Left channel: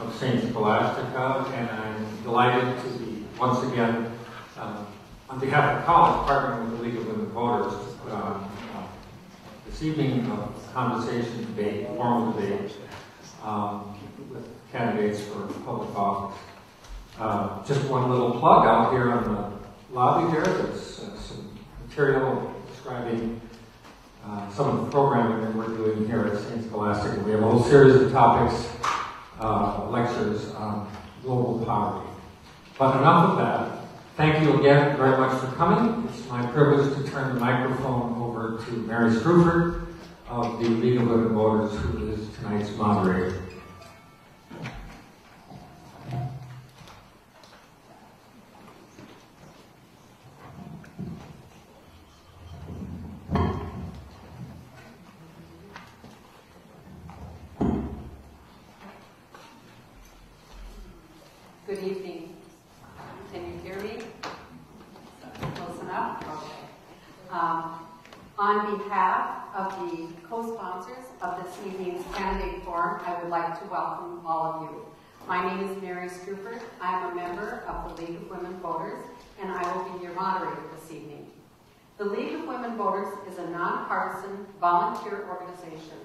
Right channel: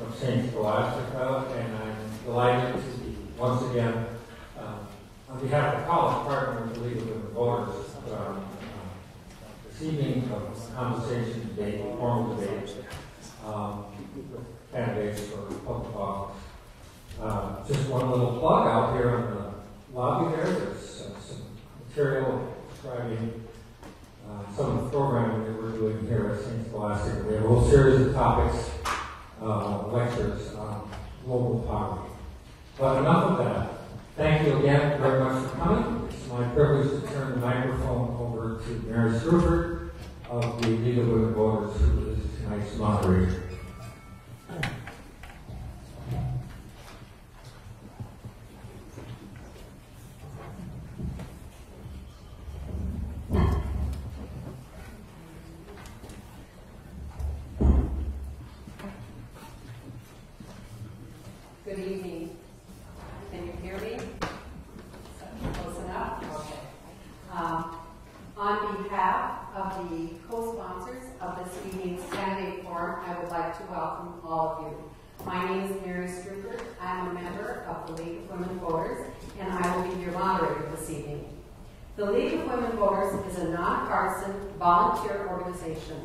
of St. Scholastica, and I'm delighted to be once again, on behalf of the college, partnering with the League of Women Voters, this evening of conversation debate, formal debate, with candidates for public office. Just one little plug out here on the lobby here. There's some material describing some of the programming that we're doing here at St. Scholastica. We have a whole series of topics, lectures on global poverty. But enough of that. Thank you again very much for coming. It's my privilege to turn the microphone over to Mary Struford of the League of Women Voters, who is tonight's moderator. Good evening. Can you hear me? Close enough? Okay. On behalf of the co-sponsors of this evening's candidate forum, I would like to welcome all of you. My name is Mary Struford. I'm a member of the League of Women Voters, and I will be your moderator this evening. The League of Women Voters is a nonpartisan volunteer organization.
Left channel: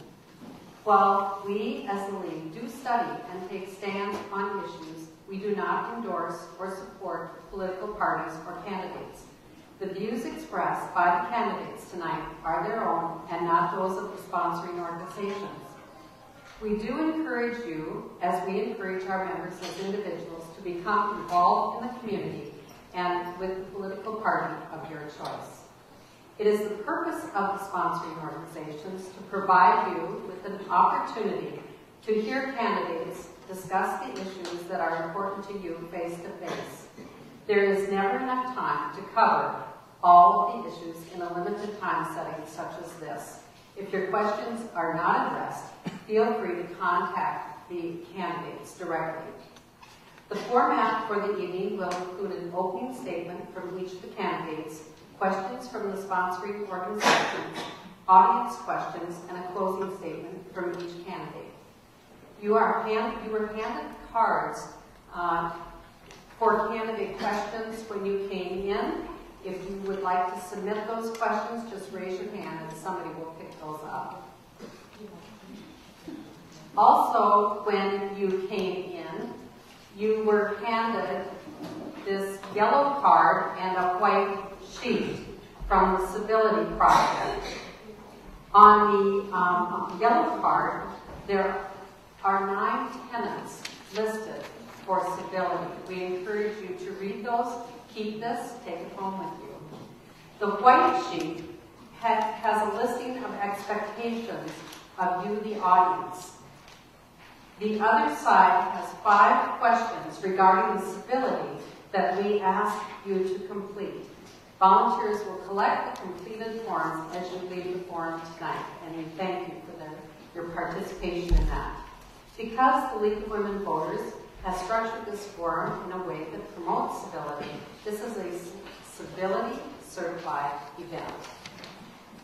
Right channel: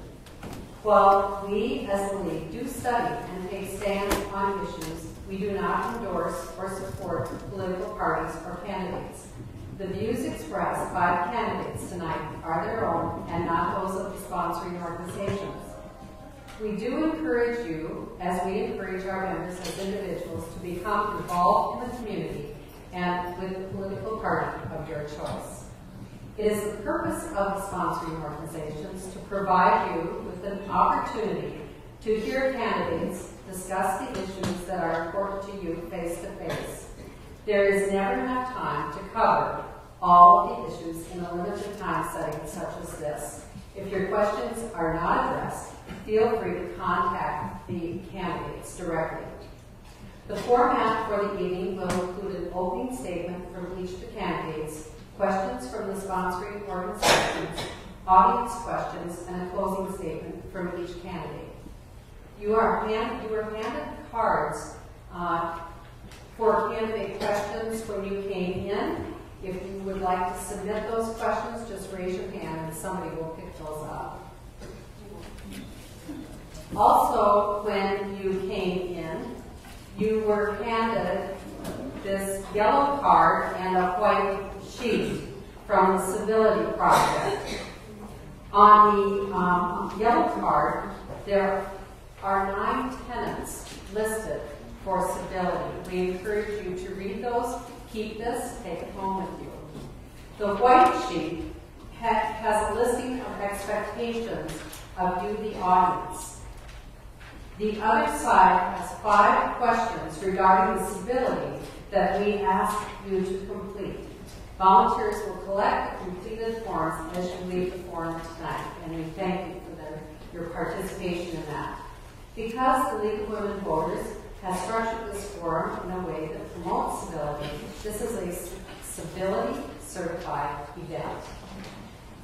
While we as the League do study and take stands on issues, we do not endorse or support political parties or candidates. The views expressed by the candidates tonight are their own and not those of the sponsoring organizations. We do encourage you, as we encourage our members as individuals, to become involved in the community and with the political party of your choice. It is the purpose of the sponsoring organizations to provide you with an opportunity to hear candidates discuss the issues that are important to you face to face. There is never enough time to cover all of the issues in a limited time setting such as this. If your questions are not addressed, feel free to contact the candidates directly. The format for the evening will include an opening statement from each of the candidates, questions from the sponsoring organizations, audience questions, and a closing statement from each candidate. You were handed cards for candidate questions when you came in. If you would like to submit those questions, just raise your hand and somebody will pick those up. Also, when you came in, you were handed this yellow card and a white sheet from the Civility Project. On the yellow card, there are 9 tenets listed for civility. We encourage you to read those, keep this, take it home with you. The white sheet has a listing of expectations of you, the audience. The other side has 5 questions regarding the civility that we ask you to complete. Volunteers will collect the completed forms as you leave the forum tonight, and we thank you for your participation in that. Because the League of Women Voters has structured this forum in a way that promotes civility, this is a civility certified event.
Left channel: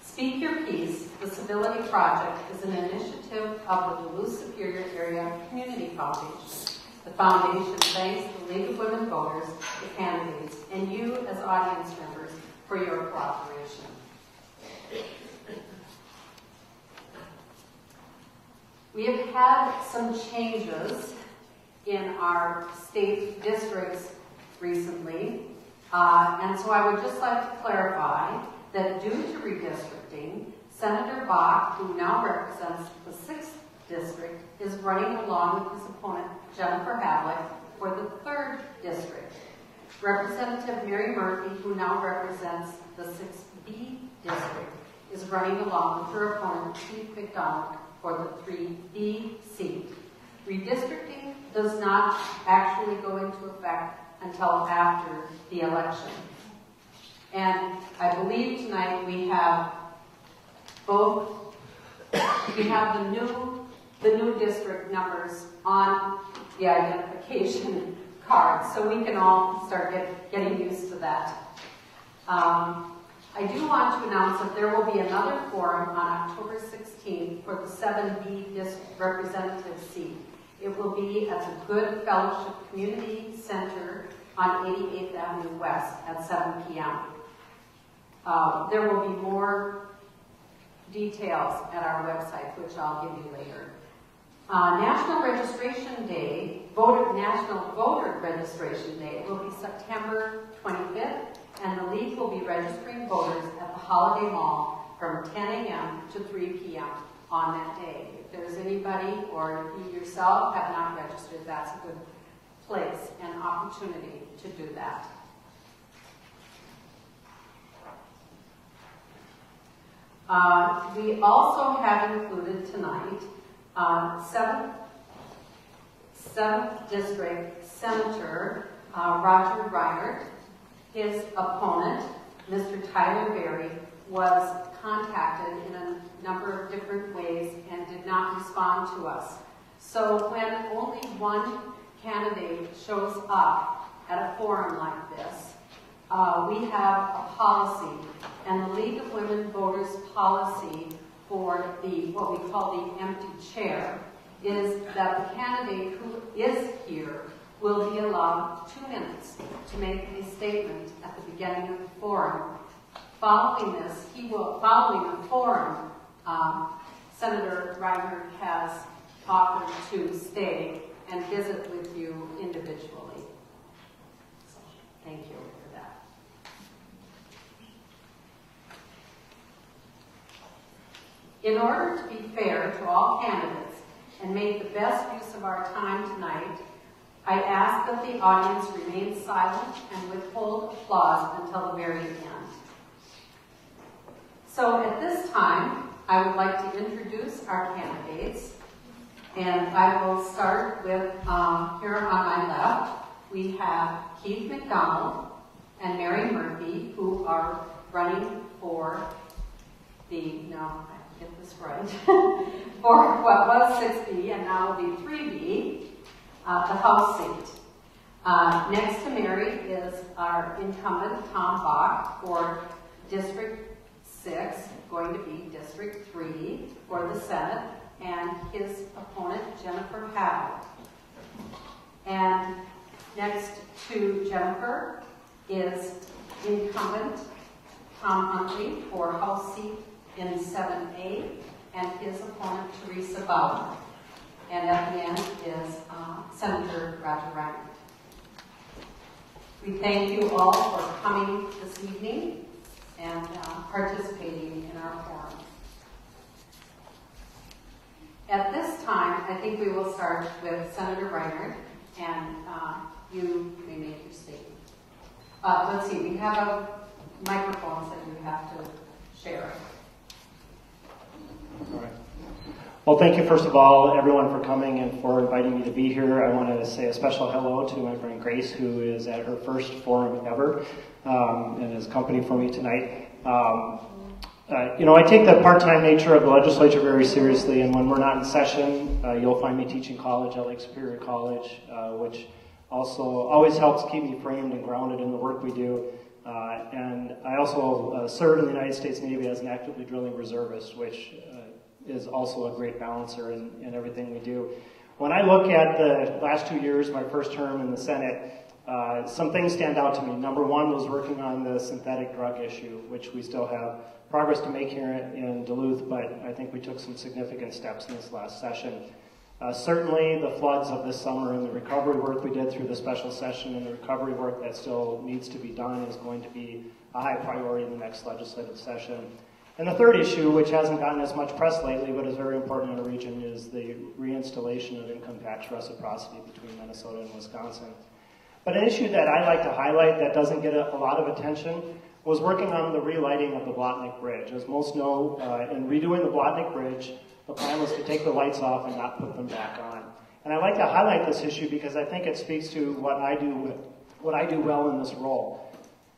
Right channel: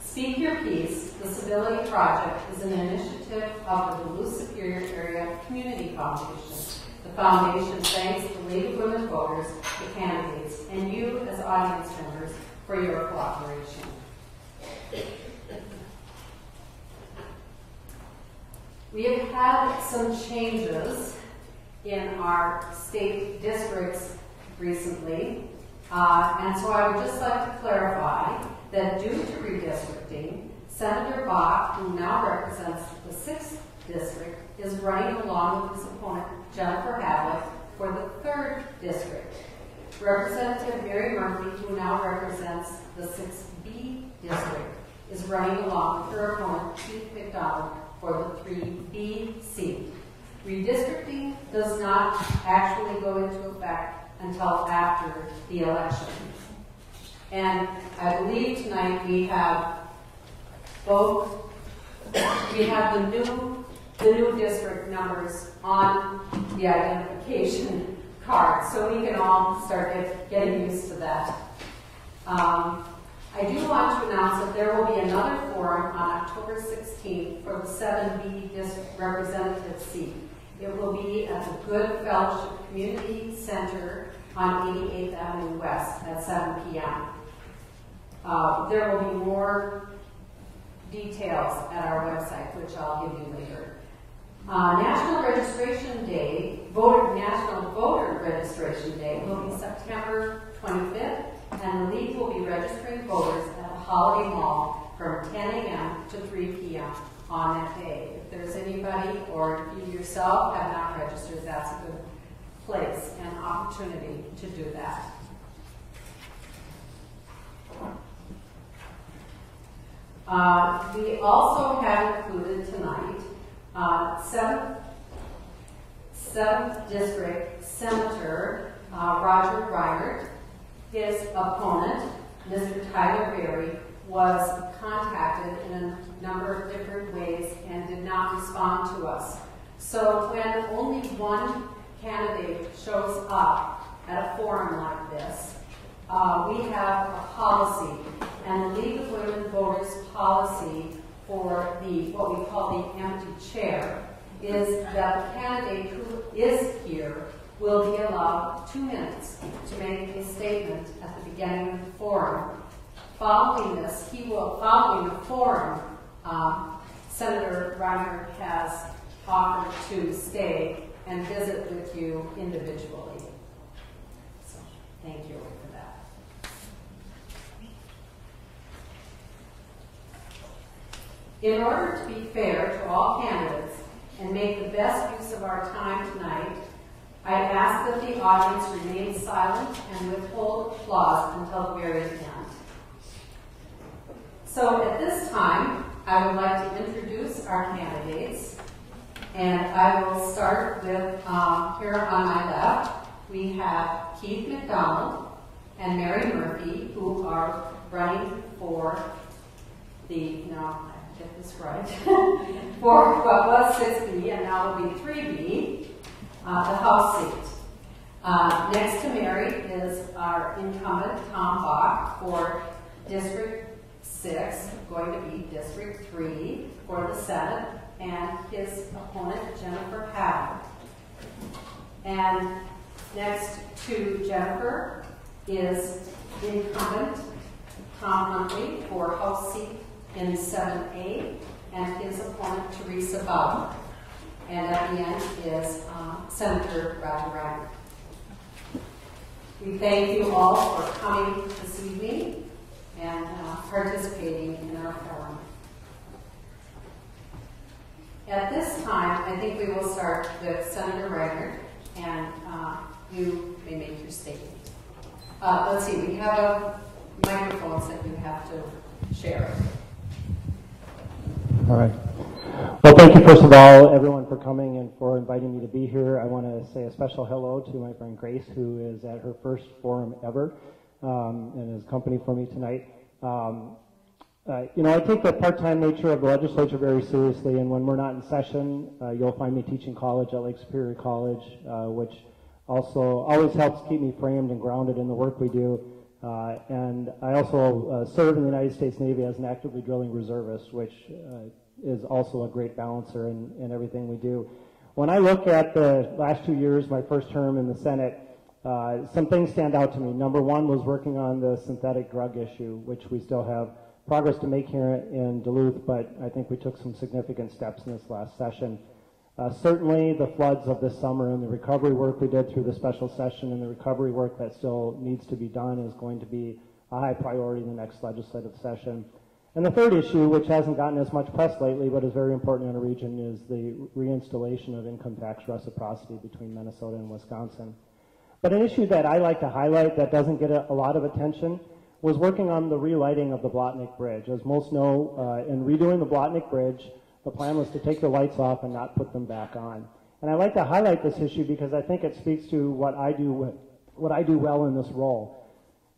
Speak Your Piece, the Civility Project, is an initiative of the Duluth Superior Area Community Foundation. The foundation thanks the League of Women Voters, the candidates, and you as audience members for your cooperation. We have had some changes in our state districts recently, and so I would just like to clarify that due to redistricting, Senator Bach, who now represents the 6th district, is running along with his opponent, Jennifer Hallett, for the 3rd district. Representative Mary Murphy, who now represents the 6B district, is running along with her opponent, Keith McDonald, for the 3B seat. Redistricting does not actually go into effect until after the election. And I believe tonight we have both, we have the new district numbers on the identification card, so we can all start getting used to that. I do want to announce that there will be another forum on October 16th for the 7B district representative seat. It will be at the Good Fellowship Community Center on 88th Avenue West at 7 p.m. There will be more details at our website, which I'll give you later. National Registration Day, National Voter Registration Day will be September 25th, and the League will be registering voters at the Holiday Mall from 10 a.m. to 3 p.m. on that day. If there's anybody or you yourself have not registered, that's a good place and opportunity to do that. We also have included tonight 7th District Senator Roger Reinert. His opponent, Mr. Tyler Berry, was contacted in a number of different ways and did not respond to us. So when only one candidate shows up at a forum like this, we have a policy, and the League of Women Voters policy for what we call the empty chair is that the candidate who is here will be allowed 2 minutes to make a statement at the beginning of the forum. Following the forum, Senator Reinert has offered to stay and visit with you individually. So, thank you for that. In order to be fair to all candidates and make the best use of our time tonight, I ask that the audience remain silent and withhold applause until the very end. So at this time, I would like to introduce our candidates, and I will start with, here on my left, we have Keith McDonald and Mary Murphy, who are running for the, get this right, for what was 6B and now will be 3B, the House seat. Next to Mary is our incumbent, Tom Bach, for District 6, going to be District 3 for the Senate, and his opponent, Jennifer Pavitt. And next to Jennifer is incumbent Tom Huntley for House seat in 7A, and his opponent, Teresa Bowden. And at the end is Senator Roger Reinert. We thank you all for coming this evening and participating in our forum. At this time, I think we will start with Senator Reinert, and you may make your statement. Let's see, we have microphones that you have to share. All right. Well, thank you, first of all, everyone, for coming and for inviting me to be here. I wanted to say a special hello to my friend Grace, who is at her first forum ever and is company for me tonight. I take the part-time nature of the legislature very seriously, and when we're not in session, you'll find me teaching college at Lake Superior College, which also always helps keep me framed and grounded in the work we do. And I also serve in the United States Navy as an actively drilling reservist, which is also a great balancer in everything we do. When I look at the last 2 years, my first term in the Senate, some things stand out to me. Number one was working on the synthetic drug issue, which we still have progress to make here in Duluth, but I think we took some significant steps in this last session. Certainly the floods of this summer and the recovery work we did through the special session and the recovery work that still needs to be done is going to be a high priority in the next legislative session. And the third issue, which hasn't gotten as much press lately but is very important in the region, is the reinstallation of income tax reciprocity between Minnesota and Wisconsin. But an issue that I like to highlight that doesn't get a lot of attention was working on the relighting of the Blotnick Bridge. As most know, in redoing the Blotnick Bridge, the plan was to take the lights off and not put them back on. And I like to highlight this issue because I think it speaks to what I do well in this role.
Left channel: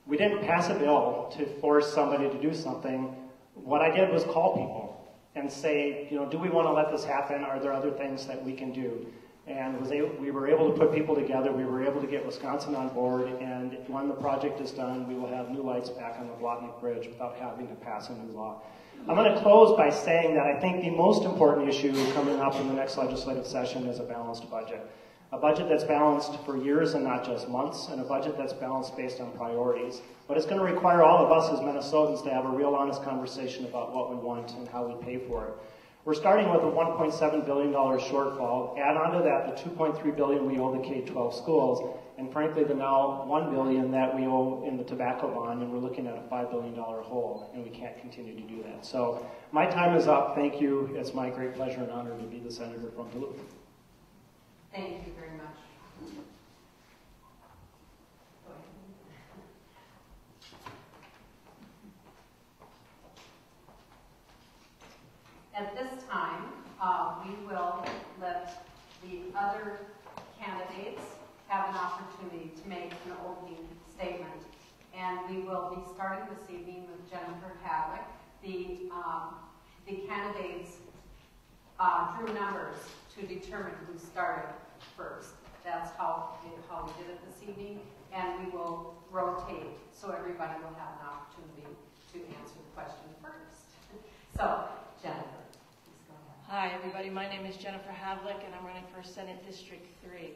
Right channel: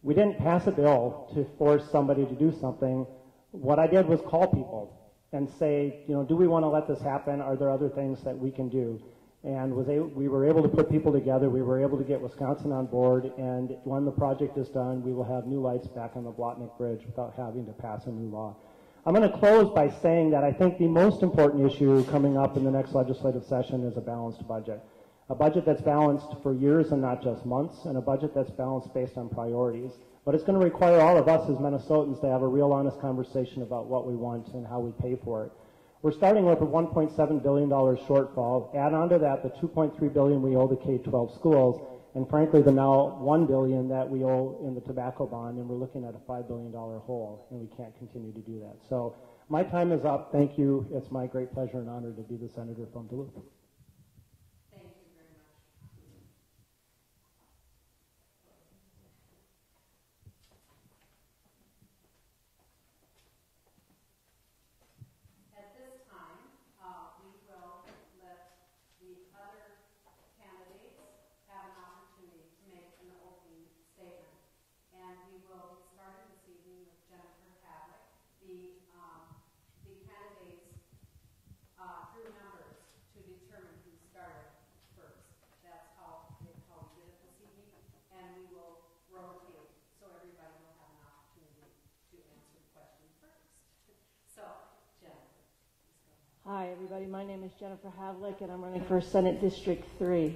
We didn't pass a bill to force somebody to do something. What I did was call people and say, do we want to let this happen? Are there other things that we can do? And we were able to put people together. We were able to get Wisconsin on board. And when the project is done, we will have new lights back on the Blotnick Bridge without having to pass a new law. I'm going to close by saying that I think the most important issue coming up in the next legislative session is a balanced budget. A budget that's balanced for years and not just months, and a budget that's balanced based on priorities. But it's going to require all of us as Minnesotans to have a real honest conversation about what we want and how we pay for it. We're starting with a $1.7 billion shortfall. Add on to that the $2.3 billion we owe the K-12 schools, and frankly the now $1 billion that we owe in the tobacco bond, and we're looking at a $5 billion hole, and we can't continue to do that. So my time is up. Thank you. It's my great pleasure and honor to be the senator from Duluth. Thank you very much. Go ahead. At this time, we will let the other candidates have an opportunity to make an opening statement. And we will be starting this evening with Jennifer Hadlick. The candidates drew numbers to determine who started first. That's how we did it this evening, and we will rotate so everybody will have an opportunity to answer the question first. So, Jennifer, please go ahead. Hi, everybody. My name is Jennifer Havlick, and I'm running for Senate District 3.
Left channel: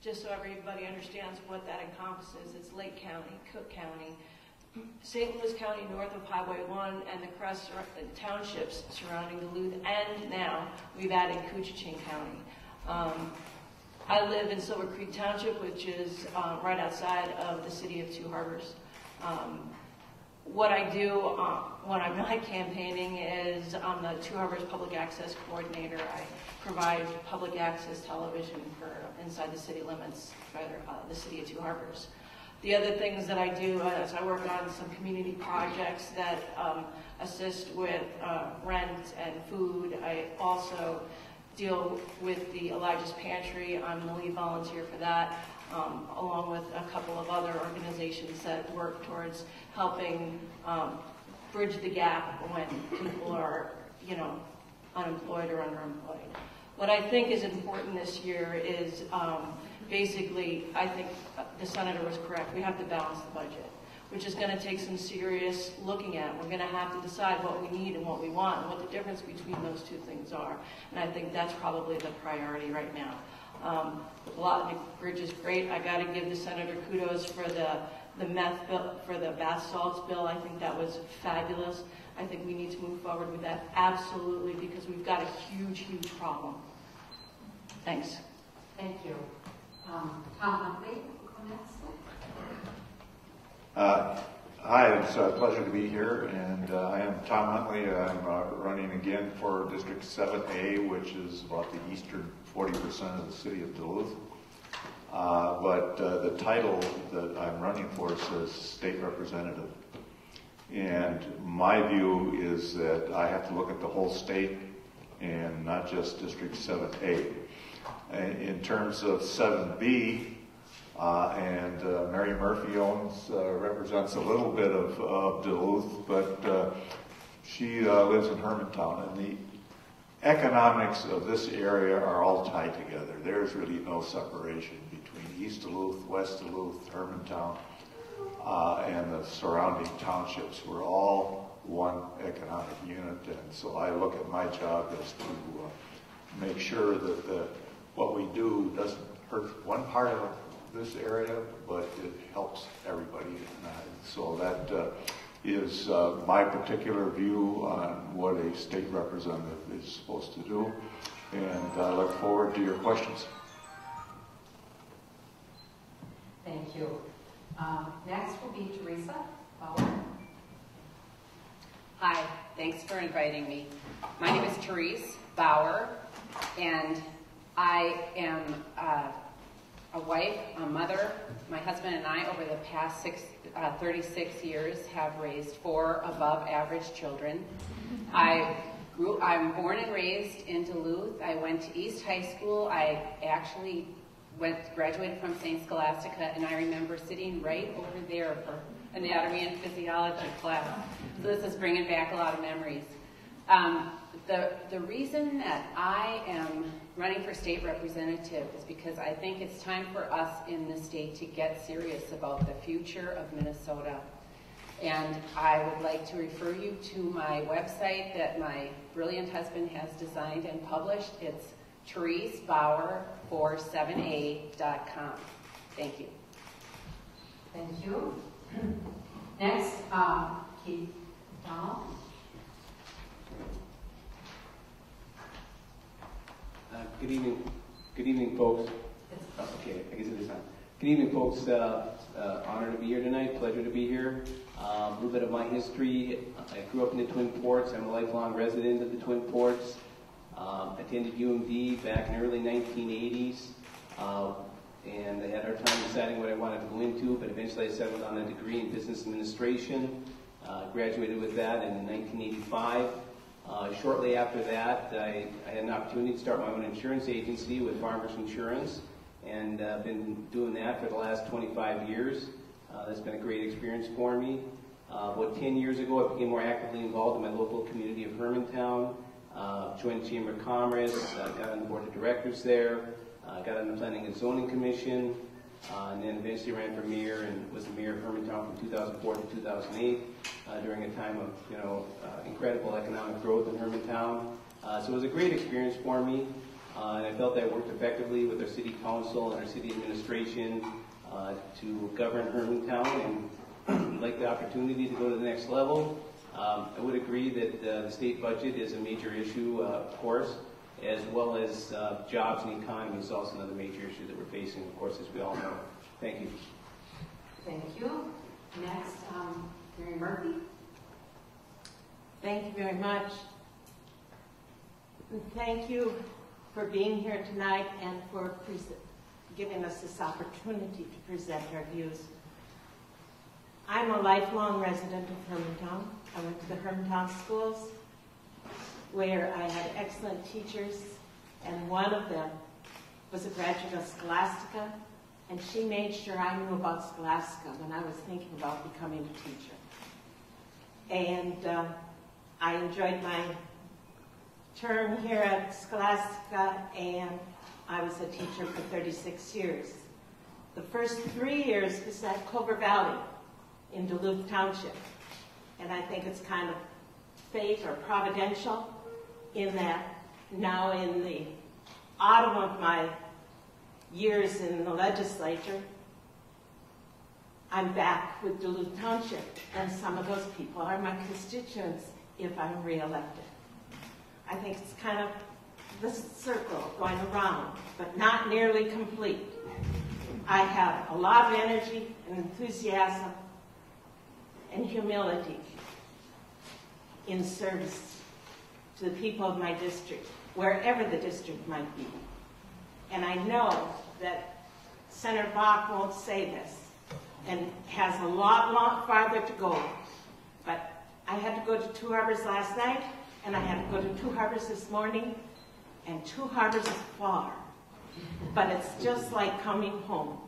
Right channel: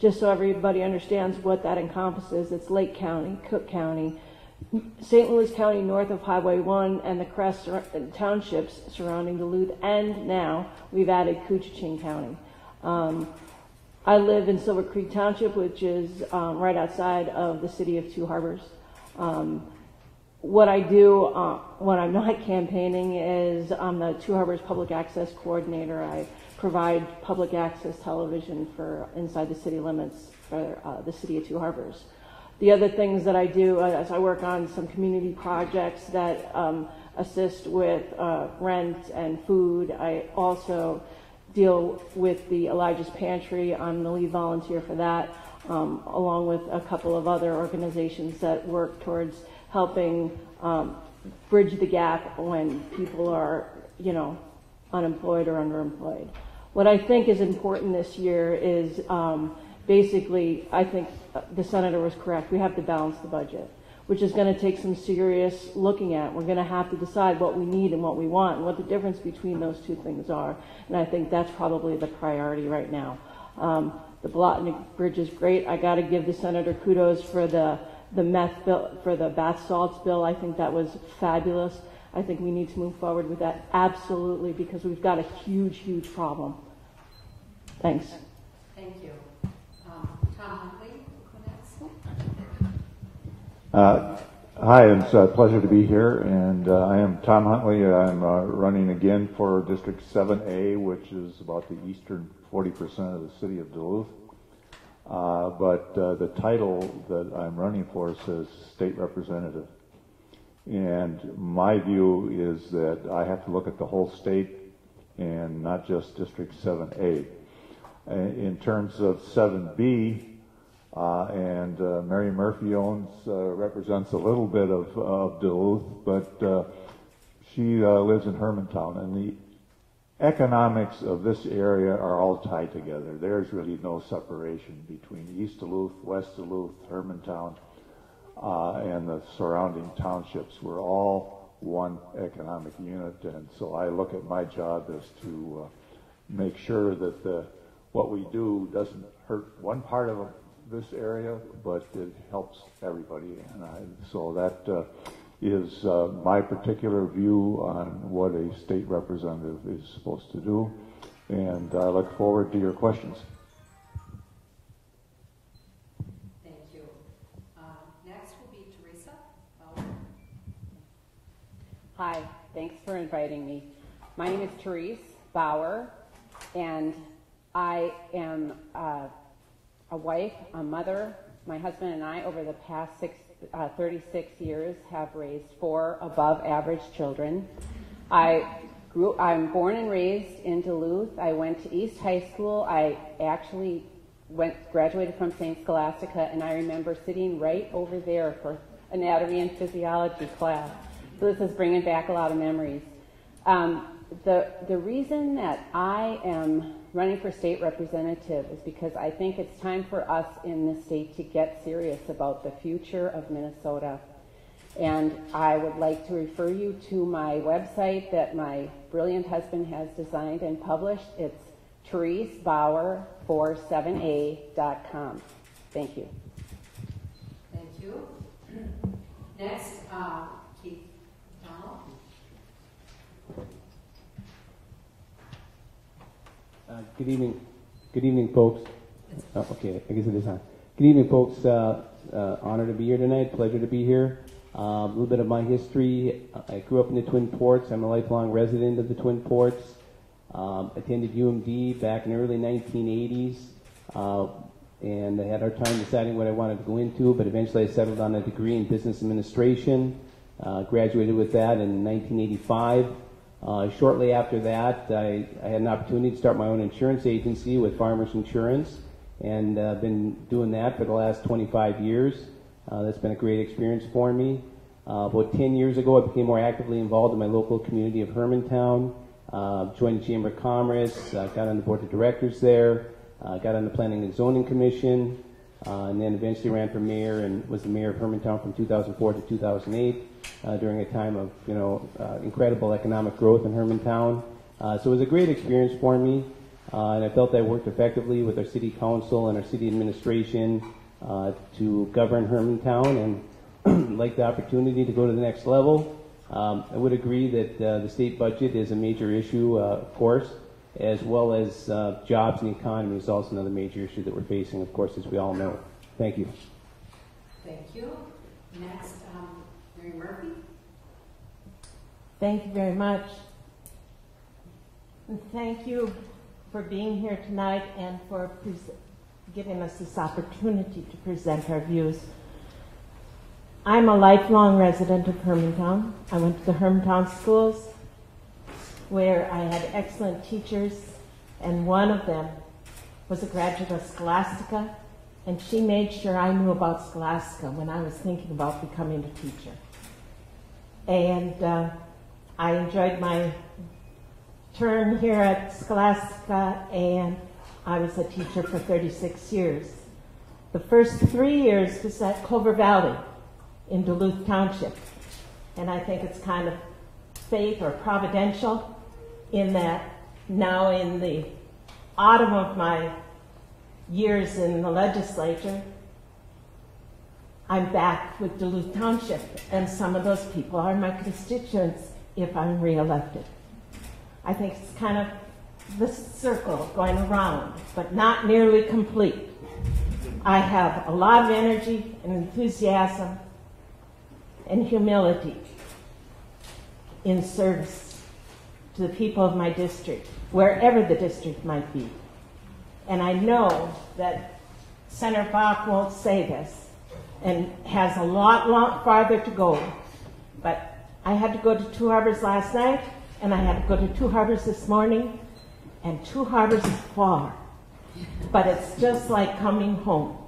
Just so everybody understands what that encompasses, it's Lake County, Cook County, St. Louis County north of Highway 1, and the Crest townships surrounding Duluth, and now we've added Couchiching County. I live in Silver Creek Township, which is right outside of the city of Two Harbors. What I do when I'm not campaigning is I'm the Two Harbors Public Access Coordinator. I provide public access television for inside the city limits for the city of Two Harbors. The other things that I do is I work on some community projects that assist with rent and food. I also deal with the Elijah's Pantry. I'm the lead volunteer for that, along with a couple of other organizations that work towards helping bridge the gap when people are, unemployed or underemployed. What I think is important this year is basically, I think the senator was correct. We have to balance the budget, which is going to take some serious looking at. We're going to have to decide what we need and what we want and what the difference between those two things are. And I think that's probably the priority right now. The Blotnick Bridge is great. I got to give the senator kudos for the meth bill, for the bath salts bill. I think that was fabulous. I think we need to move forward with that absolutely, because we've got a huge, huge problem. Thanks. Thank you. Tom Huntley, next. Hi, it's a pleasure to be here, and I am Tom Huntley. I'm running again for District 7A, which is about the eastern 40% of the city of Duluth. But the title that I'm running for says State Representative. And my view is that I have to look at the whole state and not just District 7A. In terms of 7B, and Mary Murphy represents a little bit of Duluth, but she lives in Hermantown, and the economics of this area are all tied together. There's really no separation between East Duluth, West Duluth, Hermantown, and the surrounding townships. We're all one economic unit, and so I look at my job as to make sure that what we do doesn't hurt one part of this area, but it helps everybody. And so that is my particular view on what a state representative is supposed to do. And I look forward to your questions. Thank you. Next will be Teresa Bauer. Hi, thanks for inviting me. My name is Therese Bauer, and I am a wife, a mother. My husband and I, over the past 36 years, have raised 4 above-average children. I'm born and raised in Duluth. I went to East High School. I actually graduated from St. Scholastica, and I remember sitting right over there for anatomy and physiology class. So this is bringing back a lot of memories. The reason that I am running for state representative is because I think it's time for us in the state to get serious about the future of Minnesota. And I would like to refer you to my website that my brilliant husband has designed and published. It's ThereseBauer47A.com. Thank you. Thank you. Next, Keith Donald. Good evening, folks. Okay, I guess it is on. Good evening, folks. Honor to be here tonight. Pleasure to be here. A little bit of my history. I grew up in the Twin Ports. I'm a lifelong resident of the Twin Ports. Attended UMD back in the early 1980s, and I had our time deciding what I wanted to go into, but eventually I settled on a degree in business administration. Graduated with that in 1985. Shortly after that, I had an opportunity to start my own insurance agency with Farmers Insurance, and been doing that for the last 25 years. That's been a great experience for me. About 10 years ago, I became more actively involved in my local community of Hermantown. Joined the Chamber of Commerce, got on the board of directors there, got on the Planning and Zoning Commission, and then eventually ran for mayor and was the mayor of Hermantown from 2004 to 2008 during a time of incredible economic growth in Hermantown. So it was a great experience for me, and I felt I worked effectively with our city council and our city administration to govern Hermantown, and like the opportunity to go to the next level. I would agree that the state budget is a major issue, of course, as well as jobs and the economy is also another major issue that we're facing, of course, as we all know. Thank you. Thank you. Next, Mary Murphy. Thank you very much. And thank you for being here tonight and for giving us this opportunity to present our views. I'm a lifelong resident of Hermantown. I went to the Hermantown schools where I had excellent teachers, and one of them was a graduate of Scholastica, and she made sure I knew about Scholastica when I was thinking about becoming a teacher. And I enjoyed my term here at Scholastica, and I was a teacher for 36 years. The first 3 years was at Clover Valley in Duluth Township. And I think it's kind of fate or providential in that now in the autumn of my years in the legislature, I'm back with Duluth Township, and some of those people are my constituents if I'm reelected. I think it's kind of the circle going around, but not nearly complete. I have a lot of energy and enthusiasm and humility in service to the people of my district, wherever the district might be. And I know that Senator Bach won't say this and has a lot farther to go. But I had to go to Two Harbors last night, and I had to go to Two Harbors this morning, and Two Harbors is far. But it's just like coming home.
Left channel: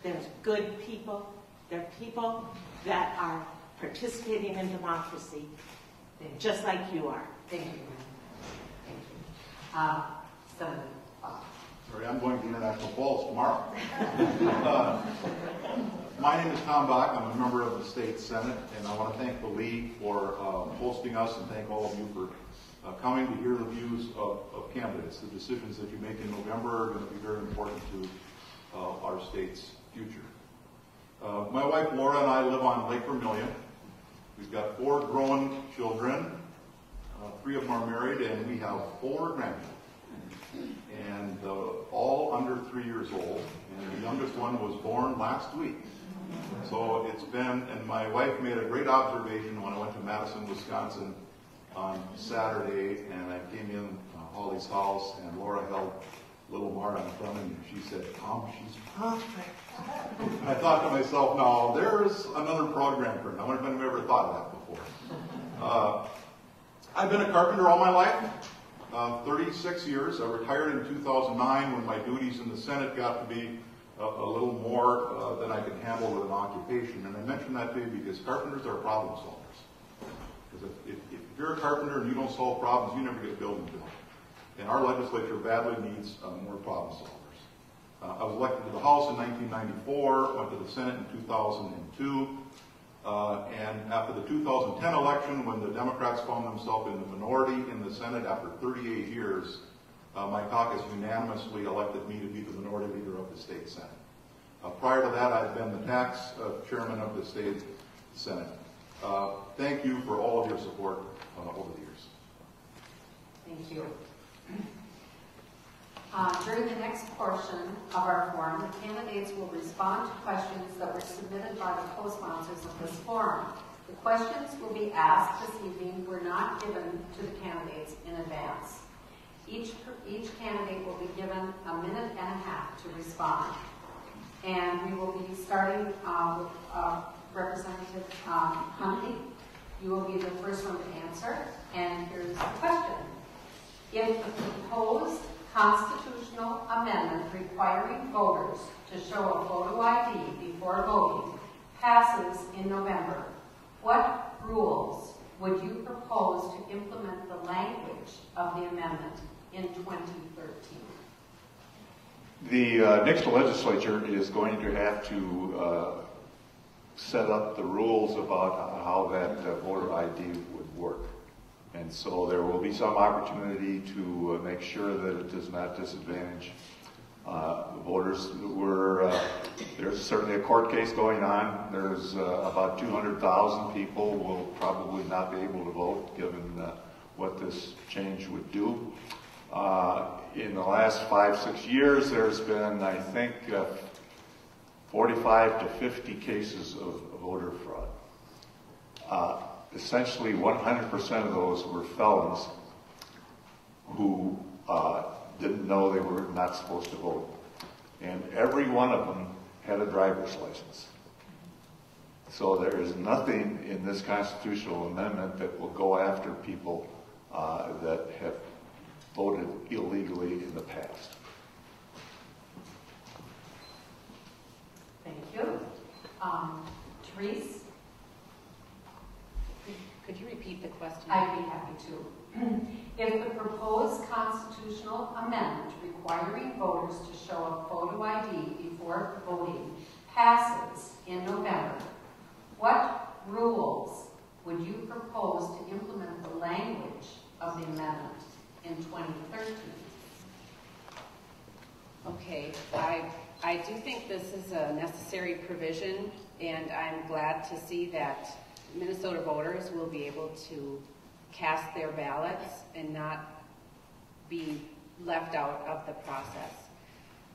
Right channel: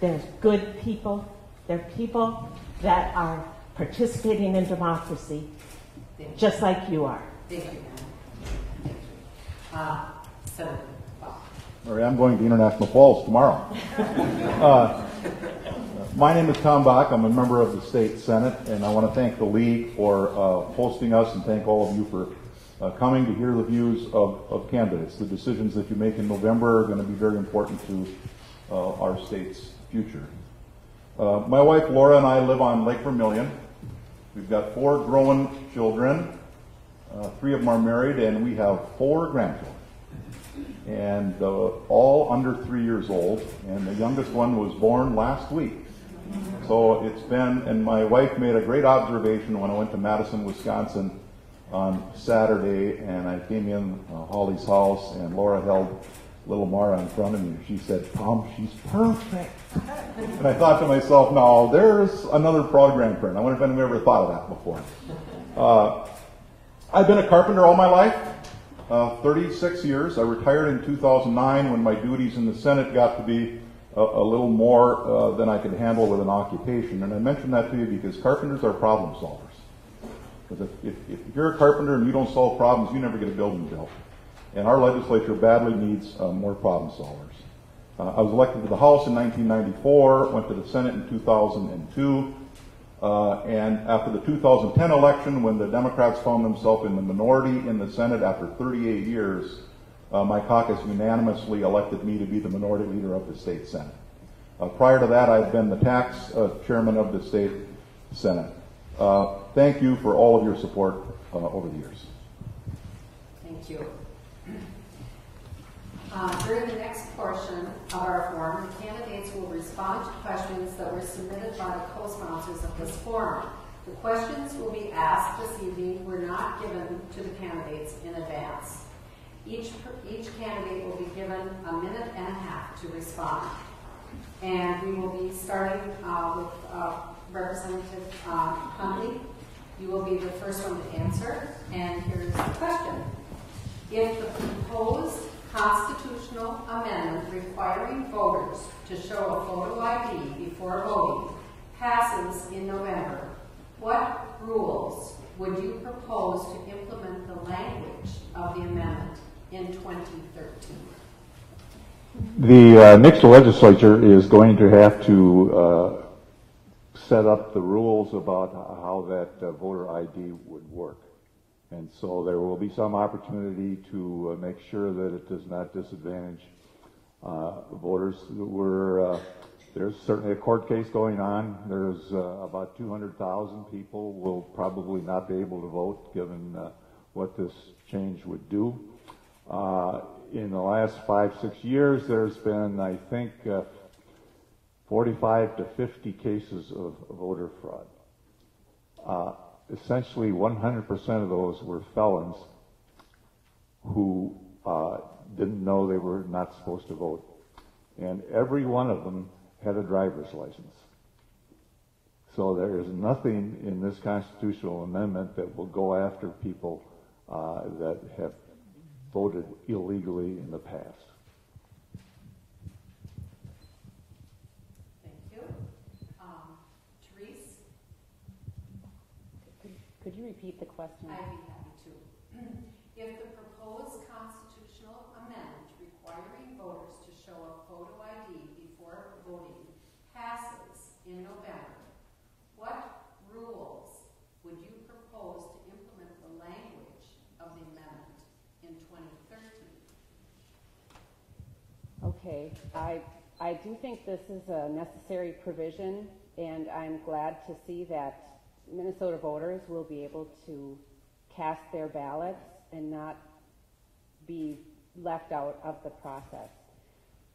There's good people. There are people that are participating in democracy, just like you are. Thank you. Senator Bach. All right, I'm going to International Falls tomorrow. My name is Tom Bach. I'm a member of the State Senate, and I want to thank the League for hosting us and thank all of you for coming to hear the views of candidates. The decisions that you make in November are going to be very important to our state's future. My wife Laura and I live on Lake Vermilion. We've got 4 grown children. 3 of them are married, and we have 4 grandchildren. And all under 3 years old, and the youngest one was born last week. So it's been, and my wife made a great observation when I went to Madison, Wisconsin on Saturday, and I came in Holly's house, and Laura held little Mara in front of me. She said, "Tom, she's perfect." And I thought to myself, now there's another proud grandparent. I wonder if anyone ever thought of that before. I've been a carpenter all my life, 36 years. I retired in 2009 when my duties in the Senate got to be a little more than I could handle with an occupation. And I mention that to you because carpenters are problem solvers. Because if you're a carpenter and you don't solve problems, you never get a building built. And our legislature badly needs more problem solvers. I was elected to the House in 1994, went to the Senate in 2002. And after the 2010 election, when the Democrats found themselves in the minority in the Senate after 38 years, my caucus unanimously elected me to be the minority leader of the state Senate. Prior to that, I've been the tax chairman of the state Senate. Thank you for all of your support over the years. Thank you. During the next portion of our forum, the candidates will respond to questions that were submitted by the co-sponsors of this forum. The questions will be asked this evening were not given to the candidates in advance. Each candidate will be given a minute and a half to respond. And we will be starting with Representative Huntley. You will be the first one to answer. And here's the question. If the proposed constitutional amendment requiring voters to show a photo ID before voting passes in November, what rules would you propose to implement the language of the amendment in 2013? The next legislature is going to have to set up the rules about how that voter ID would work. And so there will be some opportunity to make sure that it does not disadvantage voters. There's certainly a court case going on. There's about 200,000 people will probably not be able to vote given what this change would do. In the last 5-6 years, there's been, I think, 45 to 50 cases of voter fraud. Essentially 100% of those were felons who didn't know they were not supposed to vote. And every one of them had a driver's license. So there is nothing in this constitutional amendment that will go after people that have voted illegally in the past. Thank you. Therese? Could you repeat the question? I'd be happy to. If the proposed constitutional amendment requiring voters to show a photo ID before voting passes in November, what rules would you propose to implement the language of the amendment in 2013? Okay, I do think this is a necessary provision, and I'm glad to see that Minnesota voters will be able to cast their ballots and not be left out of the process.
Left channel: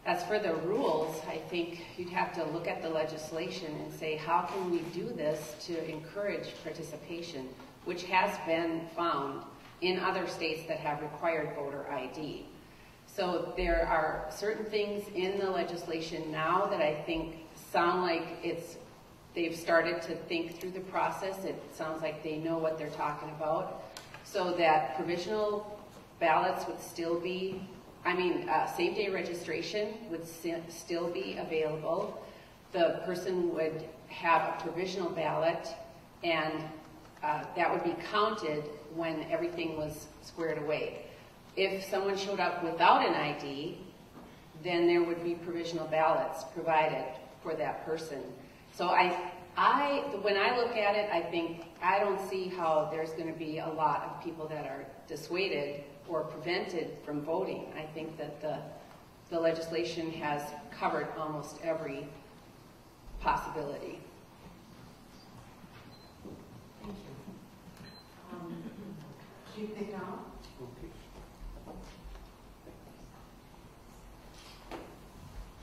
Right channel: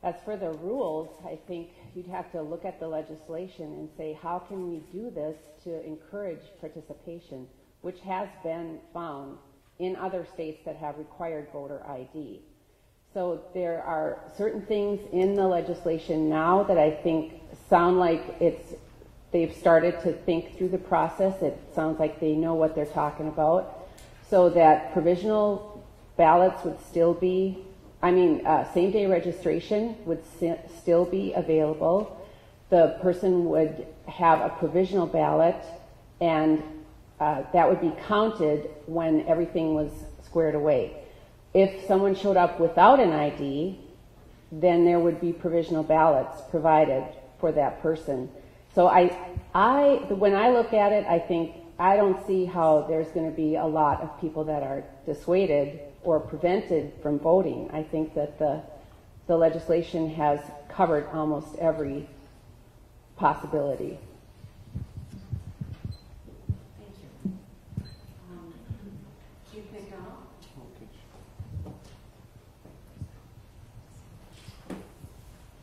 As for the rules, I think you'd have to look at the legislation and say, how can we do this to encourage participation, which has been found in other states that have required voter ID. So there are certain things in the legislation now that I think sound like they've started to think through the process. It sounds like they know what they're talking about. So that provisional ballots would still be, same-day registration would still be available. The person would have a provisional ballot, and that would be counted when everything was squared away. If someone showed up without an ID, then there would be provisional ballots provided for that person. So when I look at it, I think I don't see how there's going to be a lot of people that are dissuaded or prevented from voting. I think that the legislation has covered almost every possibility. Thank you. Chief McDonald?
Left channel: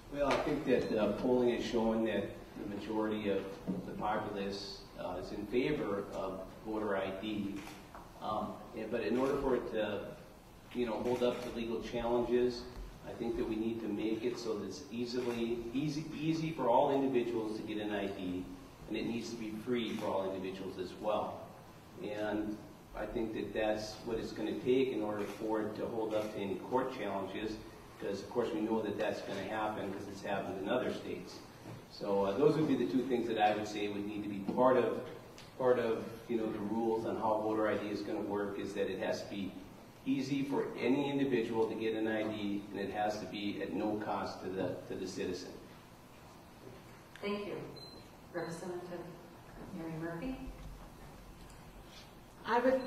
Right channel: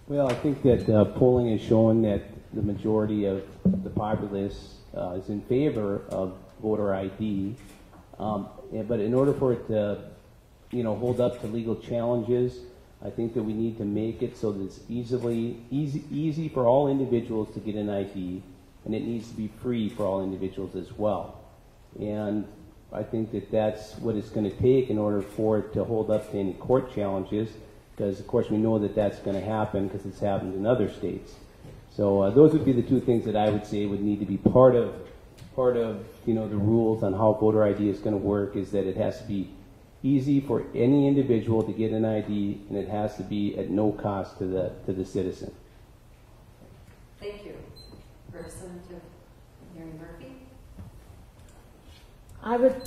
Well, I think that polling has shown that the majority of the populace is in favor of voter ID. But in order for it to, hold up to legal challenges, I think that we need to make it so that it's easy for all individuals to get an ID, and it needs to be free for all individuals as well. And I think that that's what it's going to take in order for it to hold up to any court challenges, because of course we know that that's going to happen because it's happened in other states. So those would be the two things that I would say would need to be part of the rules on how voter ID is going to work, is that it has to be easy for any individual to get an ID, and it has to be at no cost to the citizen. Thank you. Representative Mary Murphy? I would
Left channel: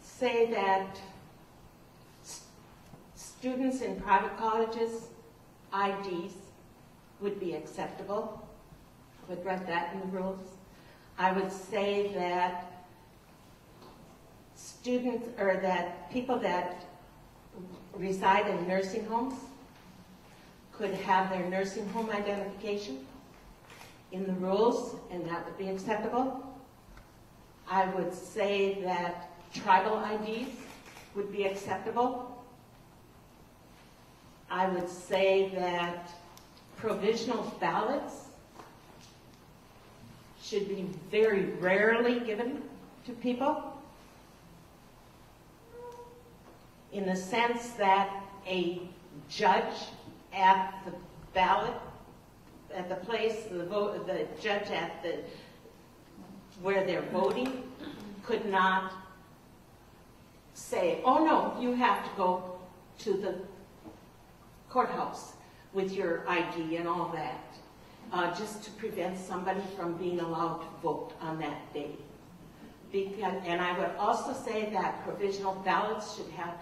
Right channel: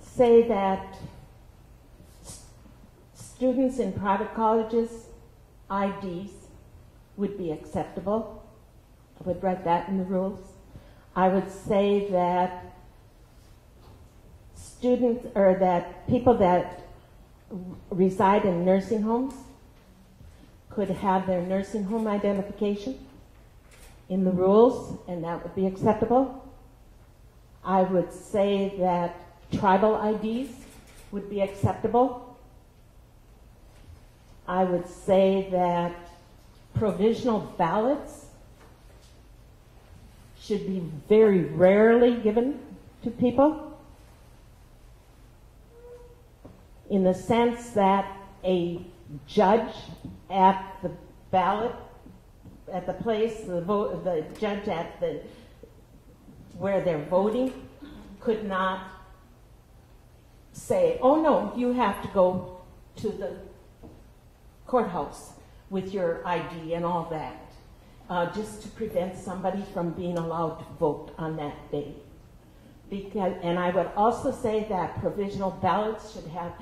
say that students in private colleges, IDs would be acceptable. I would write that in the rules. I would say that students, or that people that reside in nursing homes could have their nursing home identification in the rules, and that would be acceptable. I would say that tribal IDs would be acceptable. I would say that provisional ballots should be very rarely given to people, in the sense that a judge at the ballot, at the place, the judge at the where they're voting could not say, oh no, you have to go to the courthouse with your ID and all that, just to prevent somebody from being allowed to vote on that day. And I would also say that provisional ballots should have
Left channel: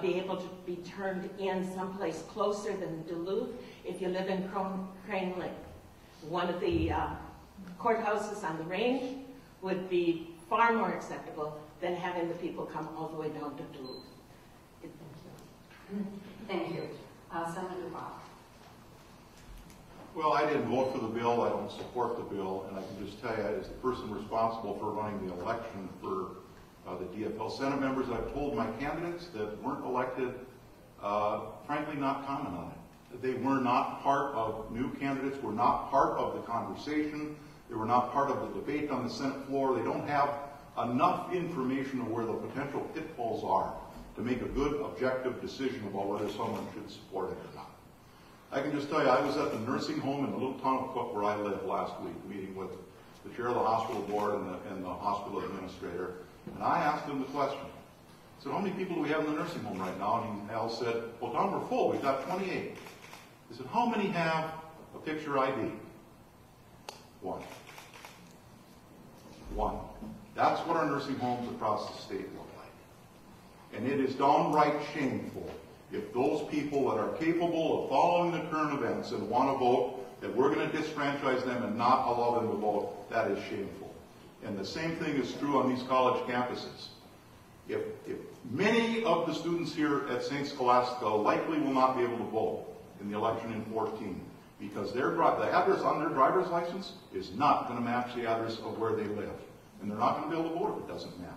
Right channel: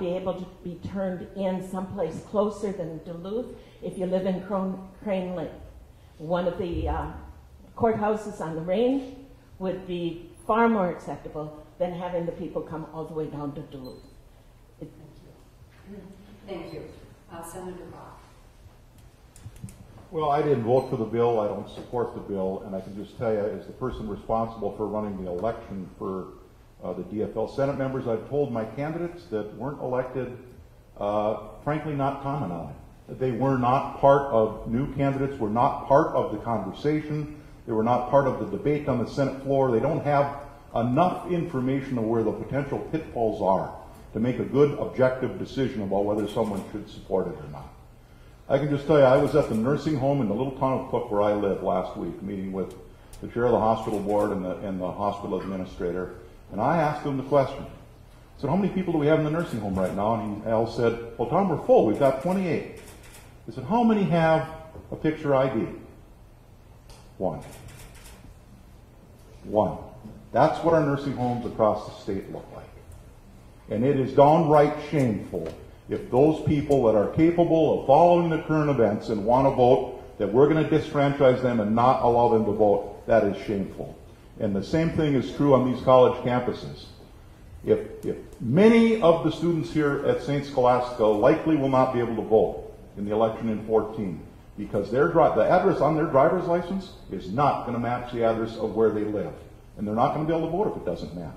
be able to be turned in someplace closer than Duluth if you live in Crane Lake. One of the courthouses on the range would be far more acceptable than having the people come all the way down to Duluth. Thank you. Senator Bach. Well, I didn't vote for the bill. I don't support the bill. And I can just tell you, as the person responsible for running the election for the DFL Senate members, I've told my candidates that weren't elected, frankly, not comment on it. They were not part of, new candidates were not part of the conversation. They were not part of the debate on the Senate floor. They don't have enough information of where the potential pitfalls are to make a good, objective decision about whether someone should support it or not. I can just tell you, I was at the nursing home in the little town of Cook where I live last week, meeting with the chair of the hospital board and the hospital administrator, and I asked them the question. I said, how many people do we have in the nursing home right now? And Al said, well, Tom, we're full. We've got 28. I said, how many have a picture ID? One. That's what our nursing homes across the state look like. And it is downright shameful if those people that are capable of following the current events and want to vote, that we're going to disfranchise them and not allow them to vote. That is shameful. And the same thing is true on these college campuses. If many of the students here at St. Scholastica likely will not be able to vote in the election in 14, because the address on their driver's license is not going to match the address of where they live. And they're not going to be able to vote if it doesn't match.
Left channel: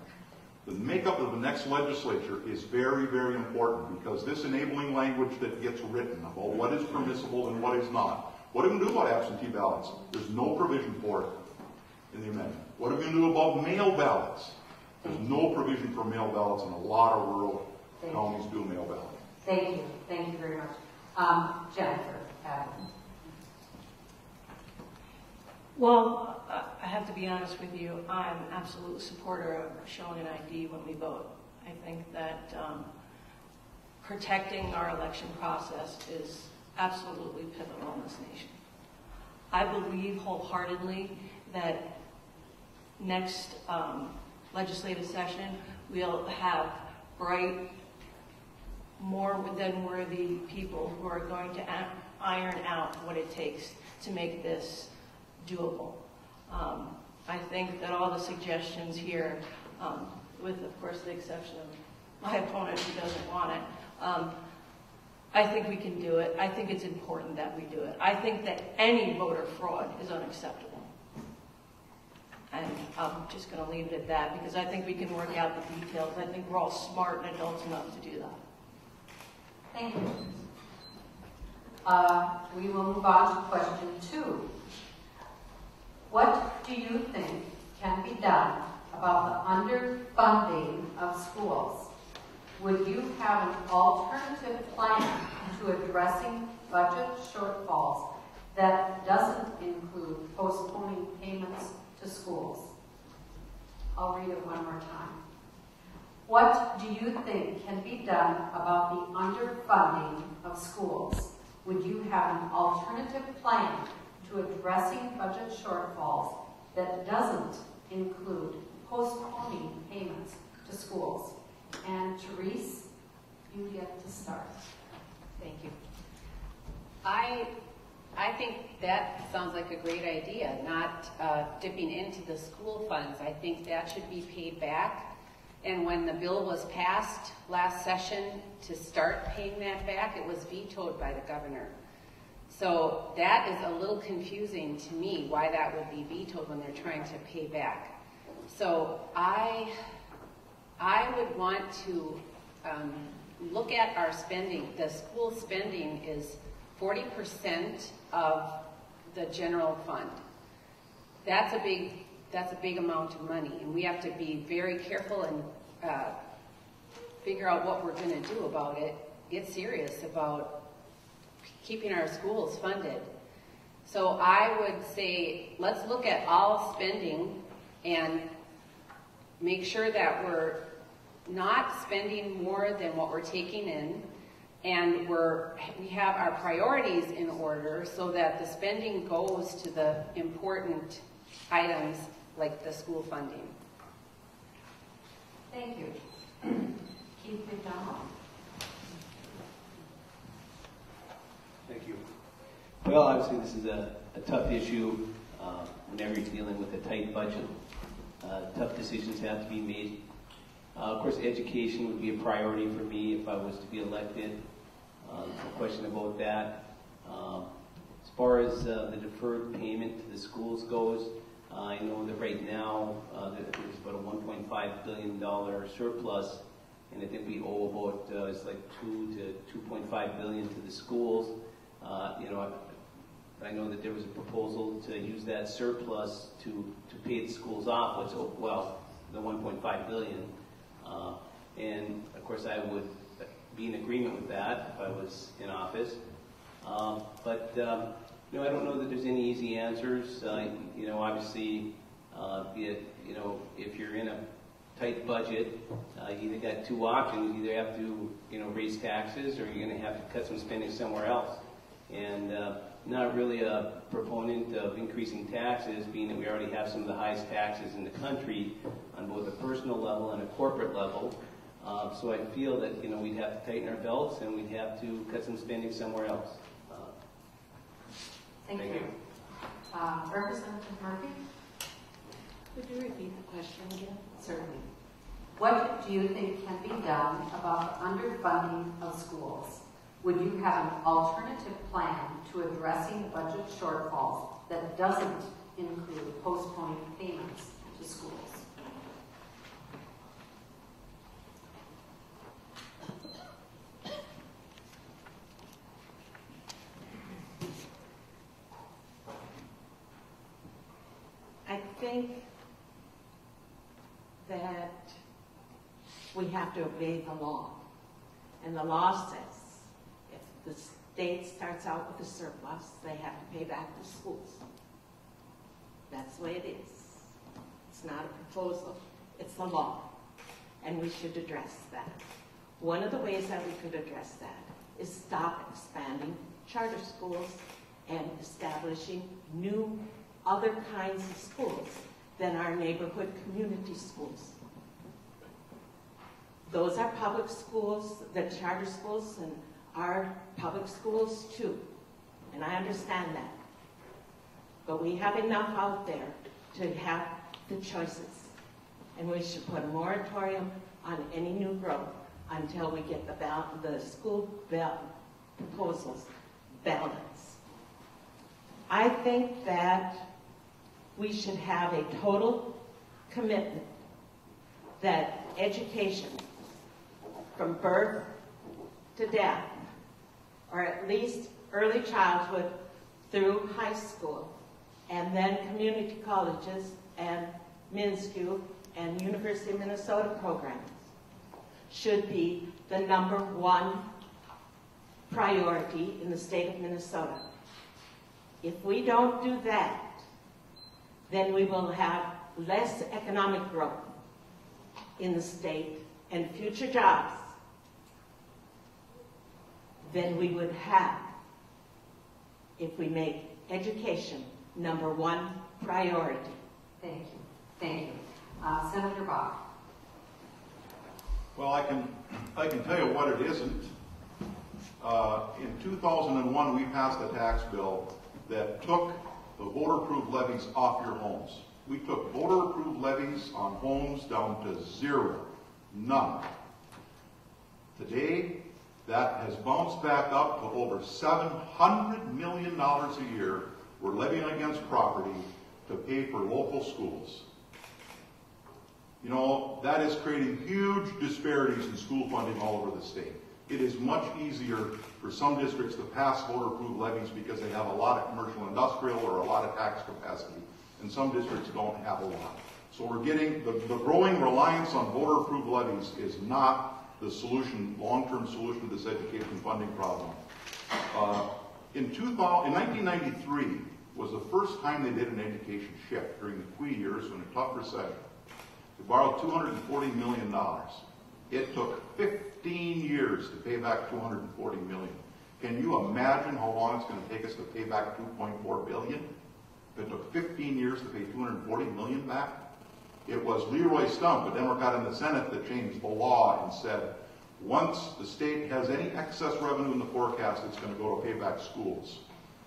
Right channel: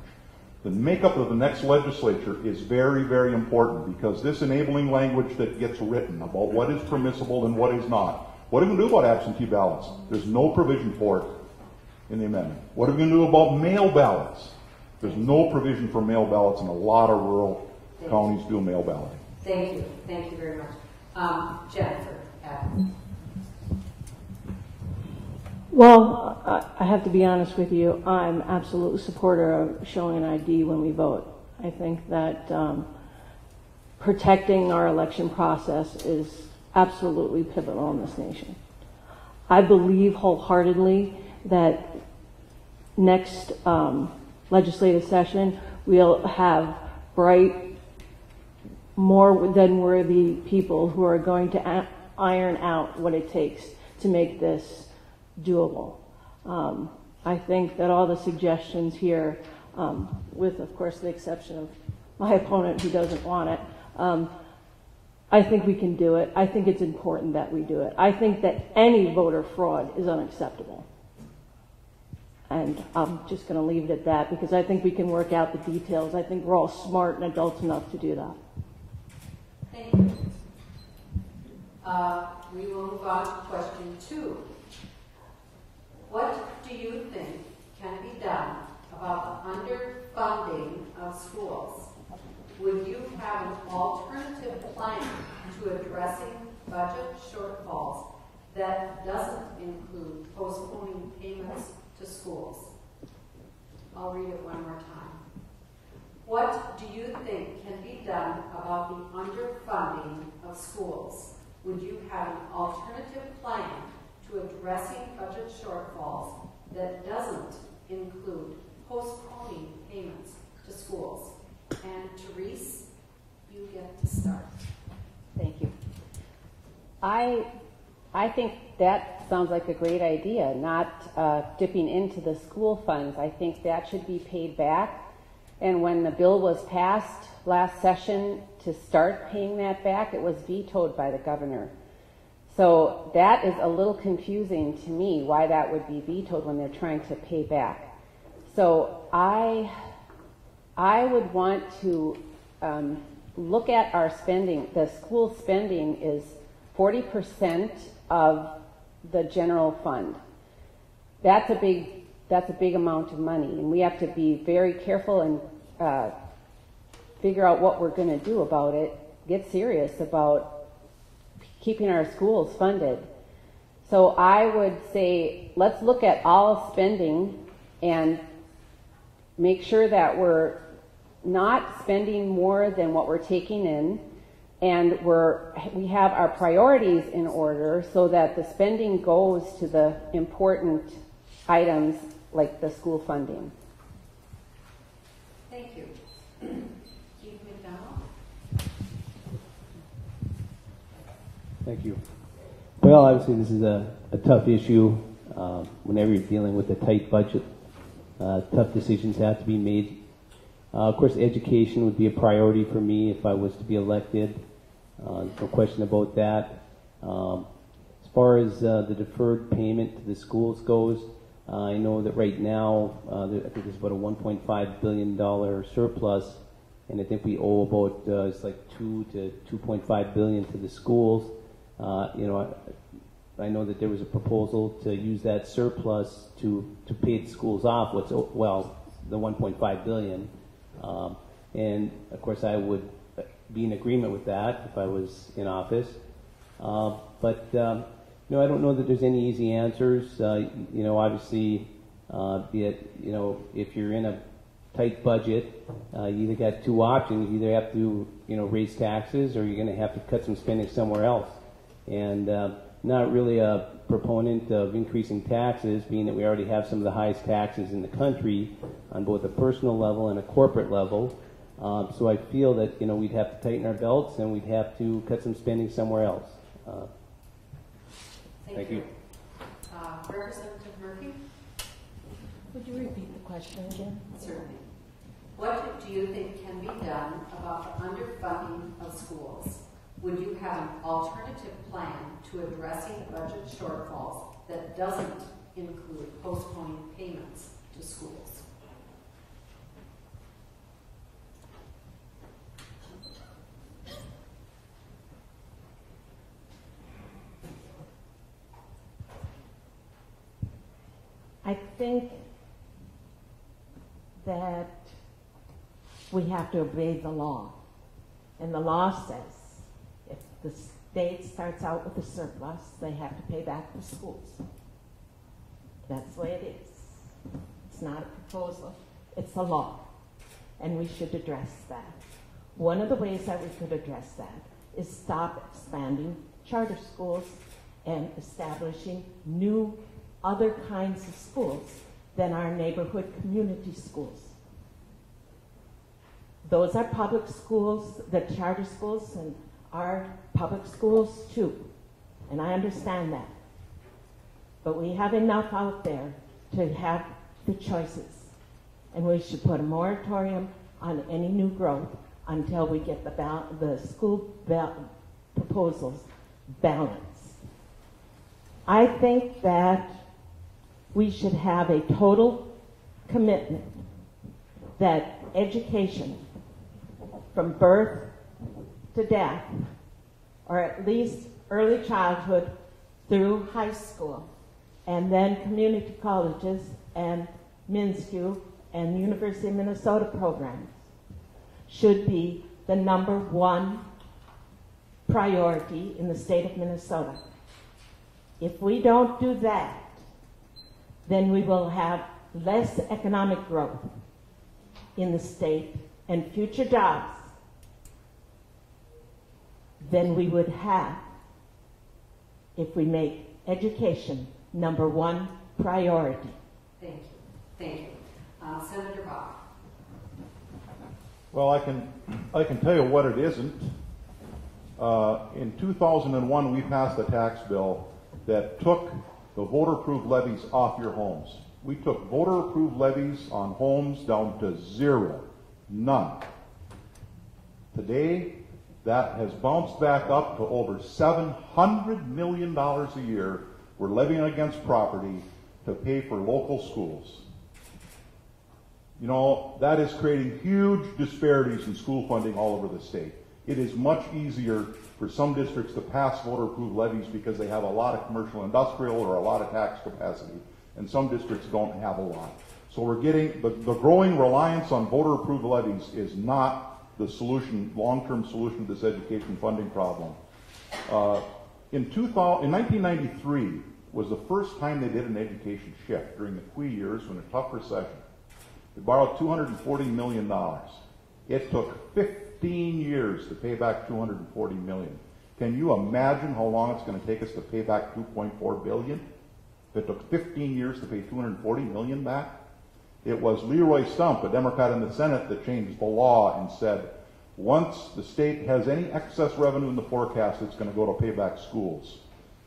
The makeup of the next legislature is very, very important, because this enabling language that gets written about what is permissible and what is not. What are we going to do about absentee ballots? There's no provision for it in the amendment. What are we going to do about mail ballots? There's no provision for mail ballots, and a lot of rural counties do mail balloting. Thank you. Thank you very much. Jennifer. Well, I have to be honest with you. I'm absolutely supporter of showing an ID when we vote. I think that protecting our election process is absolutely pivotal in this nation. I believe wholeheartedly that next legislative session we'll have bright, more than worthy people who are going to iron out what it takes to make this doable. I think that all the suggestions here, with of course the exception of my opponent who doesn't want it, I think we can do it. I think it's important that we do it. I think that any voter fraud is unacceptable. And I'm just going to leave it at that, because I think we can work out the details. I think we're all smart and adults enough to do that. Thank you. We will move on to question 2. What do you think can be done about the underfunding of schools? Would you have an alternative plan to addressing budget shortfalls that doesn't include postponing payments to schools? I'll read it one more time. What do you think can be done about the underfunding of schools? Would you have an alternative plan to addressing budget shortfalls that doesn't include postponing payments to schools? And Therese, you get to start. Thank you. I think that sounds like a great idea, not dipping into the school funds. I think that should be paid back. And when the bill was passed last session to start paying that back, it was vetoed by the governor. So that is a little confusing to me, why that would be vetoed when they're trying to pay back. So I would want to look at our spending. The school spending is 40% of the general fund. That's a big amount of money, and we have to be very careful and figure out what we're going to do about it, get serious about keeping our schools funded. So I would say, let's look at all spending and make sure that we're not spending more than what we're taking in, and we have our priorities in order so that the spending goes to the important items like the school funding. Thank you. Keith McDonald. Thank you. Well, obviously this is a tough issue. Whenever you're dealing with a tight budget, tough decisions have to be made. Of course, education would be a priority for me if I was to be elected. No question about that. As far as the deferred payment to the schools goes, I know that right now, I think it's about a $1.5 billion surplus, and I think we owe about it's like $2 to $2.5 billion to the schools. I know that there was a proposal to use that surplus to pay the schools off. The $1.5 billion, and of course I would be in agreement with that if I was in office. But I don't know that there's any easy answers. Obviously, if you're in a tight budget, you either got two options. You either have to, raise taxes, or you're going to have to cut some spending somewhere else. And not really a proponent of increasing taxes, being that we already have some of the highest taxes in the country on both a personal level and a corporate level. So I feel that we'd have to tighten our belts and we'd have to cut some spending somewhere else. Thank you. Representative Murphy? Would you repeat the question again? Certainly. What do you think can be done about the underfunding of schools? Would you have an alternative plan to addressing the budget shortfalls that doesn't include postponing payments to schools? I think that we have to obey the law. And the law says if the state starts out with a surplus, they have to pay back the schools. That's the way it is. It's not a proposal, it's the law. And we should address that. One of the ways that we could address that is stop expanding charter schools and establishing new other kinds of schools than our neighborhood community schools. Those are public schools, the charter schools, and are public schools too. And I understand that. But we have enough out there to have the choices. And we should put a moratorium on any new growth until we get the school proposals balanced. I think that we should have a total commitment that education from birth to death, or at least early childhood through high school, and then community colleges and MnSCU and University of Minnesota programs, should be the #1 priority in the state of Minnesota. If we don't do that, then we will have less economic growth in the state and future jobs than we would have if we make education #1 priority. Thank you. Thank you. Senator Bach. Well, I can tell you what it isn't. In 2001, we passed a tax bill that took the voter-approved levies off your homes. We took voter-approved levies on homes down to zero, none. Today, that has bounced back up to over $700 million a year we're levying against property to pay for local schools. You know, that is creating huge disparities in school funding all over the state. It is much easier for some districts to pass voter-approved levies because they have a lot of commercial industrial or a lot of tax capacity, and some districts don't have a lot. So we're getting, the growing reliance on voter-approved levies is not the solution, long-term solution to this education funding problem. In 1993 was the first time they did an education shift during the Quee years when a tough recession. They borrowed $240 million. It took 15 years to pay back $240 million. Can you imagine how long it's going to take us to pay back $2.4 billion? If it took 15 years to pay $240 million back? It was Leroy Stump, a Democrat in the Senate, that changed the law and said, once the state has any excess revenue in the forecast, it's going to go to pay back schools.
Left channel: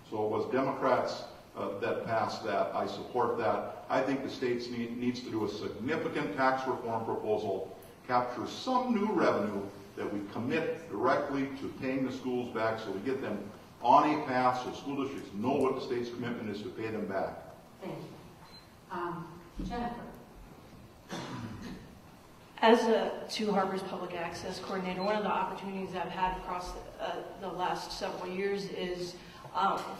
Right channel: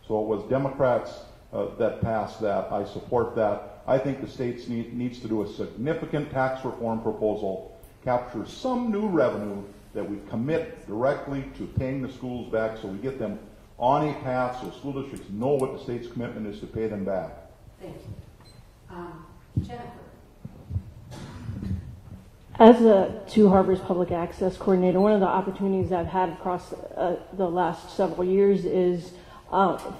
So it was Democrats that passed that. I support that. I think the state needs to do a significant tax reform proposal, capture some new revenue that we commit directly to paying the schools back so we get them on a path so school districts know what the state's commitment is to pay them back. Thank you. Jennifer. As a Two Harbors Public Access Coordinator, one of the opportunities I've had across the last several years is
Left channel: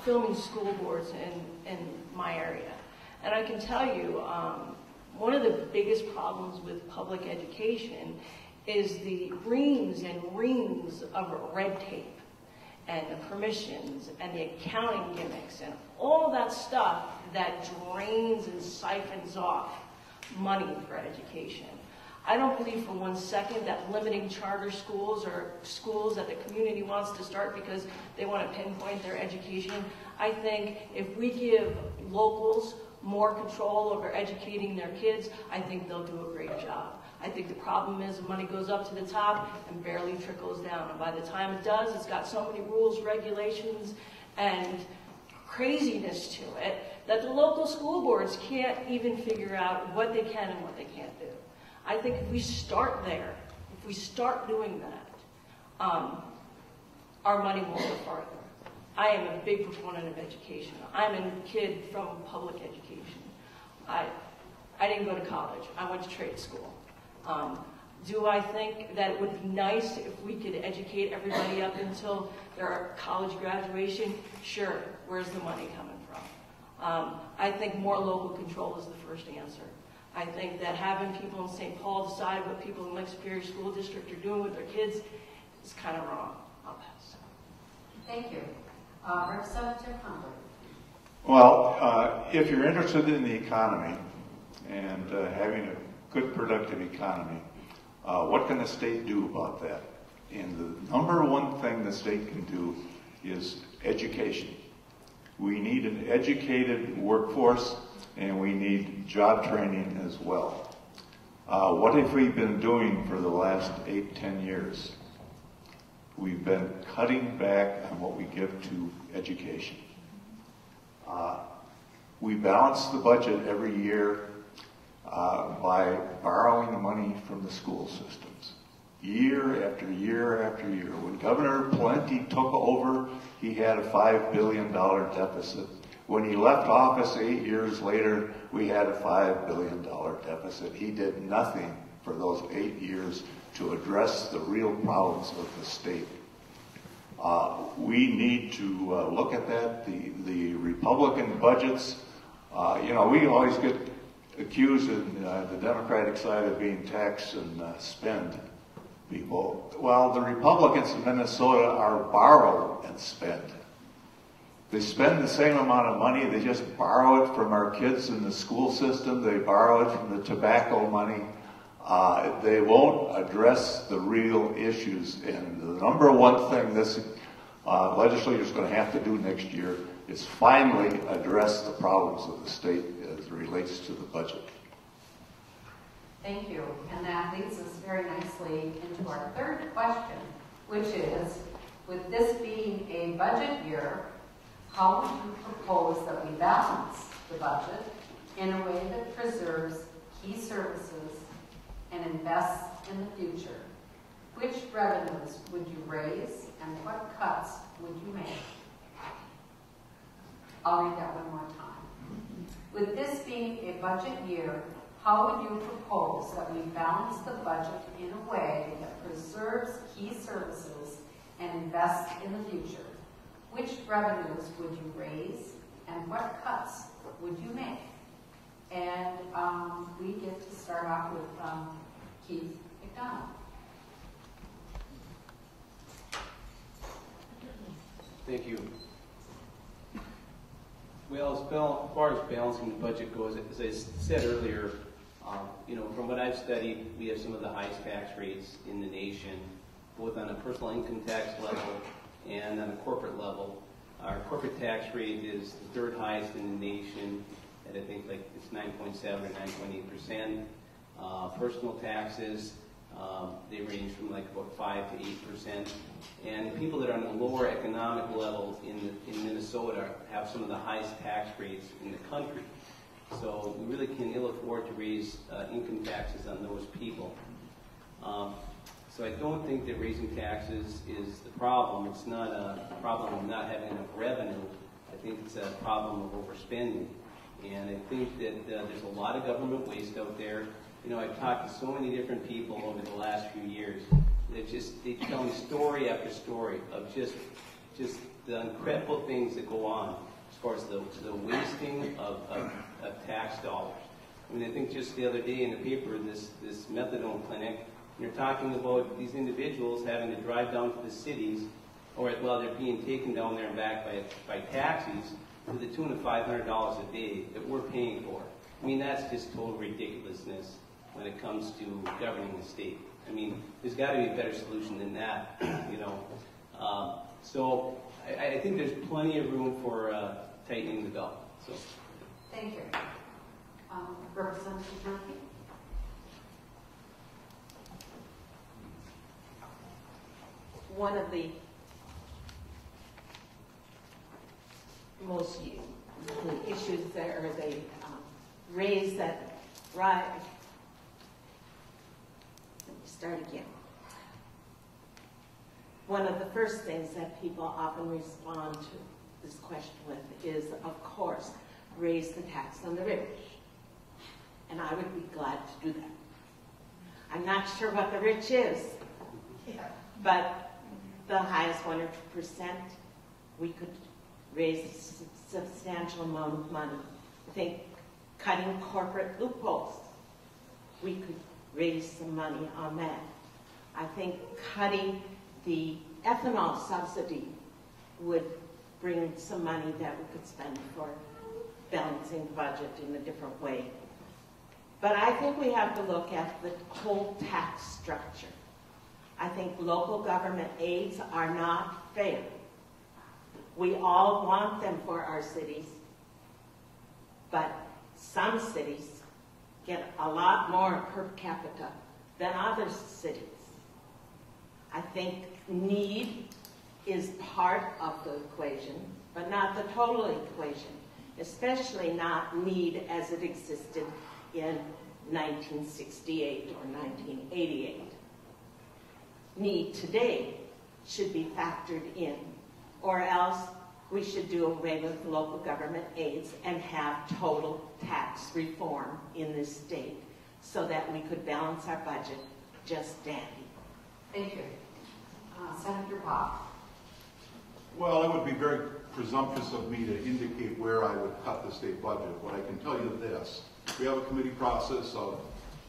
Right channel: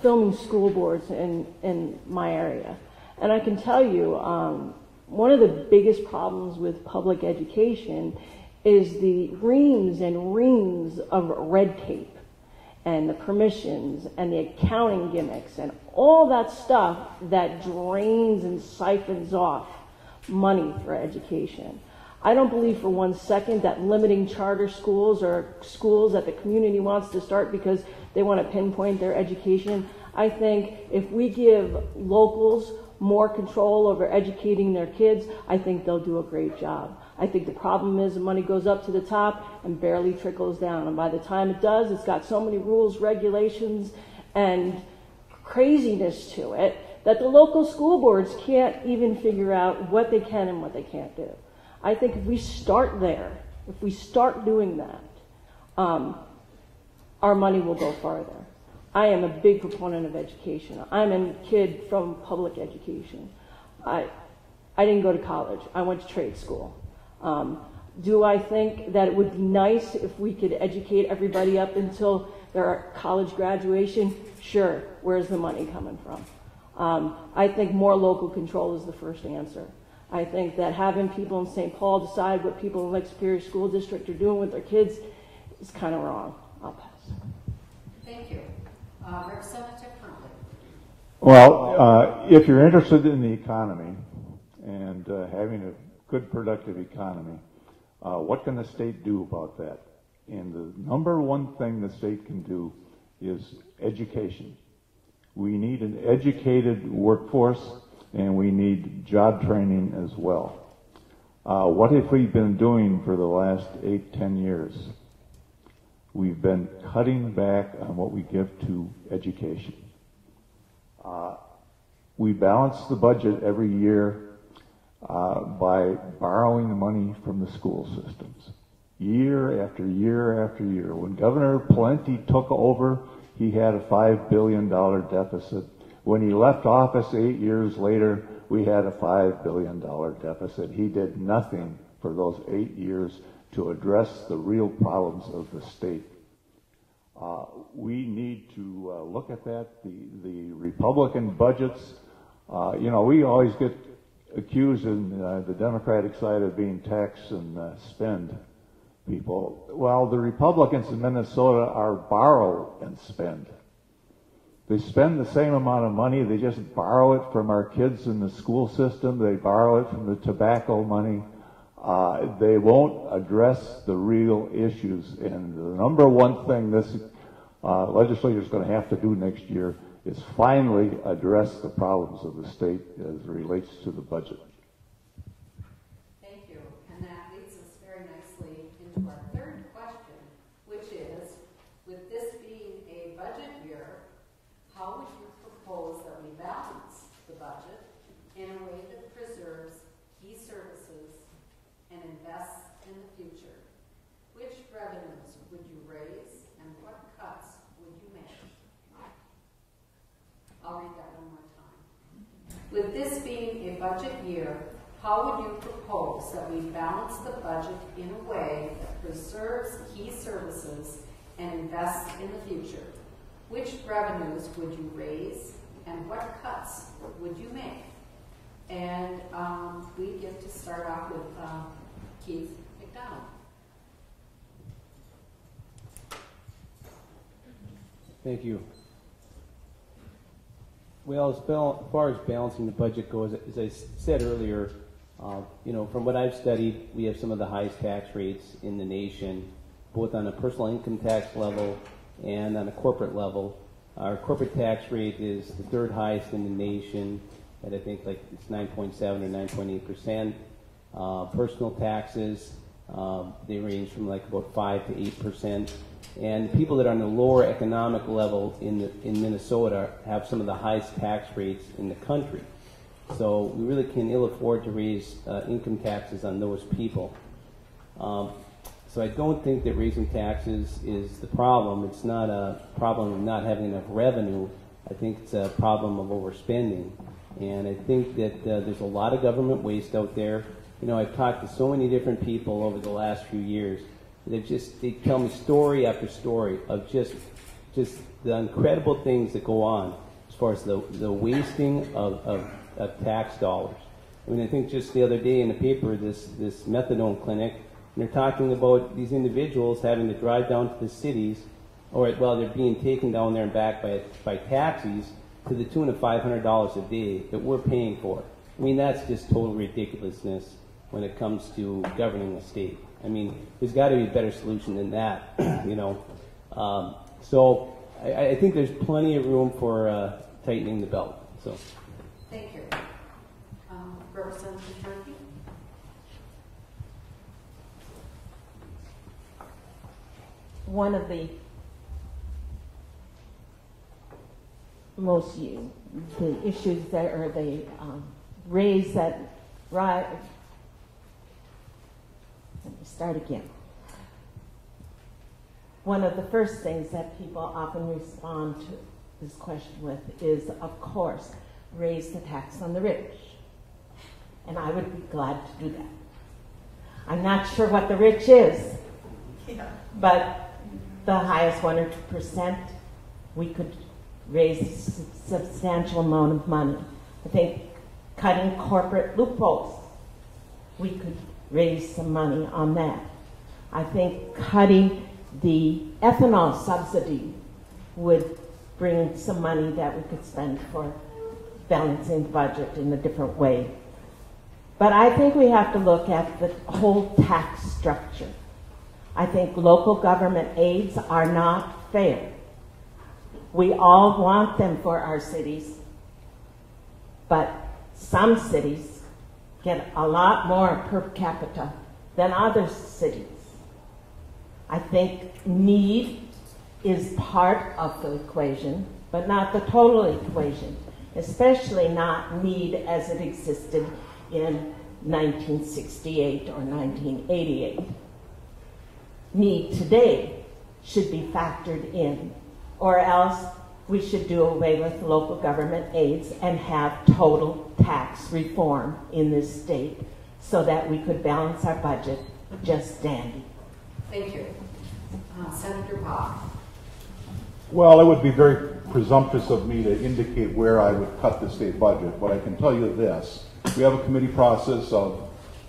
filming school boards in my area. And I can tell you, one of the biggest problems with public education is the reams and reams of red tape and the permissions and the accounting gimmicks and all that stuff that drains and siphons off money for education. I don't believe for 1 second that limiting charter schools or schools that the community wants to start because they want to pinpoint their education. I think if we give locals more control over educating their kids, I think they'll do a great job. I think the problem is the money goes up to the top and barely trickles down. And by the time it does, it's got so many rules, regulations, and craziness to it that the local school boards can't even figure out what they can and what they can't do. I think if we start there, if we start doing that, our money will go farther. I am a big proponent of education. I'm a kid from public education. I didn't go to college. I went to trade school. Do I think that it would be nice if we could educate everybody up until their college graduation? Sure. Where's the money coming from? I think more local control is the first answer. I think that having people in St. Paul decide what people in Lake Superior School District are doing with their kids is kind of wrong. I'll pass. Thank you. Representative Humphrey. Well, if you're interested in the economy and having a good, productive economy, what can the state do about that? And the number one thing the state can do is education. We need an educated workforce, and we need job training as well. What have we been doing for the last 8-10 years? We've been cutting back on what we give to education. We balance the budget every year by borrowing money from the school systems. Year after year after year. When Governor Pawlenty took over, he had a $5 billion deficit. When he left office 8 years later, we had a $5 billion deficit. He did nothing for those 8 years to address the real problems of the state. We need to look at that. The Republican budgets, we always get accused in the Democratic side of being tax and spend people. Well, the Republicans in Minnesota are borrow and spend. They spend the same amount of money, they just borrow it from our kids in the school system, they borrow it from the tobacco money. They won't address the real issues. And the number one thing this legislature is going to have to do next year it's finally addressed the problems of the state as it relates to the budget. Thank you. And that leads us very nicely into our third question, which is, with this being a budget year, how would you propose that we balance the budget in a way that preserves key services and invests in the future? Which revenues would you raise and what cuts would you make? I'll read that one more time. With this being a budget year, how would you propose that we balance the budget in a way that preserves key services and invests in the future? Which revenues would you raise and what cuts would you make? And we get to start off with Keith McDonald. Thank you. Well, as far as balancing the budget goes, as I said earlier, from what I've studied, we have some of the highest tax rates in the nation, both on a personal income tax level and on a corporate level. Our corporate tax rate is the third highest in the nation, at I think like it's 9.7 or 9.8%. Personal taxes, they range from like about 5 to 8%. And people that are on the lower economic level in Minnesota have some of the highest tax rates in the country. So we really can ill afford to raise income taxes on those people. So I don't think that raising taxes is the problem. It's not a problem of not having enough revenue. I think it's a problem of overspending. And I think that there's a lot of government waste out there. I've talked to so many different people over the last few years that they tell me story after story of just the incredible things that go on as far as the wasting of tax dollars. I mean, I think just the other day in the paper, this methadone clinic, and they're talking about these individuals having to drive down to the cities, they're being taken down there and back by taxis to the tune of $500 a day that we're paying for. I mean, that's just total ridiculousness when it comes to governing a state. I mean, there's got to be a better solution than that, So I think there's plenty of room for tightening the belt. So. Thank you. Representative Turkey. One of the the issues that are they raise that right. Let me start again. One of the first things that people often respond to this question with is, of course, raise the tax on the rich. And I would be glad to do that. I'm not sure what the rich is, but the highest 1 or 2%, we could raise a substantial amount of money. I think cutting corporate loopholes, we could raise some money on that. I think cutting the ethanol subsidy would bring some money that we could spend for balancing the budget in a different way. But I think we have to look at the whole tax structure. I think local government aids are not fair. We all want them for our cities, but some cities get a lot more per capita than other cities. I think need is part of the equation, but not the total equation, especially not need as it existed in 1968 or 1988. Need today should be factored in, or else we should do away with local government aids and have total tax reform in this state so that we could balance our budget just dandy. Thank you. Senator Bob. Well, it would be very presumptuous of me to indicate where I would cut the state budget, but I can tell you this. We have a committee process of,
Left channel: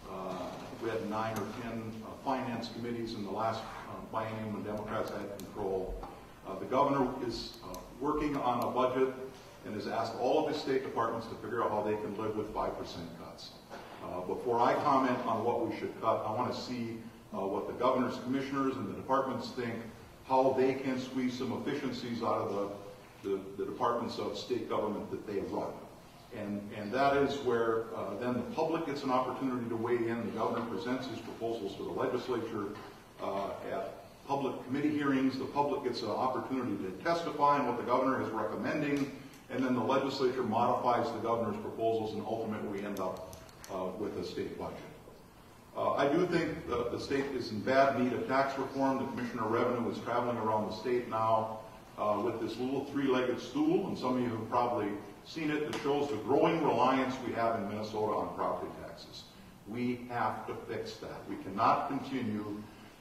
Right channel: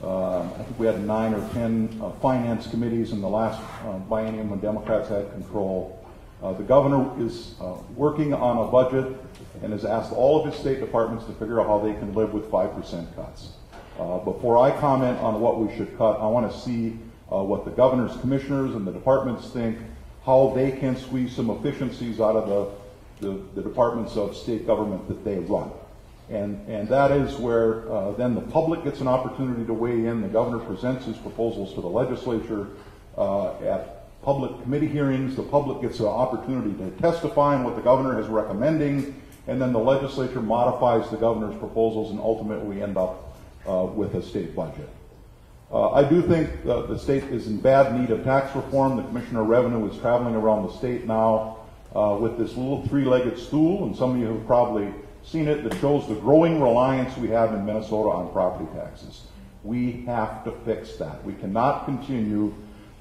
I think we had 9 or 10 finance committees in the last biennium when Democrats had control. The governor is working on a budget and has asked all of his state departments to figure out how they can live with 5% cuts. Before I comment on what we should cut, I want to see what the governor's commissioners and the departments think, how they can squeeze some efficiencies out of the departments of state government that they run. And that is where then the public gets an opportunity to weigh in. The governor presents his proposals to the legislature at public committee hearings. The public gets an opportunity to testify on what the governor is recommending, and then the legislature modifies the governor's proposals, and ultimately we end up with a state budget. I do think the state is in bad need of tax reform. The Commissioner of Revenue is traveling around the state now with this little three-legged stool, and some of you have probably seen it, that shows the growing reliance we have in Minnesota on property taxes. We have to fix that. We cannot continue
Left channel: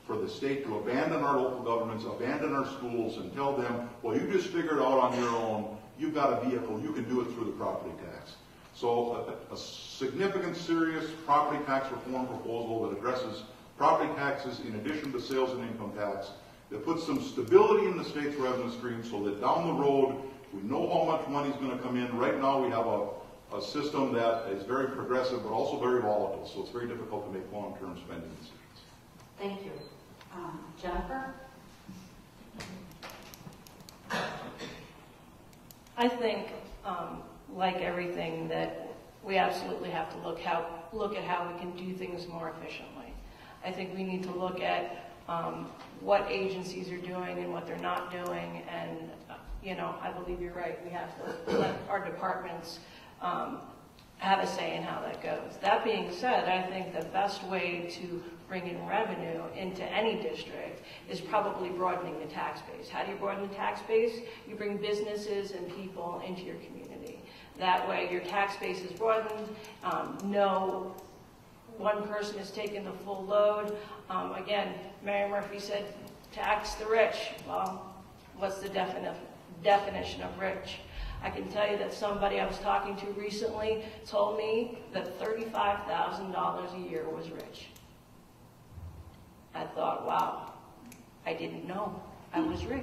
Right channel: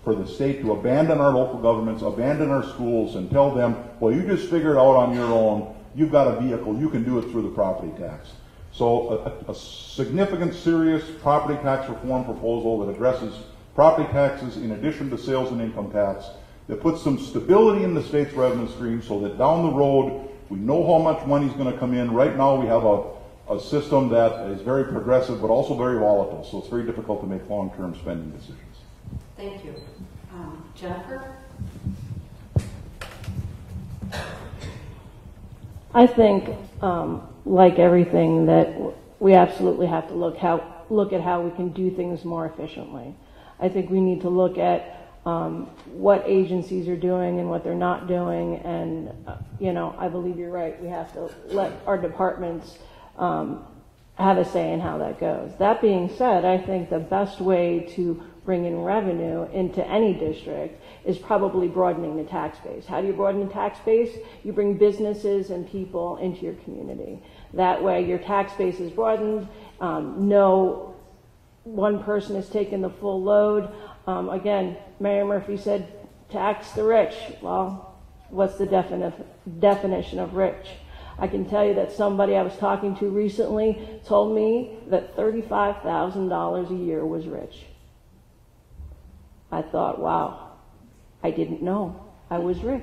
for the state to abandon our local governments, abandon our schools, and tell them, well, you just figure it out on your own. You've got a vehicle. You can do it through the property tax. So a significant, serious property tax reform proposal that addresses property taxes in addition to sales and income tax, that puts some stability in the state's revenue stream so that down the road we know how much money is going to come in. Right now we have a system that is very progressive but also very volatile, so it's very difficult to make long-term spending decisions. Thank you. Jennifer? I think, like everything, that we absolutely have to look at how we can do things more efficiently. I think we need to look at what agencies are doing and what they're not doing, and I believe you're right. We have to let our departments have a say in how that goes. That being said, I think the best way to bring in revenue into any district is probably broadening the tax base. How do you broaden the tax base? You bring businesses and people into your community. That way your tax base is broadened. No one person is taking the full load. Again, Mayor Murphy said tax the rich. Well, what's the definition of rich? I can tell you that somebody I was talking to recently told me that $35,000 a year was rich. I thought, wow, I didn't know I was rich.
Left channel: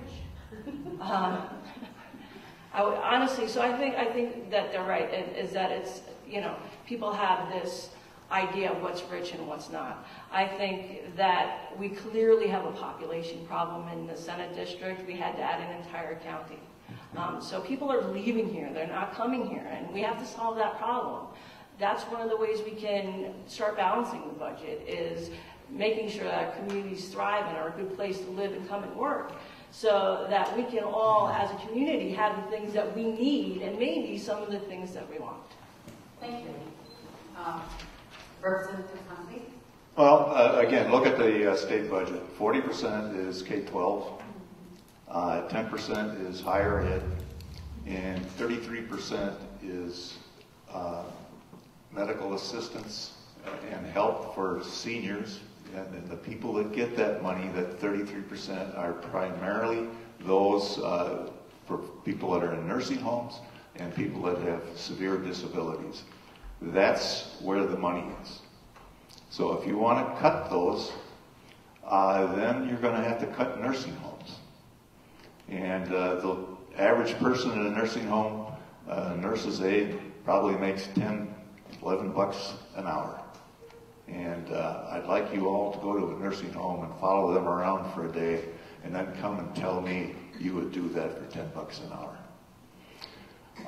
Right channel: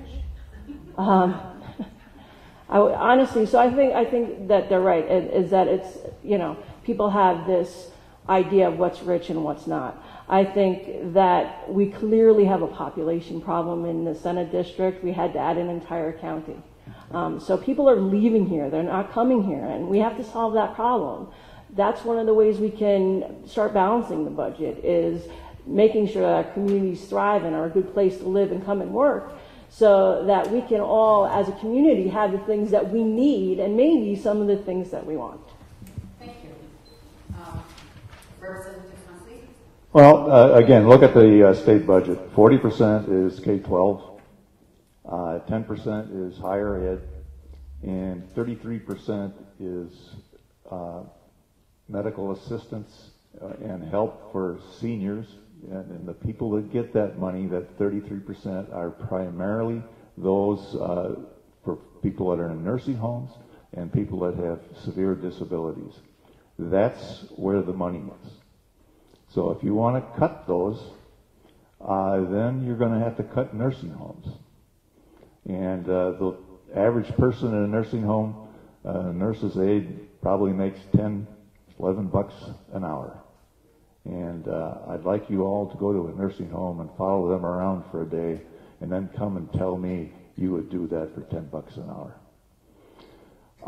Honestly, so I think that they're right, is that it's, people have this idea of what's rich and what's not. I think that we clearly have a population problem in the Senate district. We had to add an entire county. So people are leaving here. They're not coming here, and we have to solve that problem. That's one of the ways we can start balancing the budget, is making sure that our communities thrive and are a good place to live and come and work, so that we can all, as a community, have the things that we need and maybe some of the things that we want. Thank you. Representative Hussey? Well, again, look at the state budget. 40% is K-12, 10% is higher ed, and 33% is medical assistance and help for seniors. And the people that get that money, that 33%, are primarily those for people that are in nursing homes and people that have severe disabilities. That's where the money is. So if you want to cut those, then you're going to have to cut nursing homes. And the average person in a nursing home, nurse's aide, probably makes $10, $11 an hour. And I'd like you all to go to a nursing home and follow them around for a day and then come and tell me you would do that for $10 an hour.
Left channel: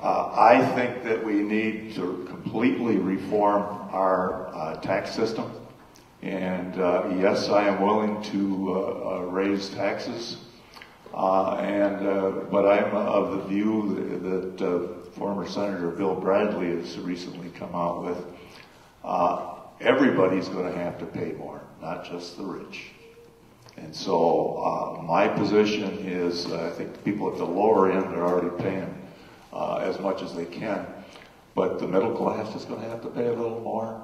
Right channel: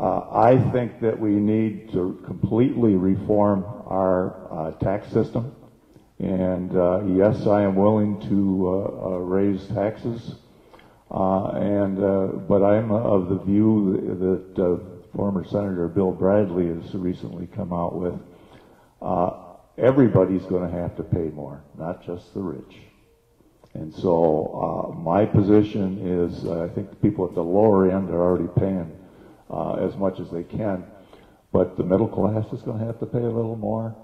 I think that we need to completely reform our tax system. And yes, I am willing to raise taxes. But I'm of the view that former Senator Bill Bradley has recently come out with. Everybody's going to have to pay more, not just the rich. And so my position is I think people at the lower end are already paying as much as they can, but the middle class is going to have to pay a little more,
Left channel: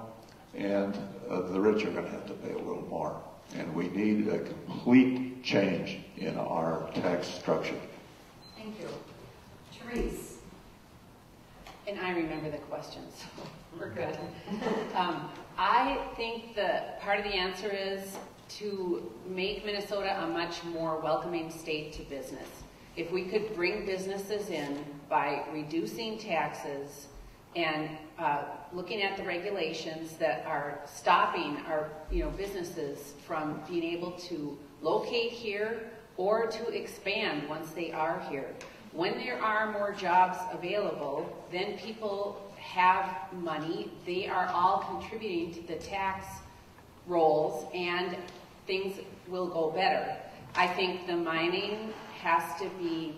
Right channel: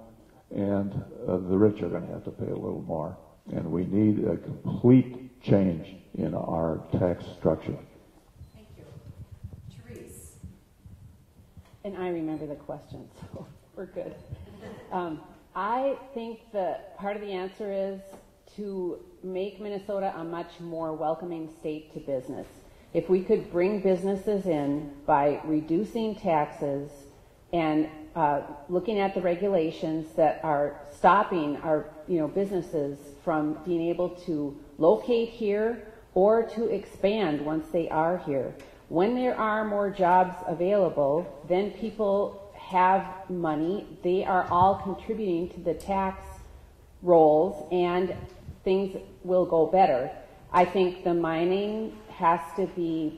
and the rich are going to have to pay a little more. And we need a complete change in our tax structure. Thank you. Therese? And I remember the questions. We're good. I think that part of the answer is to make Minnesota a much more welcoming state to business. If we could bring businesses in by reducing taxes and looking at the regulations that are stopping our businesses from being able to locate here or to expand once they are here, When there are more jobs available, then people have money. They are all contributing to the tax rolls, and things will go better. I think the mining has to be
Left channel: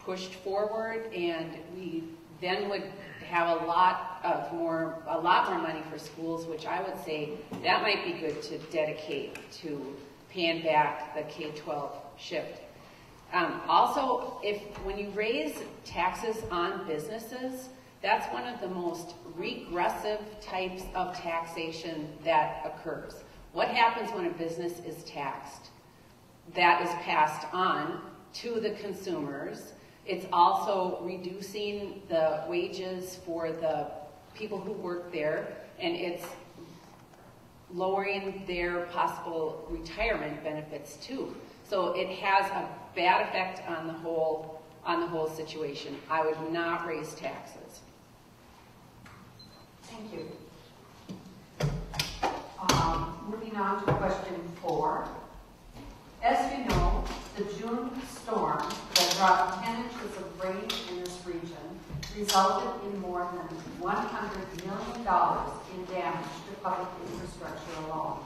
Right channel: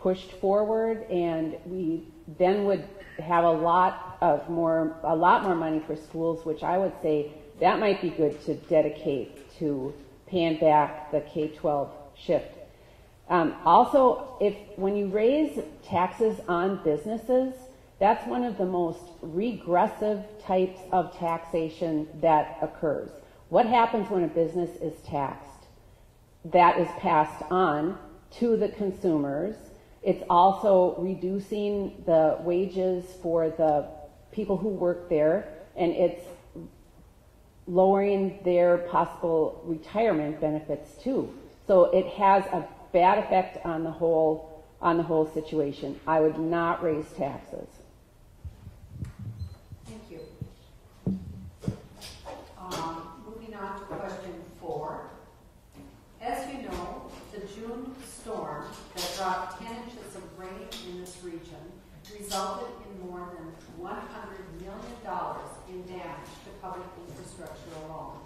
pushed forward, and we then would have a lot more money for schools, which I would say that might be good to dedicate to paying back the K-12 shift. Also, when you raise taxes on businesses, that's one of the most regressive types of taxation that occurs. What happens when a business is taxed? That is passed on to the consumers. It's also reducing the wages for the people who work there, and it's lowering their possible retirement benefits too. So it has a bad effect on the whole situation. I would not raise taxes. Thank you. Moving on to question 4. As you know, the June storm that brought 10 inches of rain in this region resulted in more than $100 million in damage to public infrastructure alone.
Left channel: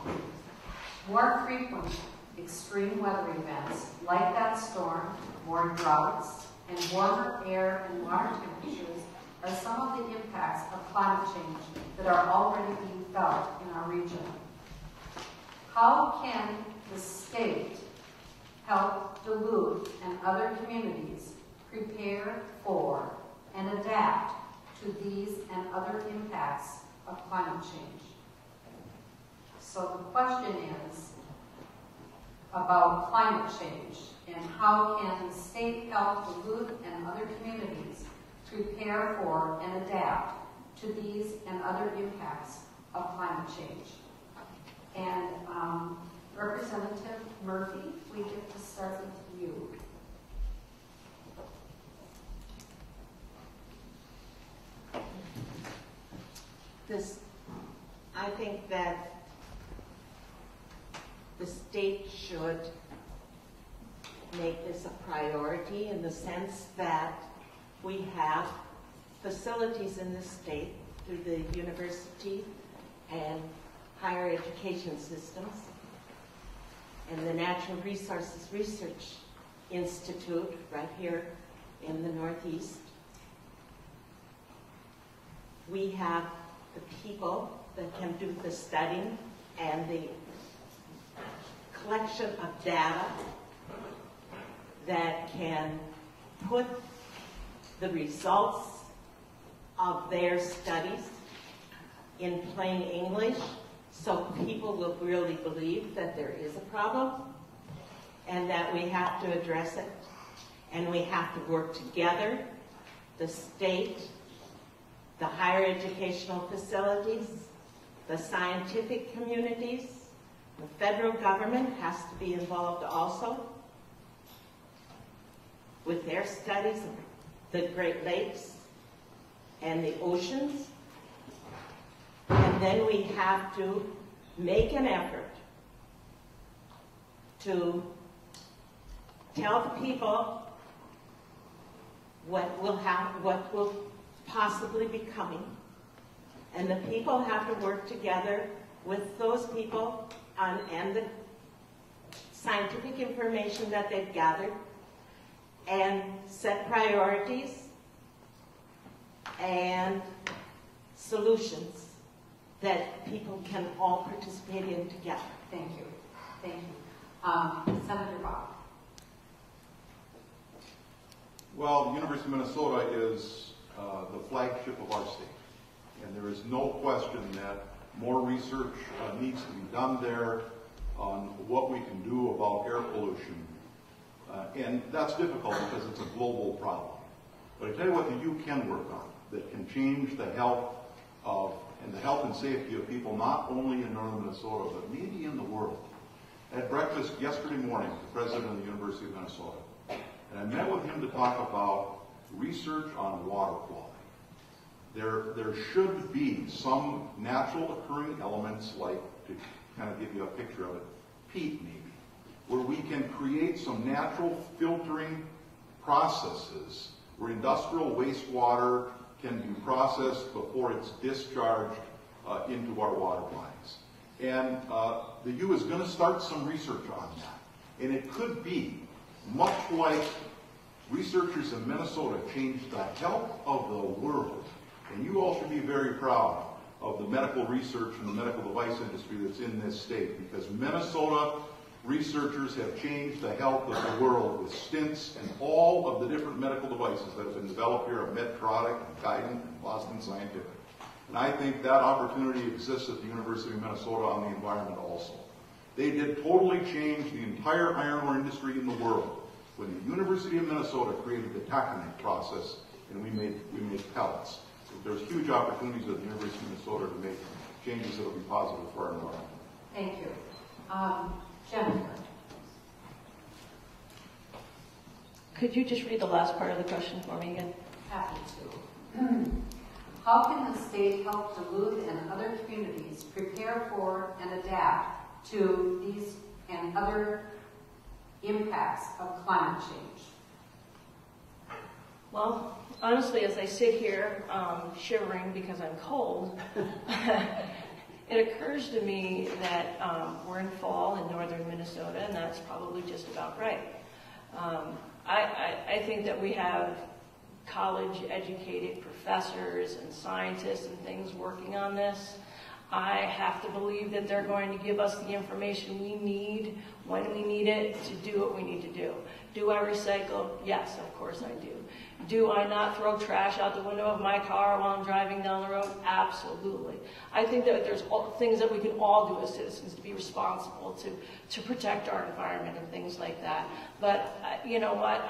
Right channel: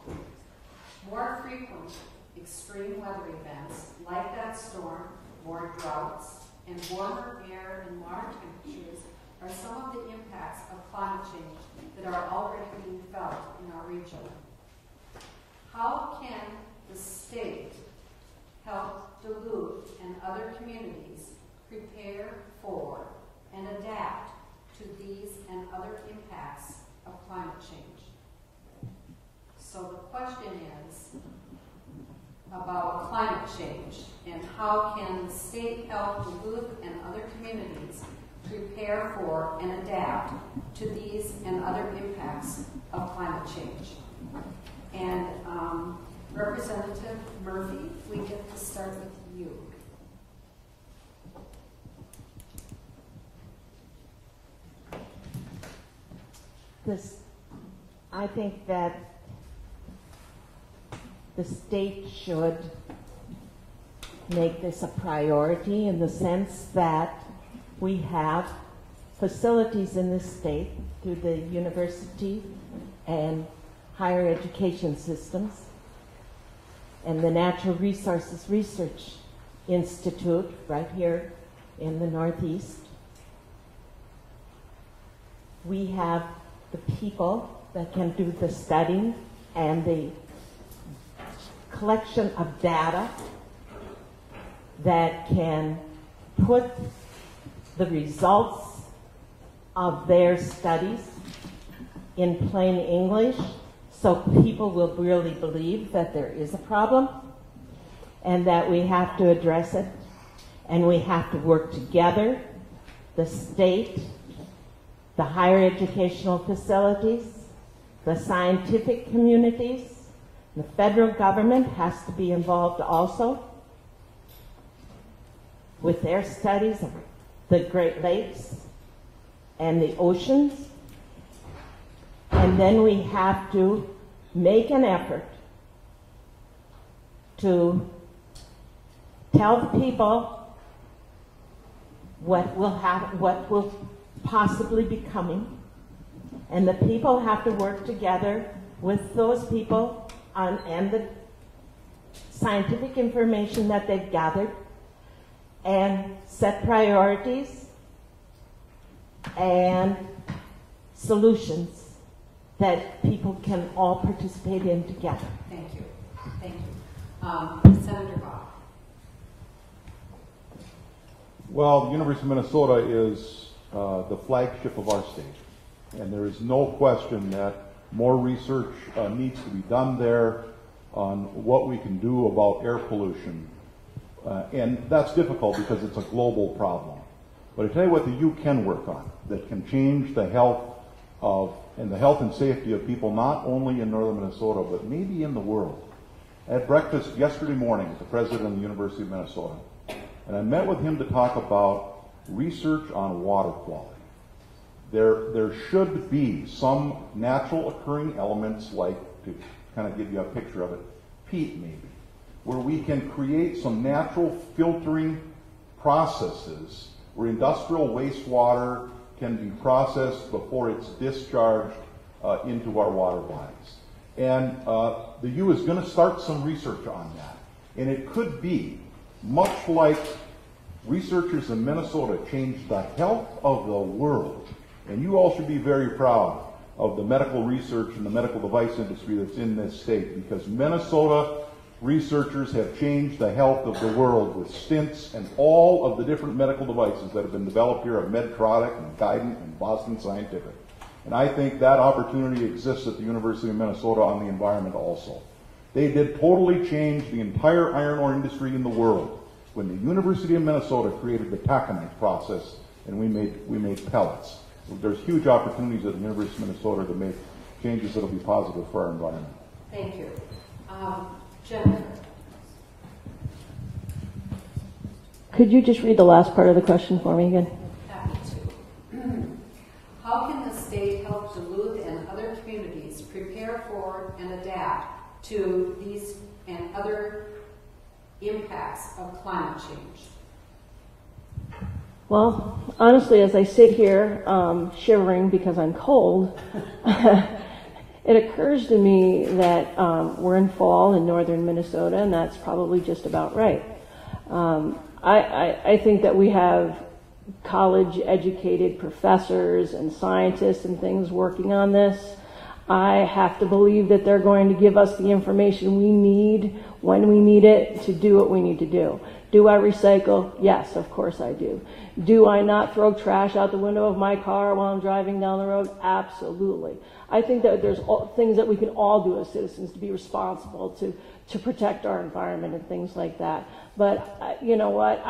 More frequent extreme weather events like that storm, more droughts, and warmer air and water temperatures are some of the impacts of climate change that are already being felt in our region. How can the state help Duluth and other communities prepare for and adapt to these and other impacts of climate change? So the question is about climate change and how can the state help Duluth and other communities prepare for and adapt to these and other impacts of climate change. And Representative Murphy, we get to start with you. I think that the state should make this a priority in the sense that we have facilities in this state through the university and higher education systems and the Natural Resources Research Institute right here in the Northeast. We have the people that can do the studying and the collection of data that can put the results of their studies in plain English so people will really believe that there is a problem and that we have to address it and we have to work together, the state, the higher educational facilities, the scientific communities. The federal government has to be involved also with their studies of the Great Lakes and the oceans. And then we have to make an effort to tell people what will possibly be coming. And the people have to work together with those people and the scientific information that they've gathered and set priorities and solutions that people can all participate in together. Thank you. Thank you. Senator Bach. Well, the University of Minnesota is the flagship of our state. And there is no question that more research needs to be done there on what we can do about air pollution. And that's difficult because it's a global problem. But I tell you what the U can work on that can change the health and the health and safety of people not only in northern Minnesota, but maybe in the world. I had breakfast yesterday morning with the president of the University of Minnesota. And I met with him to talk about research on water quality. There should be some natural occurring elements, like, to kind of give you a picture of it, peat maybe, where we can create some natural filtering processes where industrial wastewater can be processed before it's discharged into our water bodies. And the U is going to start some research on that. And it could be much like researchers in Minnesota changed the health of the world. And you all should be very proud of the medical research and the medical device industry that's in this state, because Minnesota researchers have changed the health of the world with stents and all of the different medical devices that have been developed here at Medtronic and Guidant and Boston Scientific. And I think that opportunity exists at the University of Minnesota on the environment also. They did totally change the entire iron ore industry in the world when the University of Minnesota created the taconite process and we made pellets. There's huge opportunities at the University of Minnesota to make changes that will be positive for our environment. Thank you. Jennifer. Could you just read the last part of the question for me again? Happy to. How can the state help Duluth and other communities prepare for and adapt to these and other impacts of climate change? Well, honestly, as I sit here shivering because I'm cold, it occurs to me that we're in fall in northern Minnesota, and that's probably just about right. I think that we have college-educated professors and scientists and things working on this. I have to believe that they're going to give us the information we need when we need it to do what we need to do. Do I recycle? Yes, of course I do. Do I not throw trash out the window of my car while I'm driving down the road? Absolutely. I think that there's things that we can all do as citizens to be responsible to protect our environment and things like that. But you know what?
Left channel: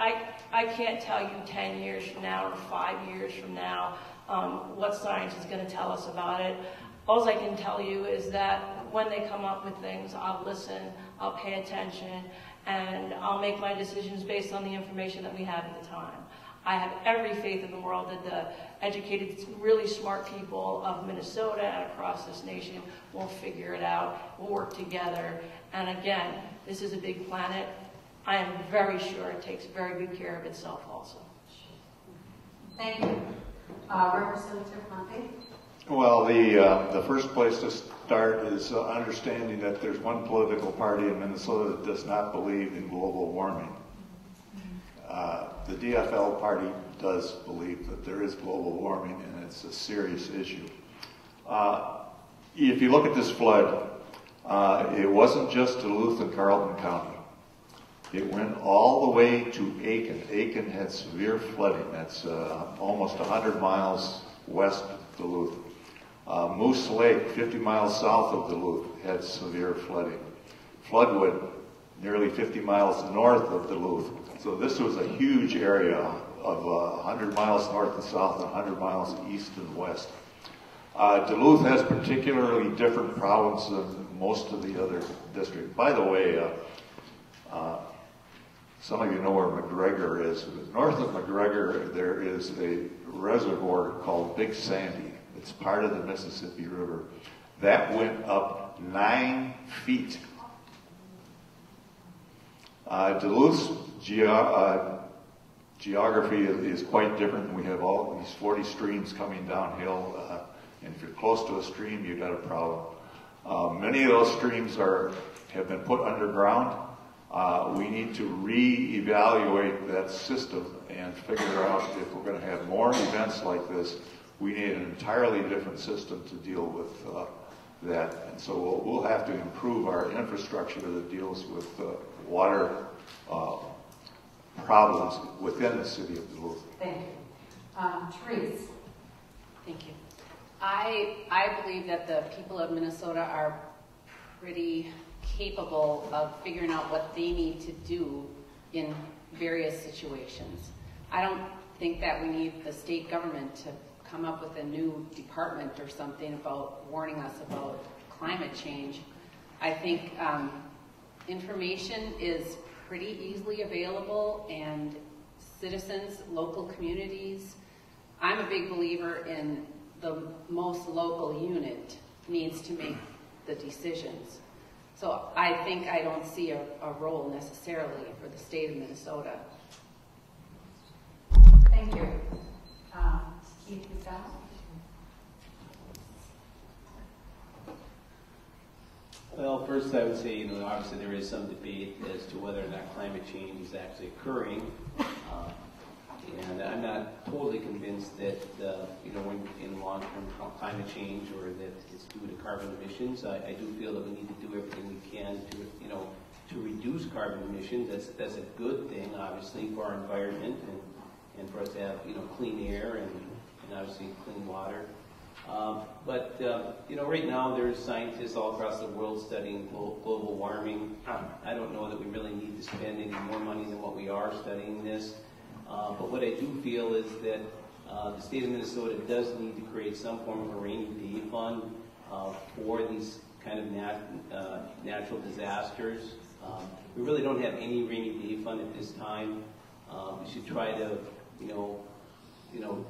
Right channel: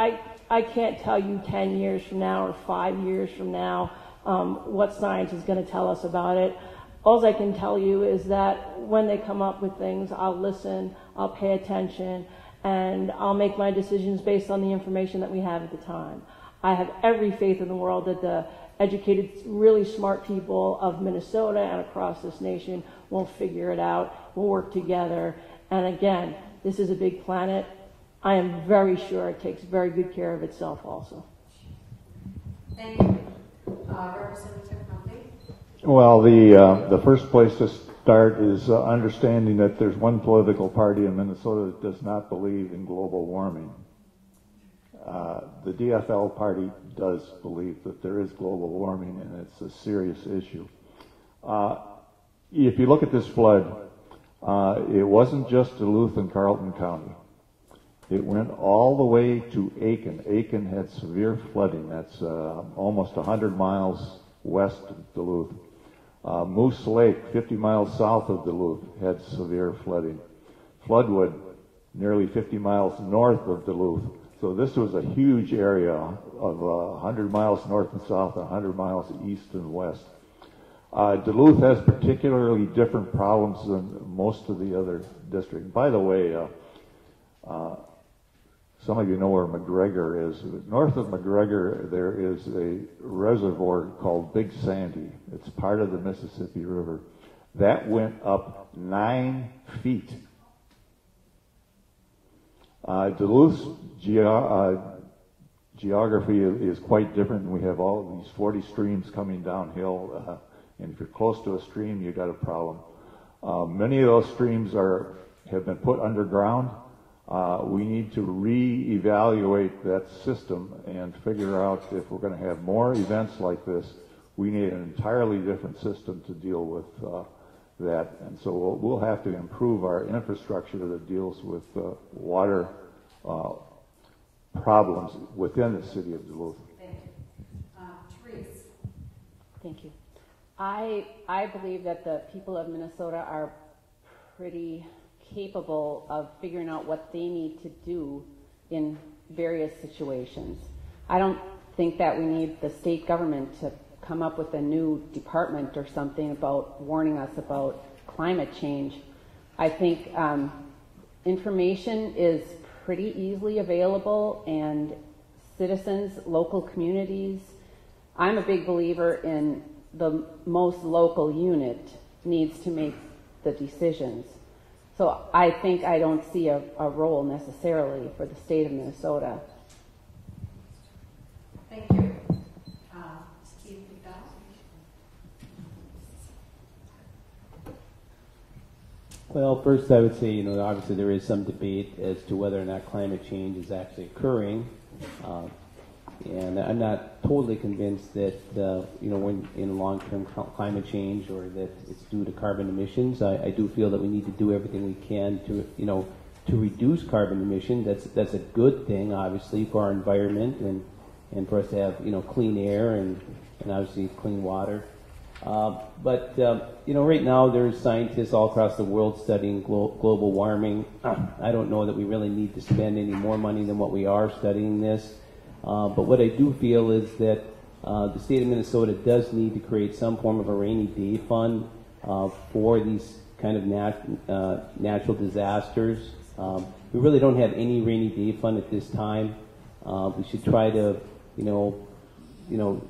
I can't tell you 10 years from now or 5 years from now what science is going to tell us about it. All I can tell you is that when they come up with things, I'll listen, I'll pay attention, and I'll make my decisions based on the information that we have at the time. I have every faith in the world that the educated, really smart people of Minnesota and across this nation will figure it out, will work together. And again, this is a big planet. I am very sure it takes very good care of itself also. Thank you. Representative Monday? Well, the first place to start is understanding that there's one political party in Minnesota that does not believe in global warming. The DFL party does believe that there is global warming, and it's a serious issue. If you look at this flood, it wasn't just Duluth and Carleton County. It went all the way to Aiken. Aiken had severe flooding. That's almost 100 miles west of Duluth. Moose Lake, 50 miles south of Duluth, had severe flooding. Floodwood, nearly 50 miles north of Duluth. So this was a huge area of 100 miles north and south and 100 miles east and west. Duluth has particularly different problems than most of the other districts. By the way, some of you know where McGregor is. North of McGregor, there is a reservoir called Big Sandy. It's part of the Mississippi River. That went up 9 feet. Duluth's geography is quite different. We have all these 40 streams coming downhill, and if you're close to a stream, you've got a problem. Many of those streams have been put underground. We need to re-evaluate that system and figure out if we're going to have more events like this. We need an entirely different system to deal with that. And so we'll have to improve our infrastructure that deals with water problems within the city of Duluth. Thank you. Therese. Thank you. I believe that the people of Minnesota are pretty capable of figuring out what they need to do in various situations. I don't think that we need the state government to come up with a new department or something about warning us about climate change. I think information is pretty easily available, and citizens, local communities, I'm a big believer in the most local unit needs to make the decisions. So I think I don't see a role necessarily for the state of Minnesota. Well, first I would say, obviously there is some debate as to whether or not climate change is actually occurring. And I'm not totally convinced that, we're in long-term climate change or that it's due to carbon emissions. I do feel that we need to do everything we can to reduce carbon emissions. That's a good thing, obviously, for our environment and for us to have, clean air and obviously clean water. But right now there's scientists all across the world studying global warming. I don't know that we really need to spend any more money than what we are studying this. But what I do feel is that the state of Minnesota does need to create some form of a rainy day fund for these kind of natural disasters. We really don't have any rainy day fund at this time. We should try to,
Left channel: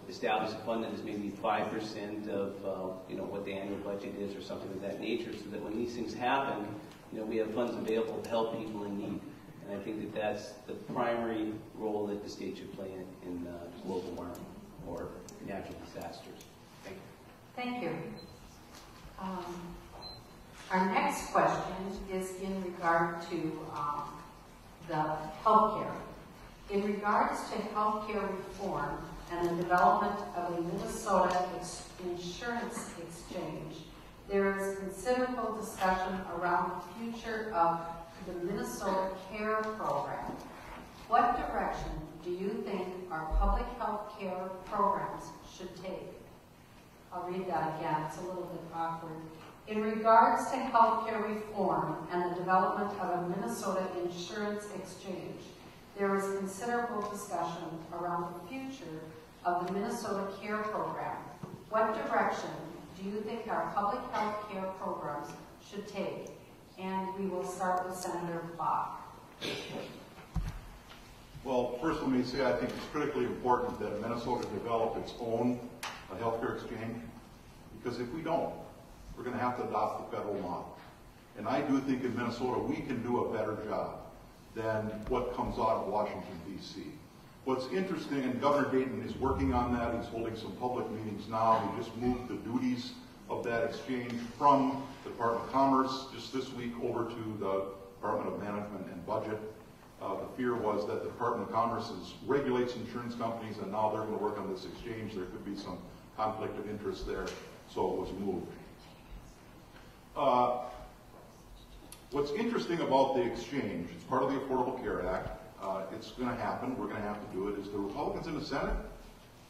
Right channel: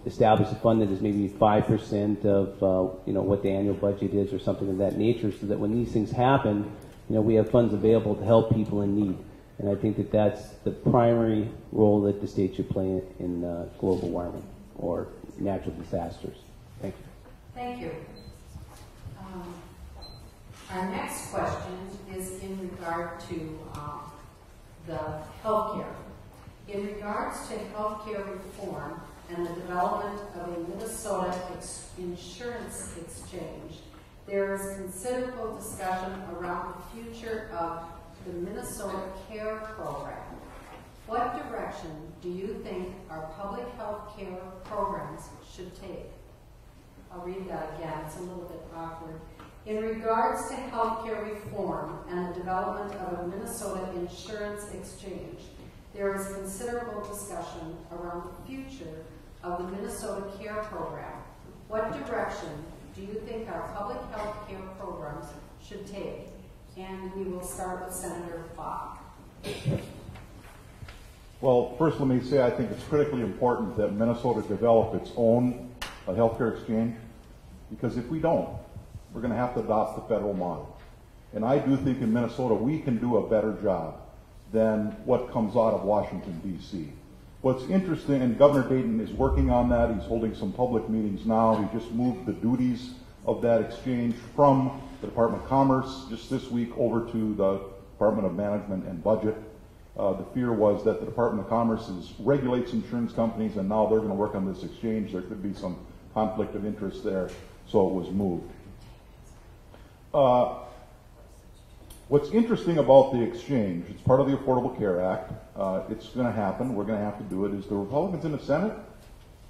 establish a fund that is maybe 5% of, what the annual budget is or something of that nature, so that when these things happen, we have funds available to help people in need. And I think that that's the primary role that the state should play in global warming or natural disasters. Thank you. Thank you. Our next question is in regard to the healthcare. In regards to healthcare reform and the development of a Minnesota insurance exchange, there is considerable discussion around the future of the Minnesota Care Program. What direction do you think our public health care programs should take? I'll read that again, it's a little bit awkward. In regards to healthcare reform and the development of a Minnesota insurance exchange, there is considerable discussion around the future of the Minnesota Care Program. What direction do you think our public health care programs should take? And we will start with Senator Bach. Well, first let me say I think it's critically important that Minnesota develop its own healthcare exchange, because if we don't, we're going to have to adopt the federal model. And I do think in Minnesota we can do a better job than what comes out of Washington, D.C. What's interesting, and Governor Dayton is working on that, he's holding some public meetings now, he just moved the duties of that exchange from the Department of Commerce just this week over to the Department of Management and Budget. The fear was that the Department of Commerce regulates insurance companies, and now they're going to work on this exchange. There could be some conflict of interest there, so it was moved. What's interesting about the exchange, it's part of the Affordable Care Act. It's going to happen. We're going to have to do it. Is the Republicans in the Senate,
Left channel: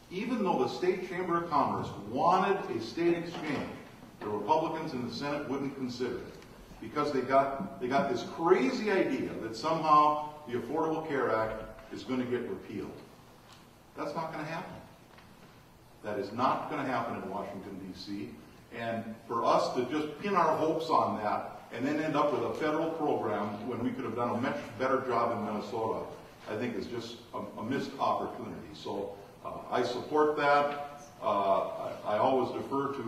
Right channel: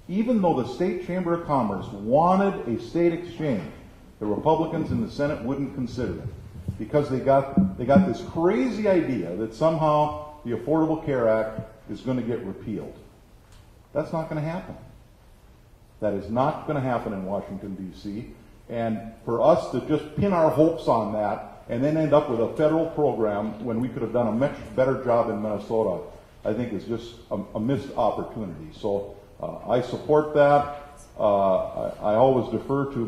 even though the State Chamber of Commerce wanted a state exchange, the Republicans in the Senate wouldn't consider it because they got this crazy idea that somehow the Affordable Care Act is going to get repealed. That's not going to happen. That is not going to happen in Washington, D.C. And for us to just pin our hopes on that and then end up with a federal program when we could have done a much better job in Minnesota, I think is just a missed opportunity. So I support that. I always defer to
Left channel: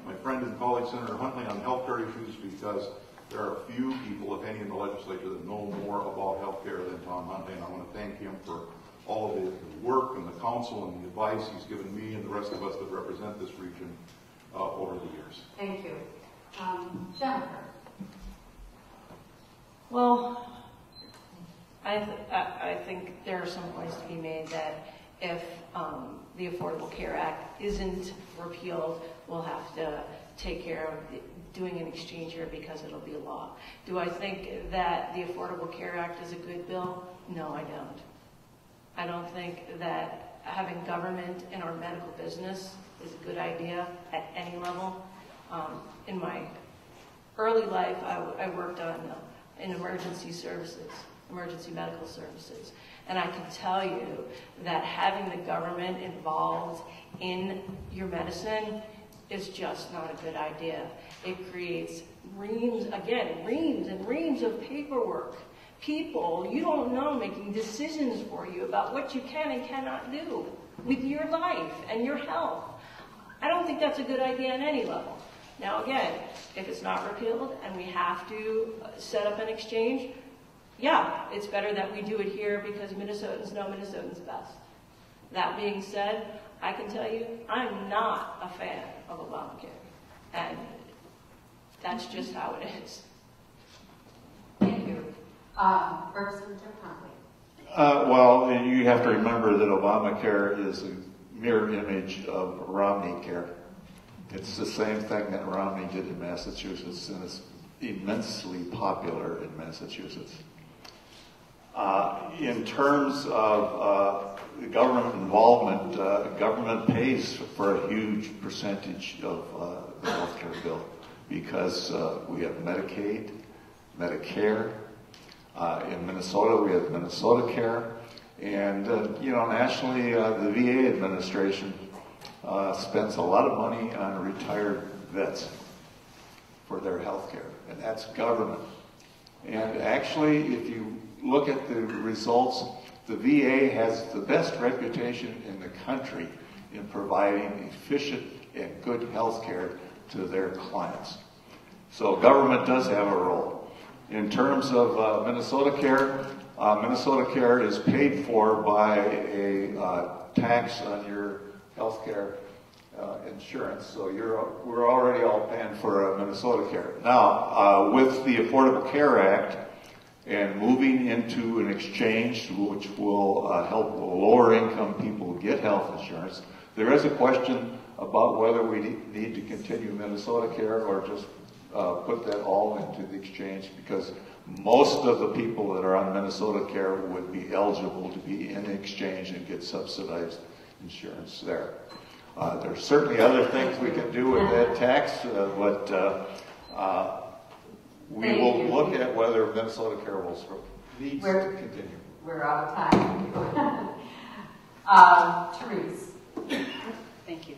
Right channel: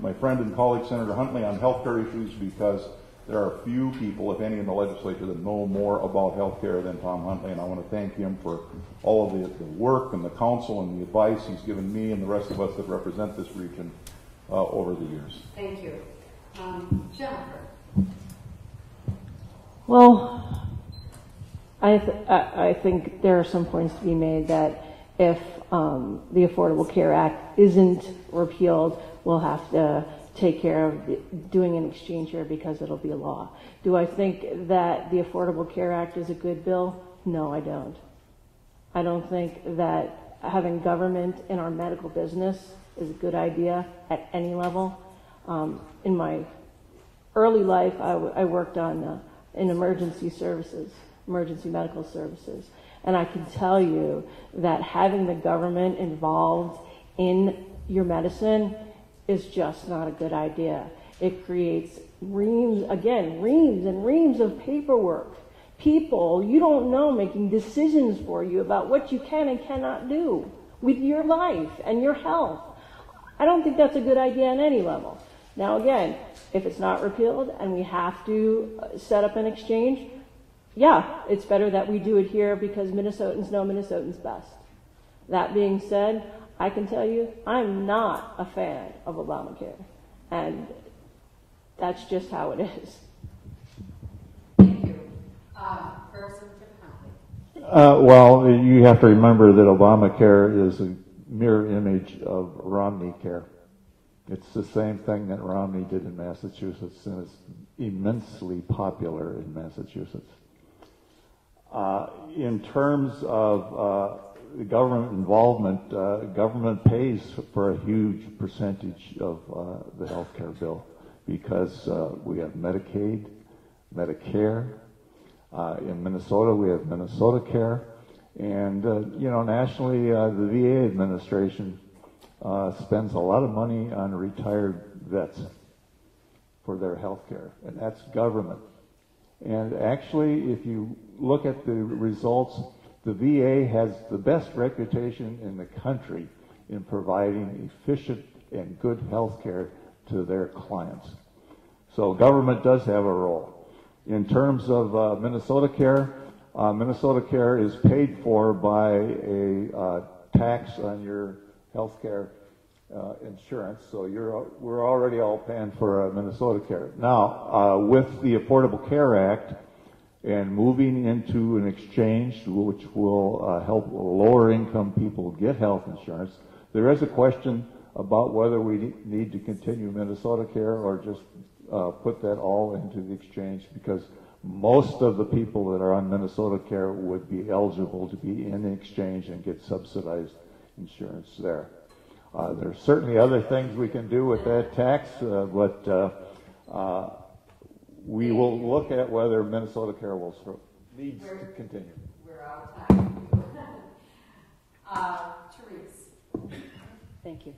my friend and colleague Senator Huntley on healthcare issues because there are few people, if any, in the legislature that know more about healthcare than Tom Huntley, and I want to thank him for all of the work and the counsel and the advice he's given me and the rest of us that represent this region over the years. Thank you. Jennifer. Well, I think there are some points to be made that if the Affordable Care Act isn't repealed, we'll have to take care of doing an exchange here because it'll be a law. Do I think that the Affordable Care Act is a good bill? No, I don't. I don't think that having government in our medical business is a good idea at any level. In my early life, I worked in emergency services, emergency medical services. And I can tell you that having the government involved in your medicine is just not a good idea. It creates reams and reams of paperwork. People you don't know making decisions for you about what you can and cannot do with your life and your health. I don't think that's a good idea on any level. Now again, if it's not repealed and we have to set up an exchange, yeah, it's better that we do it here because Minnesotans know Minnesotans best. That being said, I can tell you I'm not a fan of Obamacare. And that's just how it is. Representative Conley. Well, you have to remember that Obamacare is a mirror image of Romney Care. It's the same thing that Romney did in Massachusetts, and it's immensely popular in Massachusetts. In terms of the government involvement, government pays for a huge percentage of the health care bill because we have Medicaid, Medicare. In Minnesota, we have Minnesota Care. And, nationally, the VA administration spends a lot of money on retired vets for their health care, and that's government. And actually, if you look at the results, the VA has the best reputation in the country in providing efficient and good health care to their clients. So government does have a role. In terms of Minnesota Care is paid for by a tax on your health care insurance, so we're already all paying for Minnesota Care. Now, with the Affordable Care Act and moving into an exchange which will help lower income people get health insurance, there is a question about whether we need to continue Minnesota Care or just put that all into the exchange, because most of the people that are on Minnesota Care would be eligible to be in the exchange and get subsidized insurance there. There's certainly other things we can do with that tax, but we will look at whether Minnesota Care will needs to continue. We're out of time. Therese. Thank you.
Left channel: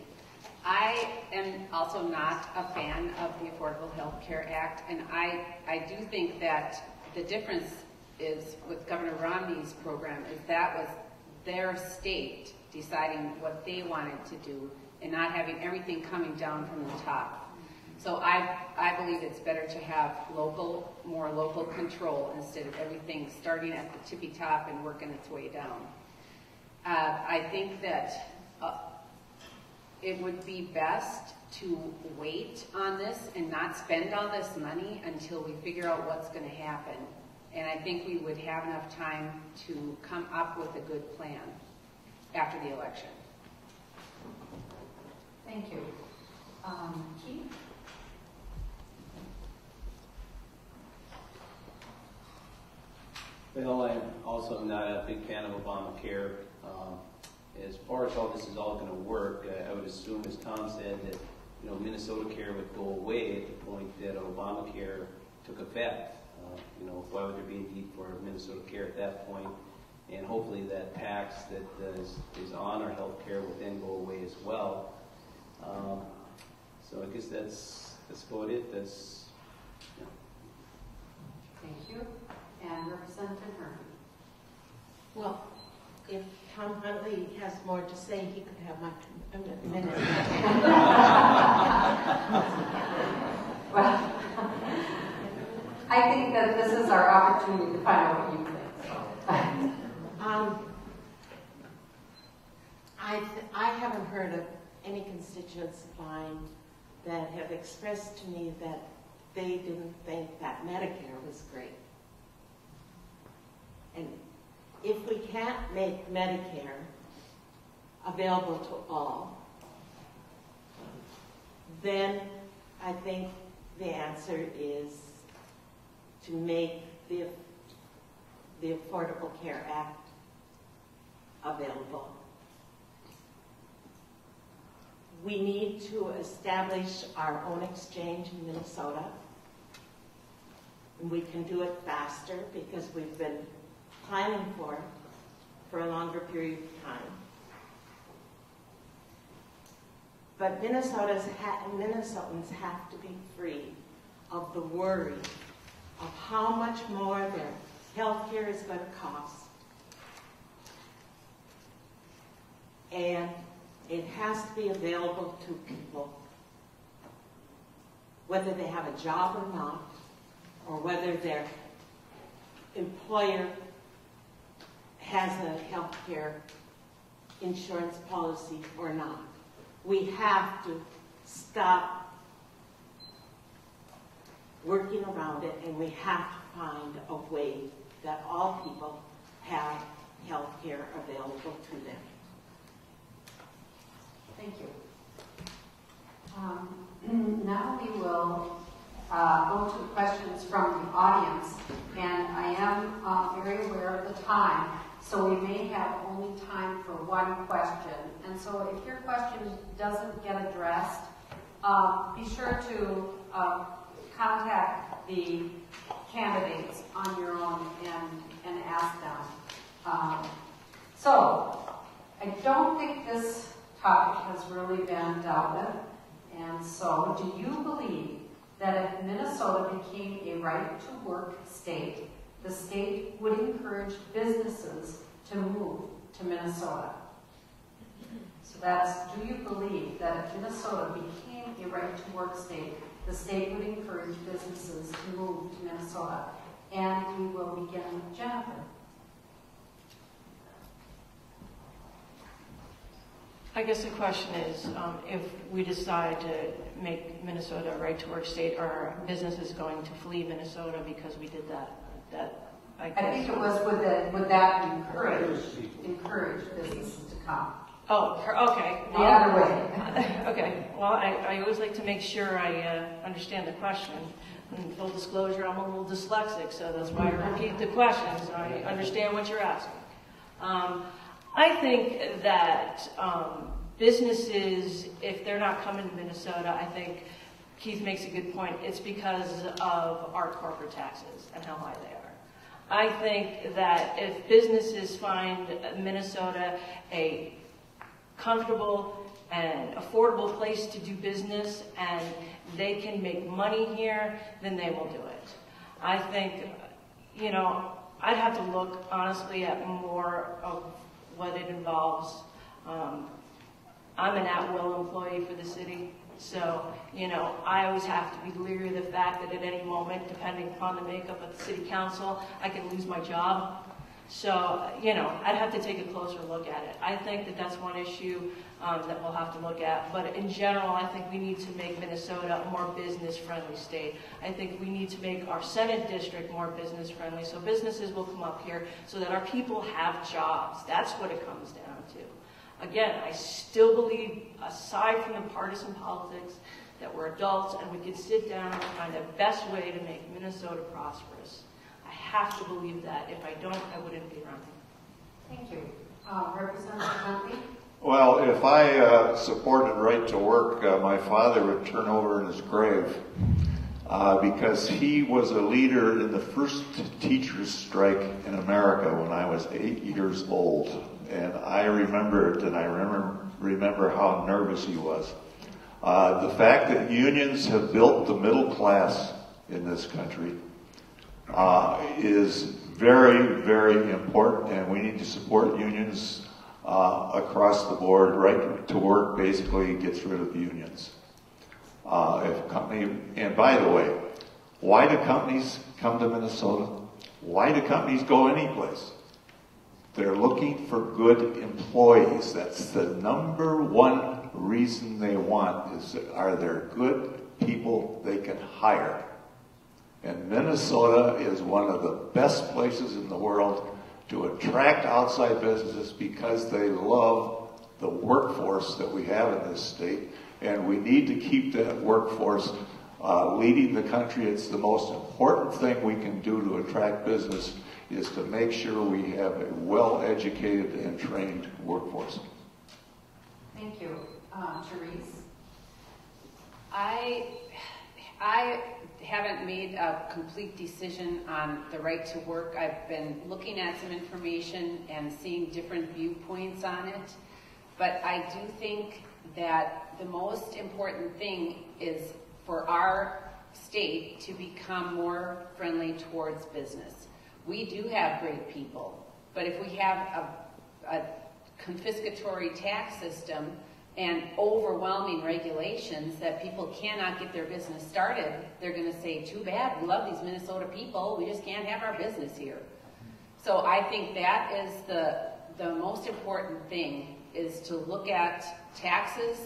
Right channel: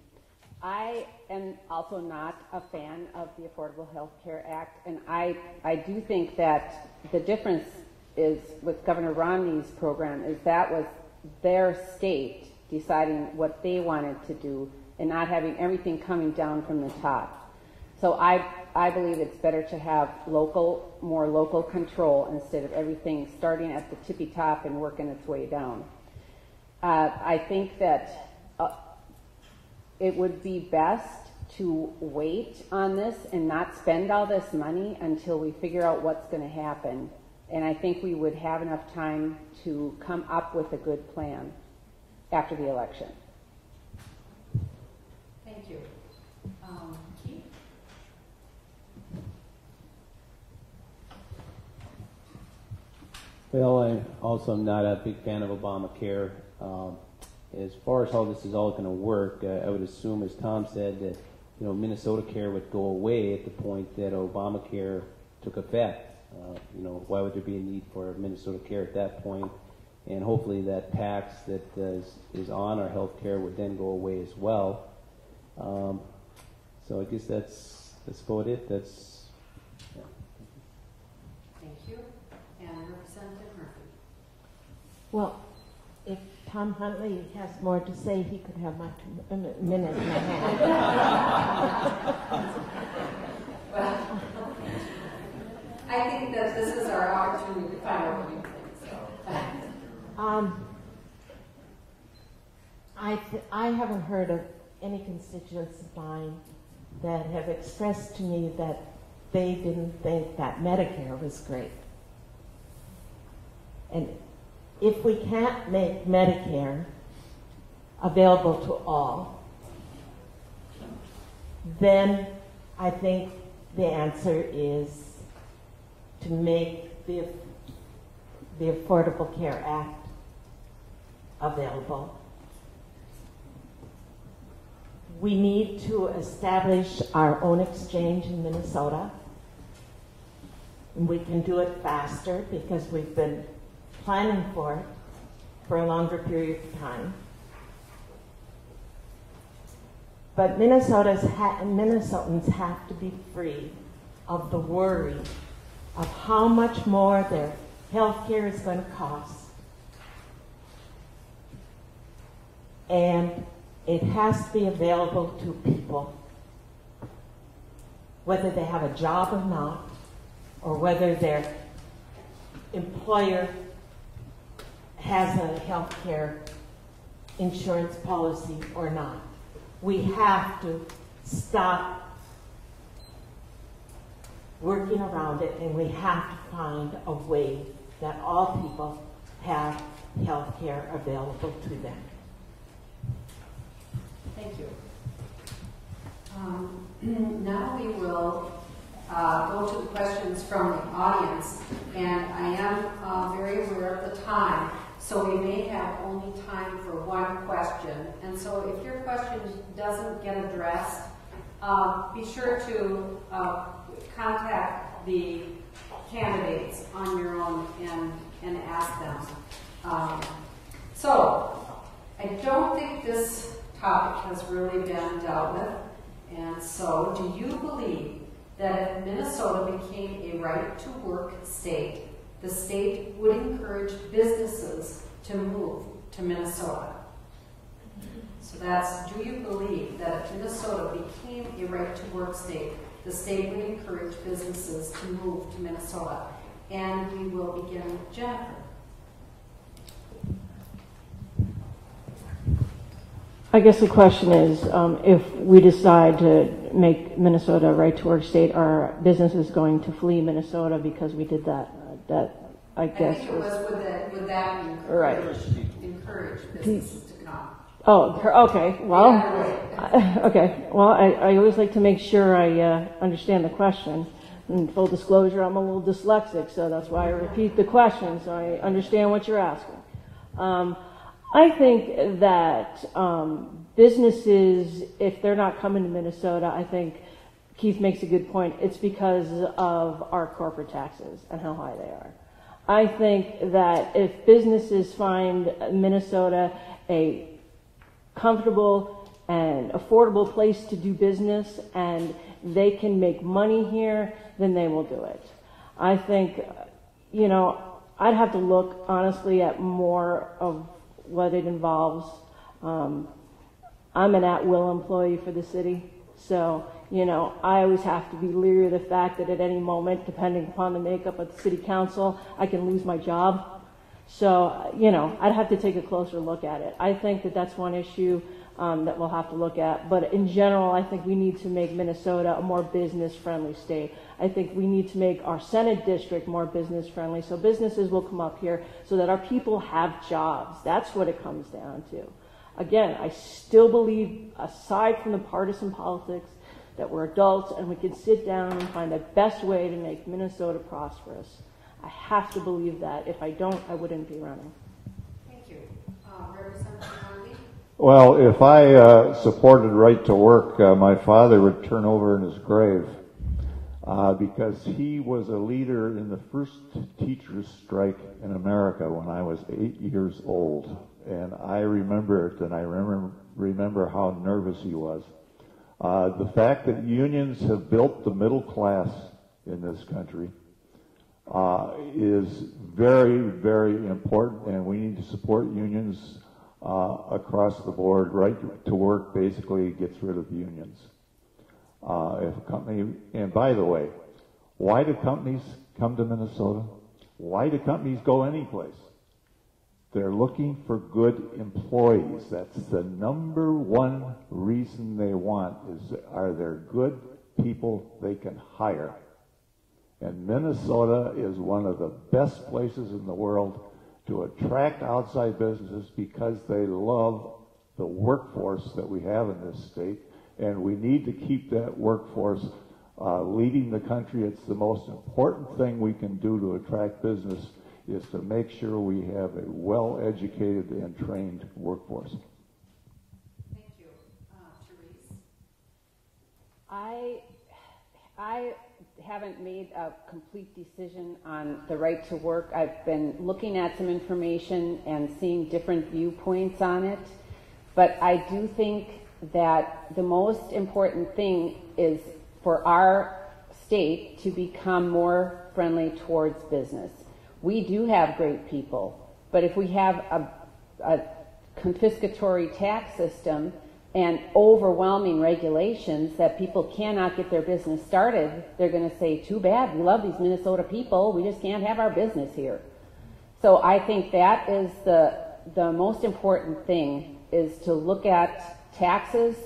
I am also not a fan of the Affordable Health Care Act, and I do think that the difference is with Governor Romney's program is that was their state deciding what they wanted to do and not having everything coming down from the top. So I believe it's better to have more local control instead of everything starting at the tippy top and working its way down. I think that it would be best to wait on this and not spend all this money until we figure out what's going to happen. And I think we would have enough time to come up with a good plan after the election. Thank you. Keith? Well, I'm also not a big fan of Obamacare. As far as how this is all going to work, I would assume, as Tom said, that Minnesota Care would go away at the point that Obamacare took effect. Why would there be a need for Minnesota Care at that point? And hopefully that tax that is on our health care would then go away as well. So I guess that's about it. Thank you. And Representative Murphy. Well, if Tom Huntley has more to say, he could have my minute and a half. Well, I think that this is our opportunity to find out what you think. I haven't heard of any constituents of mine that have expressed to me that they didn't think that Medicare was great. And if we can't make Medicare available to all, then I think the answer is to make the Affordable Care Act available. We need to establish our own exchange in Minnesota. And we can do it faster because we've been planning for it for a longer period of time. But Minnesotans have to be free of the worry of how much more their health care is going to cost. And it has to be available to people, whether they have a job or not, or whether their employer has a health care insurance policy or not. We have to stop working around it, and we have to find a way that all people have health care available to them. Thank you. Now we will go to the questions from the audience, and I am very aware of the time, so we may have only time for one question. And so if your question doesn't get addressed, be sure to contact the candidates on your own and ask them. So I don't think this topic has really been dealt with. And so, do you believe that if Minnesota became a right-to-work state, the state would encourage businesses to move to Minnesota? So that's, do you believe that if Minnesota became a right-to-work state, the state would encourage businesses to move to Minnesota? And we will begin with Jennifer. I guess the question is, if we decide to make Minnesota a right-to-work state, are businesses going to flee Minnesota because we did that? I guess. I think it was, would that Right. encourage businesses to come? Oh, okay. Well, okay. Well, I always like to make sure I understand the question. In full disclosure, I'm a little dyslexic, so that's why I repeat the question, so I understand what you're asking. I think that businesses, if they're not coming to Minnesota, I think Keith makes a good point. It's because of our corporate taxes and how high they are. I think that if businesses find Minnesota a comfortable and affordable place to do business and they can make money here, then they will do it. I think, I'd have to look honestly at more of what it involves. I'm an at-will employee for the city, so, I always have to be leery of the fact that at any moment, depending upon the makeup of the city council, I can lose my job. So, I'd have to take a closer look at it. I think that that's one issue that we'll have to look at. But in general, I think we need to make Minnesota a more business-friendly state. I think we need to make our Senate district more business-friendly so businesses will come up here so that our people have jobs. That's what it comes down to. Again, I still believe, aside from the partisan politics, that we're adults and we can sit down and find the best way to make Minnesota prosperous. I have to believe that. If I don't, I wouldn't be running. Thank you. Representative Huntley? Well, if I supported right to work, my father would turn over in his grave because he was a leader in the first teachers' strike in America when I was 8 years old. And I remember it, and I remember how nervous he was. The fact that unions have built the middle class in this country is very, very important, and we need to support unions across the board. Right to work basically gets rid of unions. And by the way, why do companies come to Minnesota? Why do companies go anyplace? They're looking for good employees. That's the number one reason they want are there good people they can hire? And Minnesota is one of the best places in the world to attract outside businesses because they love the workforce that we have in this state. And we need to keep that workforce leading the country. It's the most important thing we can do to attract business is to make sure we have a well-educated and trained workforce. Thank you. Therese? I haven't made a complete decision on the right to work. I've been looking at some information and seeing different viewpoints on it. But I do think that the most important thing is for our state to become more friendly towards business. We do have great people, but if we have a confiscatory tax system and overwhelming regulations that people cannot get their business started, they're going to say, too bad, we love these Minnesota people, we just can't have our business here. So I think that is the most important thing, is to look at taxes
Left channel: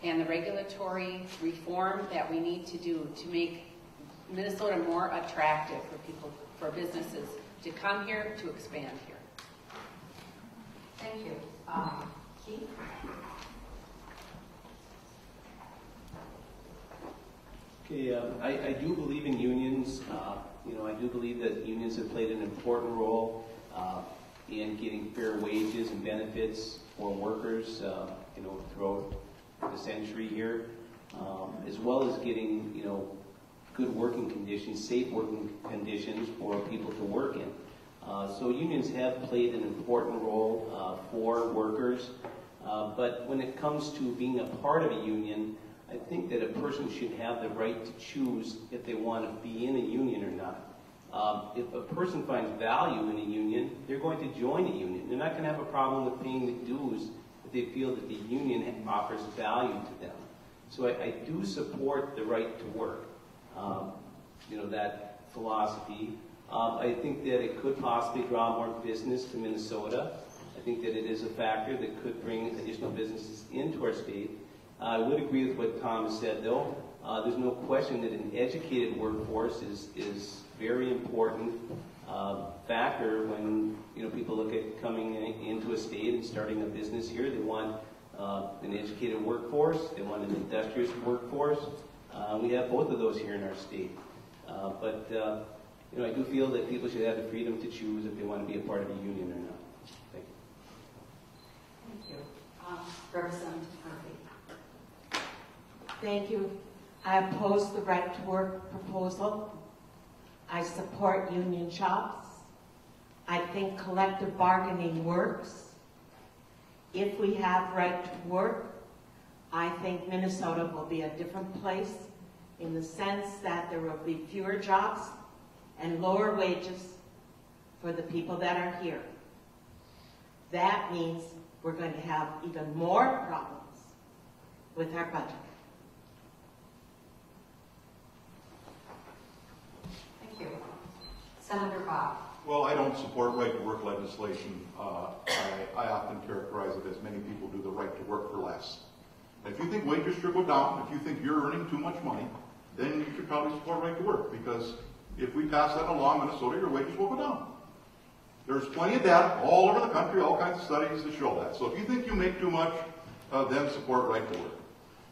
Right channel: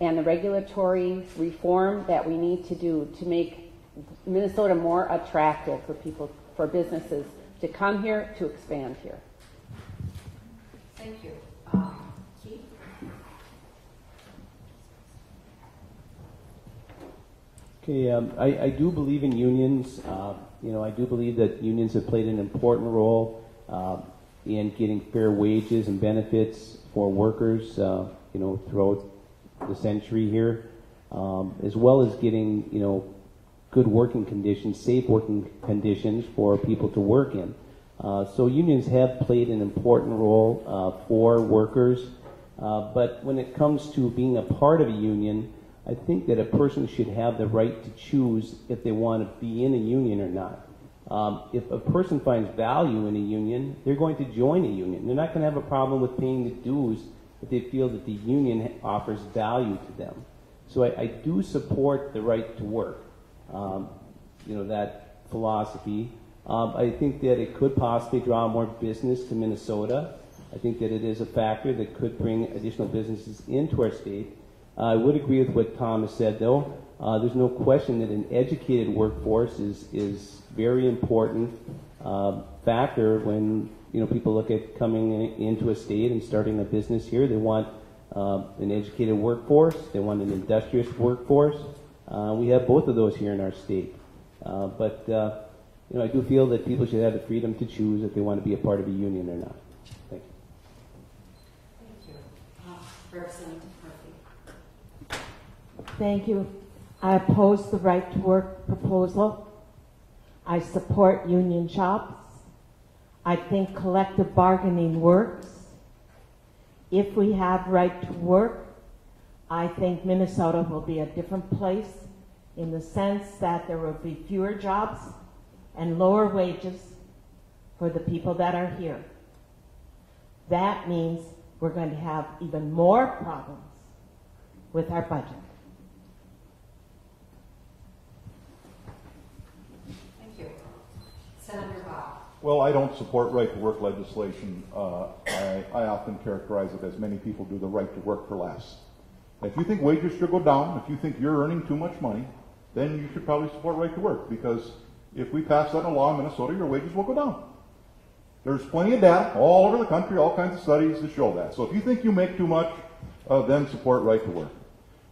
and the regulatory reform that we need to do to make Minnesota more attractive for people, for businesses to come here, to expand here. Thank you. Keith? Okay, I do believe in unions. I do believe that unions have played an important role in getting fair wages and benefits for workers, throughout the century here, as well as getting, good working conditions, safe working conditions for people to work in. So unions have played an important role for workers, but when it comes to being a part of a union, I think that a person should have the right to choose if they want to be in a union or not. If a person finds value in a union, they're going to join a union. They're not going to have a problem with paying the dues if they feel that the union offers value to them. So I do support the right to work, that philosophy. I think that it could possibly draw more business to Minnesota. I think that it is a factor that could bring additional businesses into our state. I would agree with what Tom has said, though. There's no question that an educated workforce is very important factor when people look at coming into a state and starting a business here. They want an educated workforce. They want an industrious workforce. We have both of those here in our state. But I do feel that people should have the freedom to choose if they want to be a part of a union or not. Thank you. Thank you. Representative Murphy. Thank you. I oppose the right to work proposal. I support union shops. I think collective bargaining works. If we have right to work, I think Minnesota will be a different place in the sense that there will be fewer jobs and lower wages for the people that are here. That means we're going to have even more problems with our budget. Thank you. Senator Bach. Well, I don't support right-to-work legislation. I often characterize it as many people do the right to work for less. If you think wages should go down, if you think you're earning too much money, then you should probably support right to work, because if we pass that along in Minnesota, your wages will go down. There's plenty of data all over the country, all kinds of studies that show that. So if you think you make too much, then support right to work.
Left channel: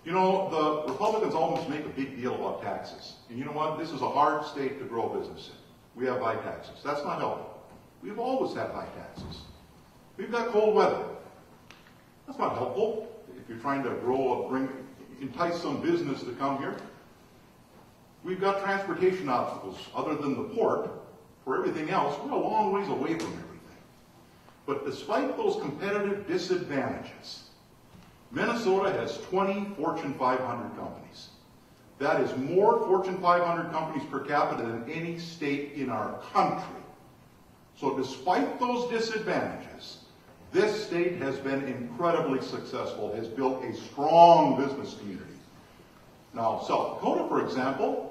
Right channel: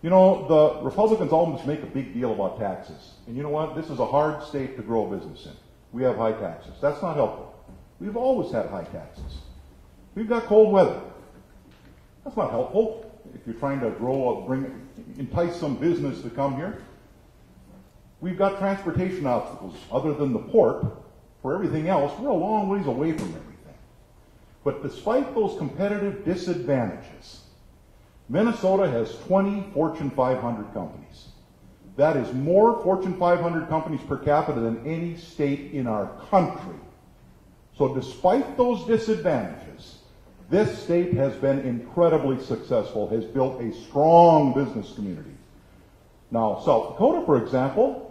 The Republicans almost make a big deal about taxes. And you know what? This is a hard state to grow a business in. We have high taxes. That's not helpful. We've always had high taxes. We've got cold weather. That's not helpful if you're trying to entice some business to come here. We've got transportation obstacles other than the port. For everything else, we're a long ways away from everything. But despite those competitive disadvantages, Minnesota has 20 Fortune 500 companies. That is more Fortune 500 companies per capita than any state in our country. So despite those disadvantages, this state has been incredibly successful, has built a strong business community. Now, South Dakota, for example,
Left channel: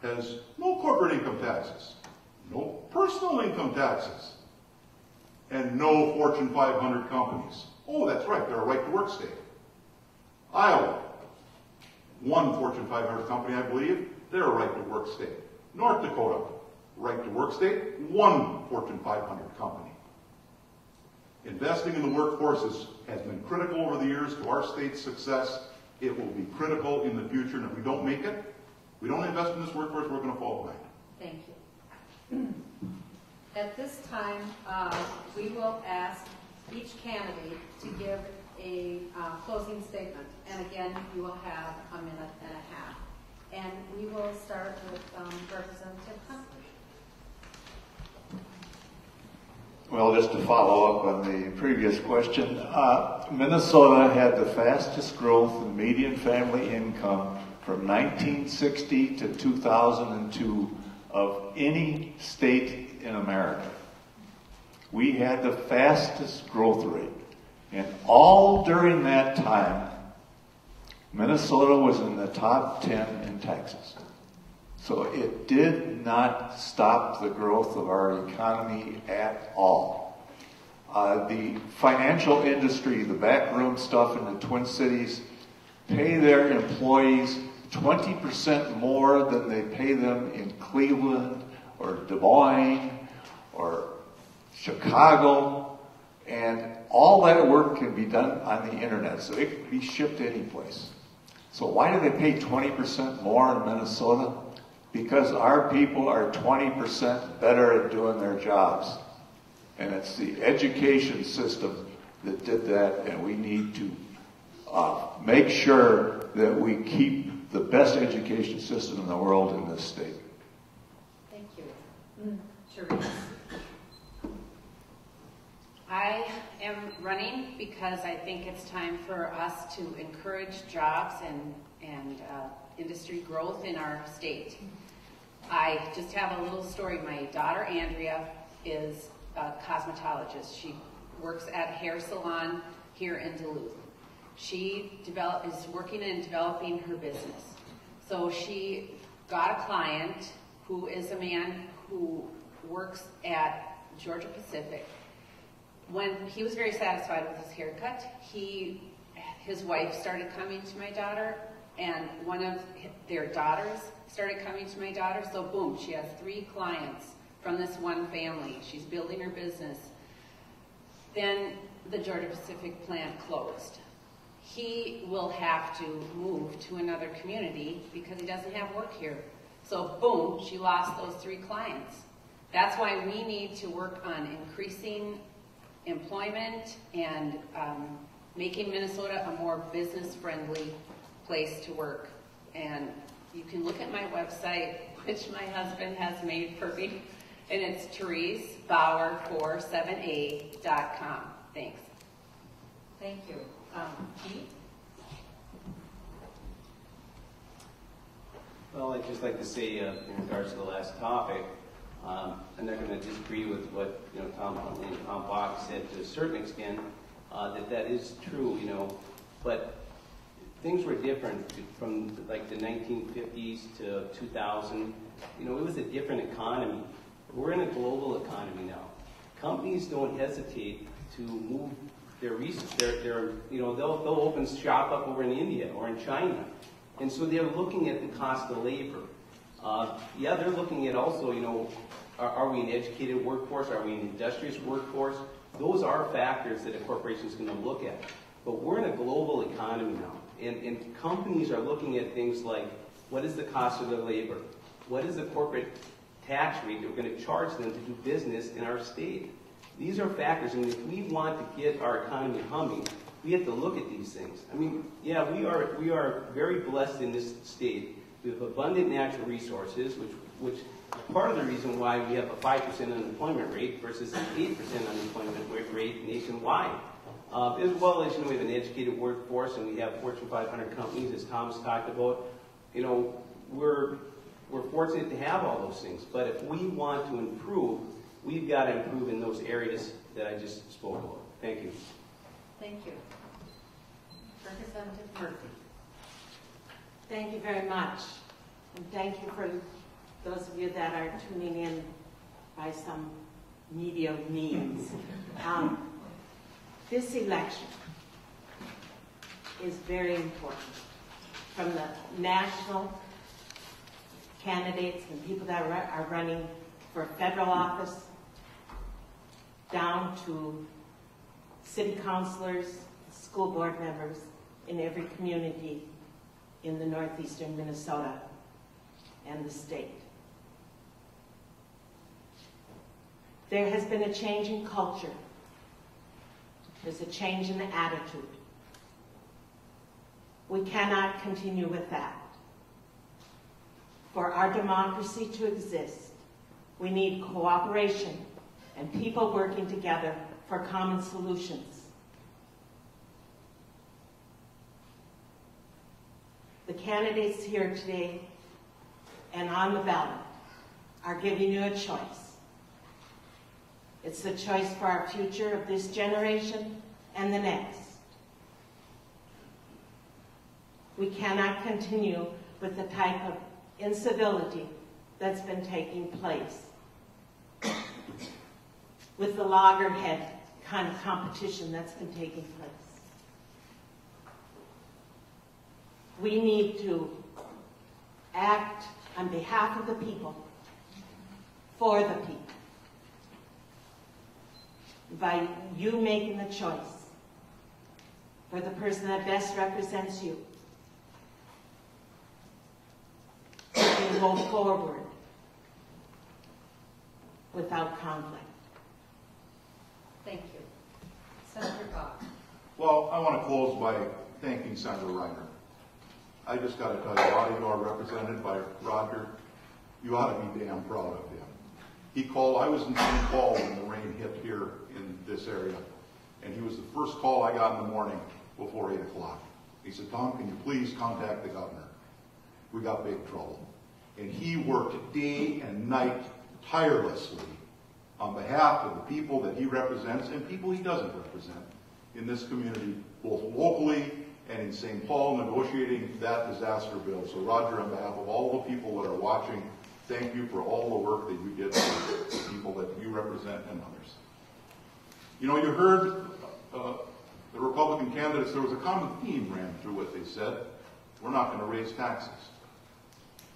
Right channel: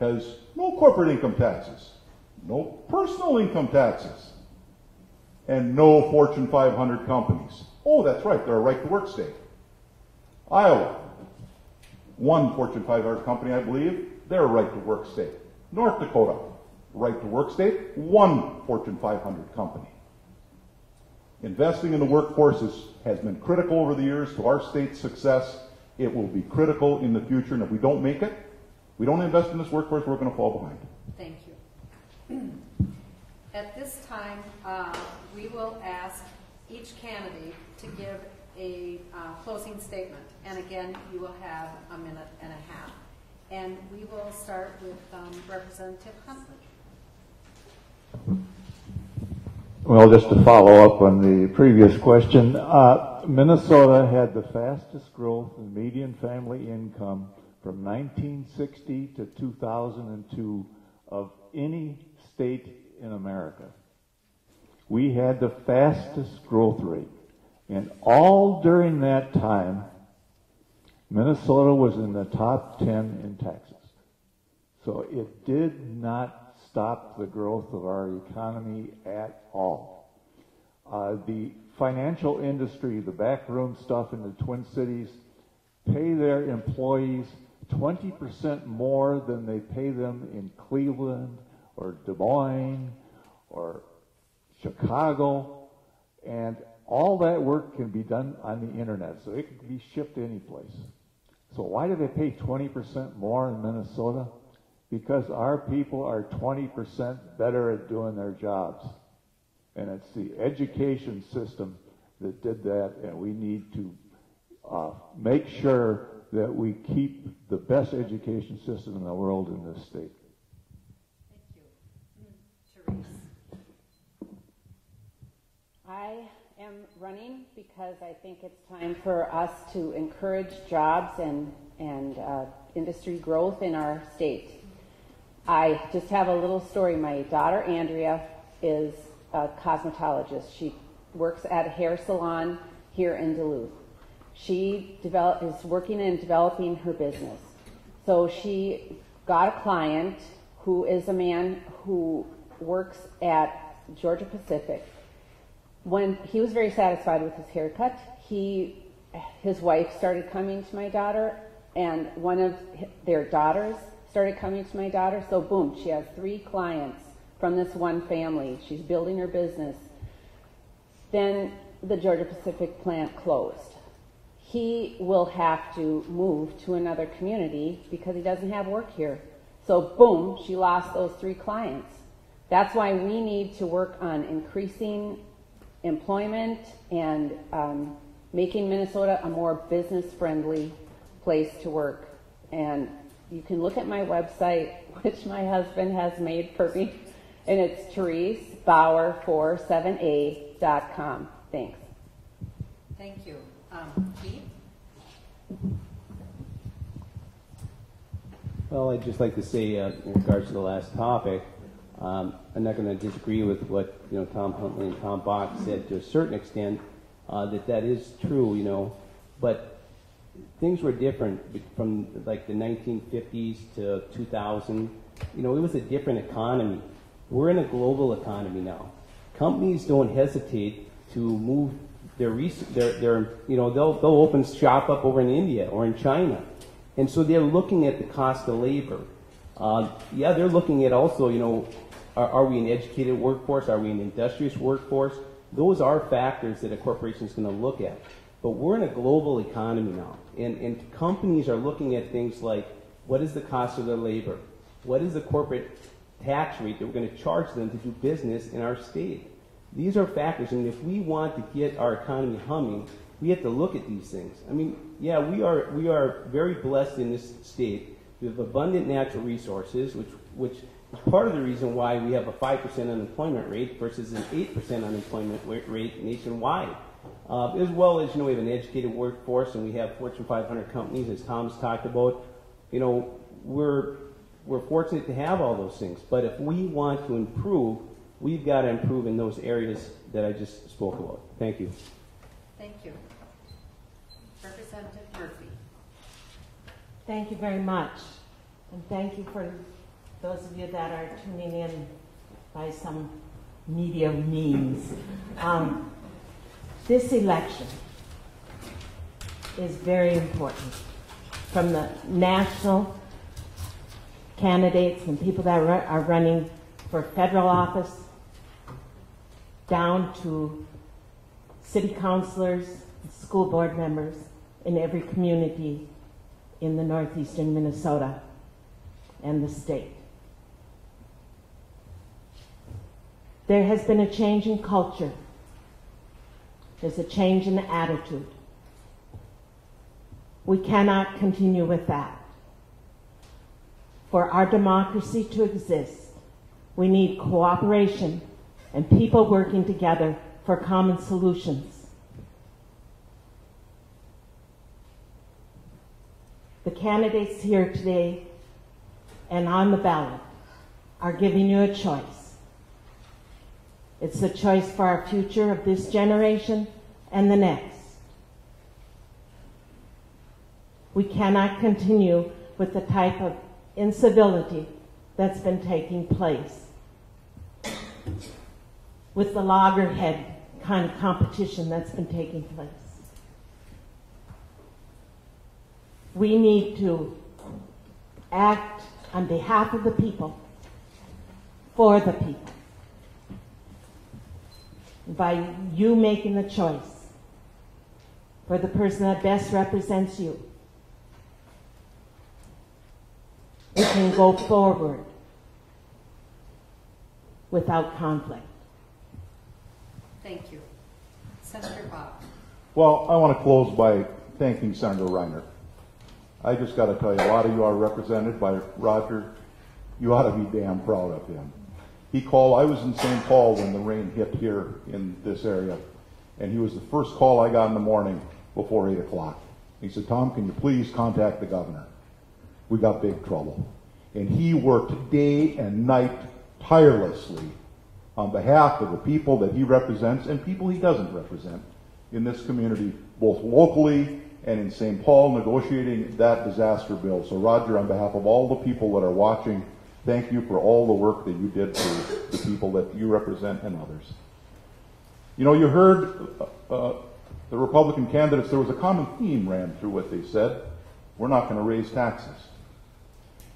has no corporate income taxes, no personal income taxes, and no Fortune 500 companies. Oh, that's right, they're a right-to-work state. Iowa, one Fortune 500 company, I believe, they're a right-to-work state. North Dakota, right-to-work state, one Fortune 500 company. Investing in the workforce has been critical over the years to our state's success. It will be critical in the future, and if we don't make it, we don't invest in this workforce, we're going to fall behind. Thank you. At this time, we will ask each candidate to give a closing statement. And again, you will have a minute and a half. And we will start with Representative Huntley. Well, just to follow up on the previous question, Minnesota had the fastest growth in median family income from 1960 to 2002 of any state in America. We had the fastest growth rate. And all during that time, Minnesota was in the top 10 in taxes. So it did not stop the growth of our economy at all. The financial industry, the backroom stuff in the Twin Cities, pay their employees 20% more than they pay them in Cleveland or Des Moines or Chicago, and all that work can be done on the internet, so it can be shipped any place. So why do they pay 20% more in Minnesota? Because our people are 20% better at doing their jobs. And it's the education system that did that, and we need to make sure that we keep the best education system in the world in this state. Thank you. Cherise. I am running because I think it's time for us to encourage jobs and industry growth in our state. I just have a little story. My daughter Andrea is a cosmetologist. She works at a hair salon here in Duluth. She is working and developing her business. So she got a client who is a man who works at Georgia Pacific. When he was very satisfied with his haircut, his wife started coming to my daughter, and one of their daughters started coming to my daughter. So boom, she has 3 clients from this one family. She's building her business. Then the Georgia Pacific plant closed. He will have to move to another community because he doesn't have work here. So boom, she lost those 3 clients. That's why we need to work on increasing employment and making Minnesota a more business-friendly place to work. And you can look at my website, which my husband has made for me, and it's ThereseBauer47A.com. Thanks. Thank you. Pete? Well, I'd just like to say, in regards to the last topic, I'm not going to disagree with what Tom Huntley and Tom Bach said to a certain extent. That is true, but things were different from like the 1950s to 2000. It was a different economy. We're in a global economy now. Companies don't hesitate to move their they'll open shop up over in India or in China, and so they're looking at the cost of labor. They're looking at also, are we an educated workforce? Are we an industrious workforce? Those are factors that a corporation is going to look at. But we're in a global economy now, and companies are looking at things like, what is the cost of their labor? What is the corporate tax rate that we're going to charge them to do business in our state? These are factors, and if we want to get our economy humming, we have to look at these things. I mean, we are very blessed in this state. We have abundant natural resources, which is part of the reason why we have a 5% unemployment rate versus an 8% unemployment rate nationwide. As well as, we have an educated workforce, and we have Fortune 500 companies, as Tom's talked about. We're fortunate to have all those things. But if we want to improve, we've got to improve in those areas that I just spoke about. Thank you. Thank you. Representative Murphy. Thank you very much. And thank you for those of you that are tuning in by some media means. This election is very important. From the national candidates and people that are running for federal office down to city councilors, school board members in every community in the northeastern Minnesota and the state. There has been a change in culture. There's a change in attitude. We cannot continue with that. For our democracy to exist, we need cooperation and people working together for common solutions. The candidates here today and on the ballot are giving you a choice. It's a choice for our future of this generation and the next. We cannot continue with the type of incivility that's been taking place, with the loggerhead kind of competition that's been taking place. We need to act on behalf of the people, for the people. by you making the choice for the person that best represents you, you can go forward without conflict. Thank you. Senator Bob. Well, I want to close by thanking Senator Reiner. I just got to tell you, a lot of you are represented by Roger. You ought to be damn proud of him. He called, I was in St. Paul when the rain hit here in this area, and he was the first call I got in the morning before 8 o'clock. He said, Tom, can you please contact the governor? We got big trouble. And he worked day and night tirelessly on behalf of the people that he represents and people he doesn't represent in this community, both locally and in St. Paul, negotiating that disaster bill. So Roger, on behalf of all the people that are watching, thank you for all the work that you did for the people that you represent and others. You know, you heard the Republican candidates, there was a common theme ran through what they said. We're not going to raise taxes.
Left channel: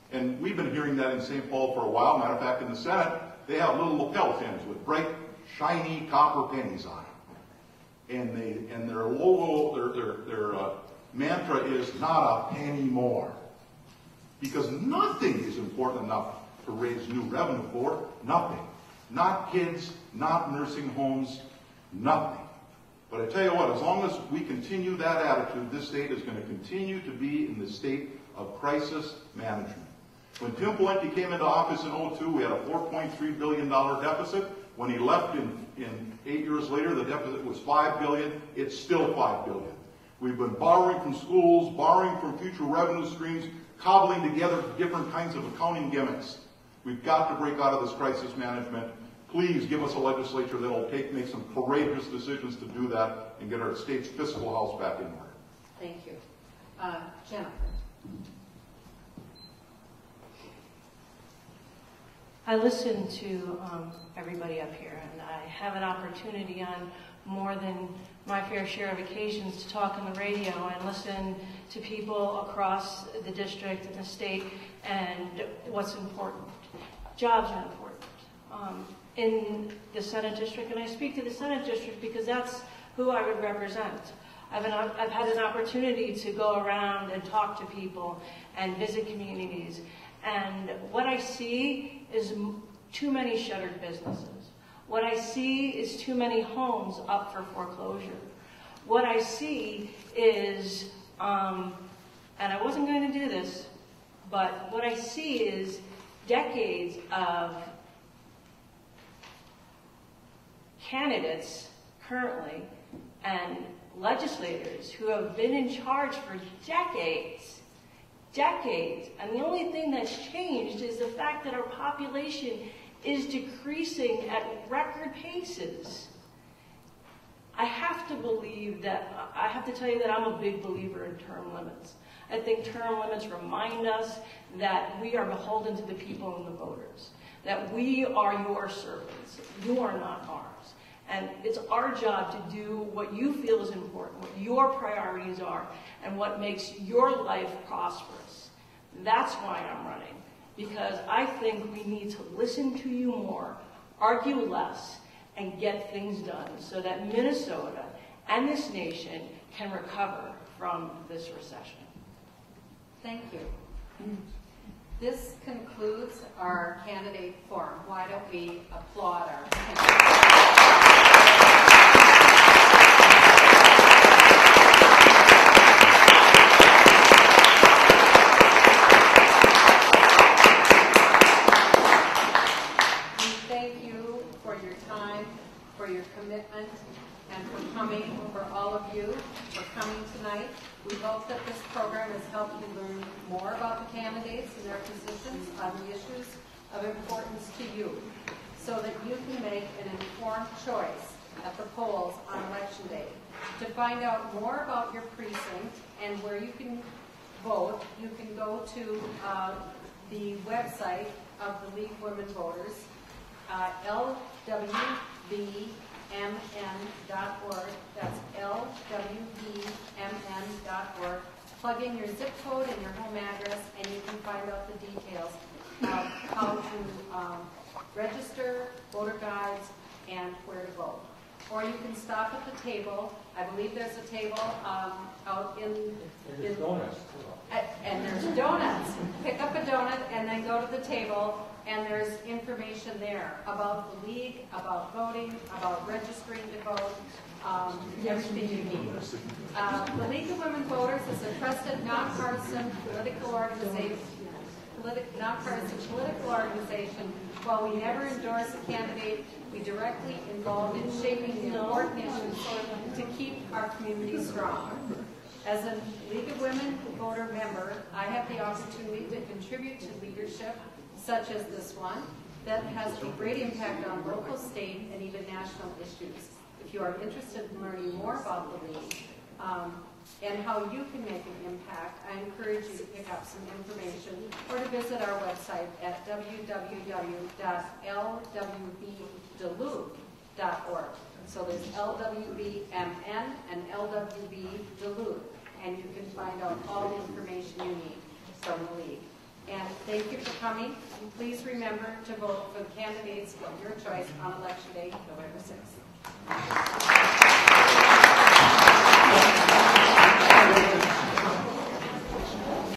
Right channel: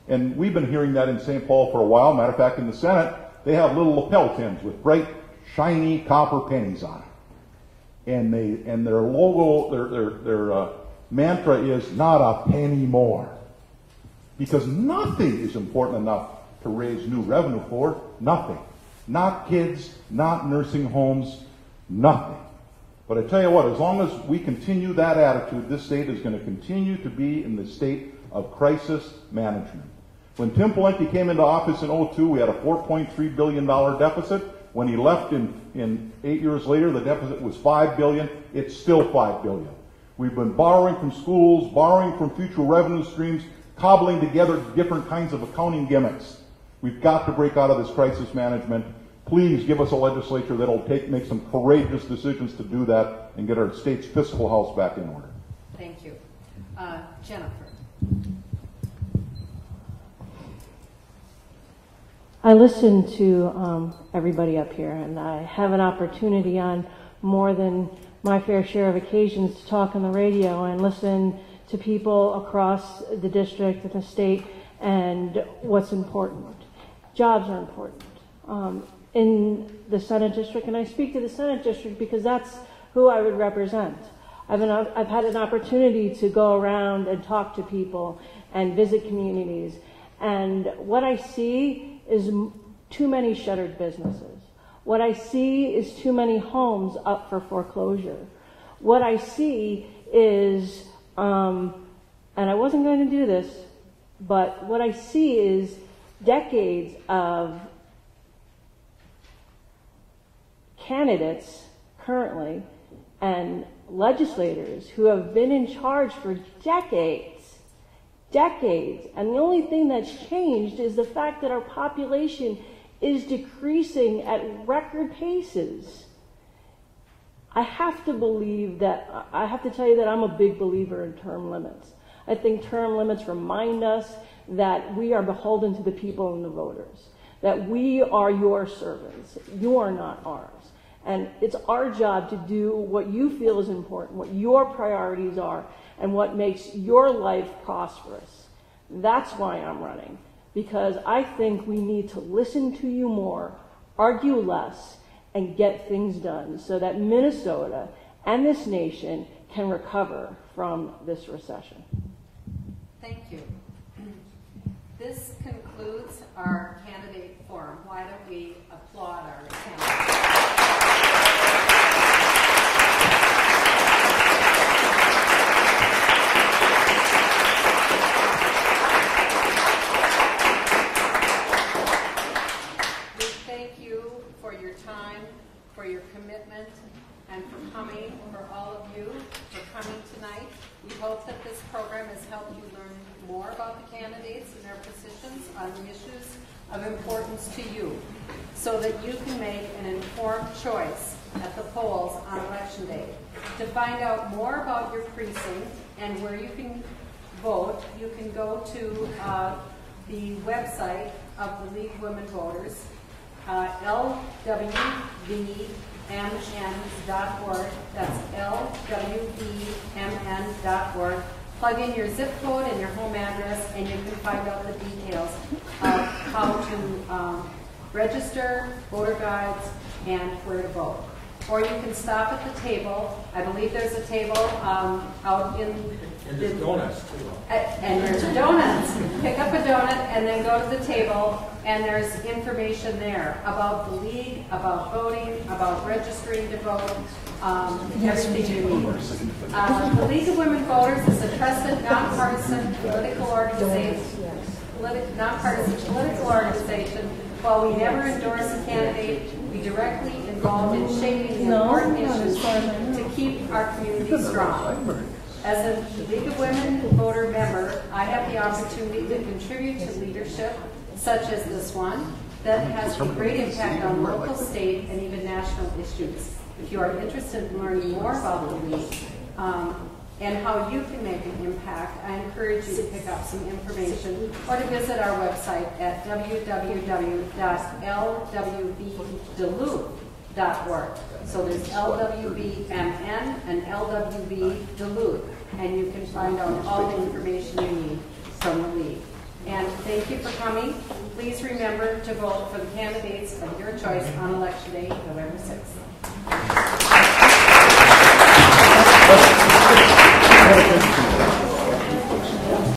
And we've been hearing that in St. Paul for a while. Matter of fact, in the Senate, they have little lapel pins with bright, shiny copper pennies on it. And their logo, their mantra is not a penny more. Because nothing is important enough to raise new revenue for. Nothing. Not kids, not nursing homes, nothing. But I tell you what, as long as we continue that attitude, this state is going to continue to be in the state of crisis management. When Tim Pawlenty came into office in 2002, we had a $4.3 billion deficit. When he left in 8 years later, the deficit was $5 billion. It's still $5 billion. We've been borrowing from schools, borrowing from future revenue streams, cobbling together different kinds of accounting gimmicks. We've got to break out of this crisis management. Please give us a legislature that will make some courageous decisions to do that and get our state's fiscal house back in order. Thank you. Jennifer. I listen to everybody up here, and I have an opportunity on more than my fair share of occasions to talk on the radio and listen to people across the district and the state and what's important. Jobs are important. In the Senate district, and I speak to the Senate district because that's who I would represent. I've had an opportunity to go around and talk to people and visit communities, and what I see is too many shuttered businesses. What I see is too many homes up for foreclosure. What I see is, and I wasn't going to do this, but what I see is decades of candidates currently and legislators who have been in charge for decades, and the only thing that's changed is the fact that our population is decreasing at record paces. I have to tell you that I'm a big believer in term limits. I think term limits remind us that we are beholden to the people and the voters, that we are your servants, you are not ours. And it's our job to do what you feel is important, what your priorities are, and what makes your life prosperous. That's why I'm running, because I think we need to listen to you more, argue less, and get things done so that Minnesota and this nation can recover from this recession. Thank you. This concludes our candidate forum. Why don't we applaud our candidates? And for coming, for all of you for coming tonight. We hope that this program has helped you learn more about the candidates and their positions on the issues of importance to you, so that you can make an informed choice at the polls on Election Day. To find out more about your precinct and where you can vote, you can go to the website of the League of Women Voters, lwvmn.org. That's lwvmn.org. Plug in your zip code and your home address, and you can find out the details of how to register, voter guides, and where to vote. or you can stop at the table. I believe there's a table out in And there's donuts too. and there's donuts. Pick up a donut and then go to the table, and there's information there about the league, about voting, about registering to vote, everything you need. The League of Women Voters is a trusted, nonpartisan political organization. While we never endorse a candidate, we directly involved in shaping the important issues to keep our community strong. As a League of Women voter member, I have the opportunity to contribute to leadership such as this one that has a great impact on local, state, and even national issues. If you are interested in learning more about the League and how you can make an impact, I encourage you to pick up some information or to visit our website at www.lwbduluth.org. So there's LWBMN and LWB Duluth, and you can find out all the information you need from the League. And thank you for coming. Please remember to vote for the candidates of your choice on Election Day, November 6th.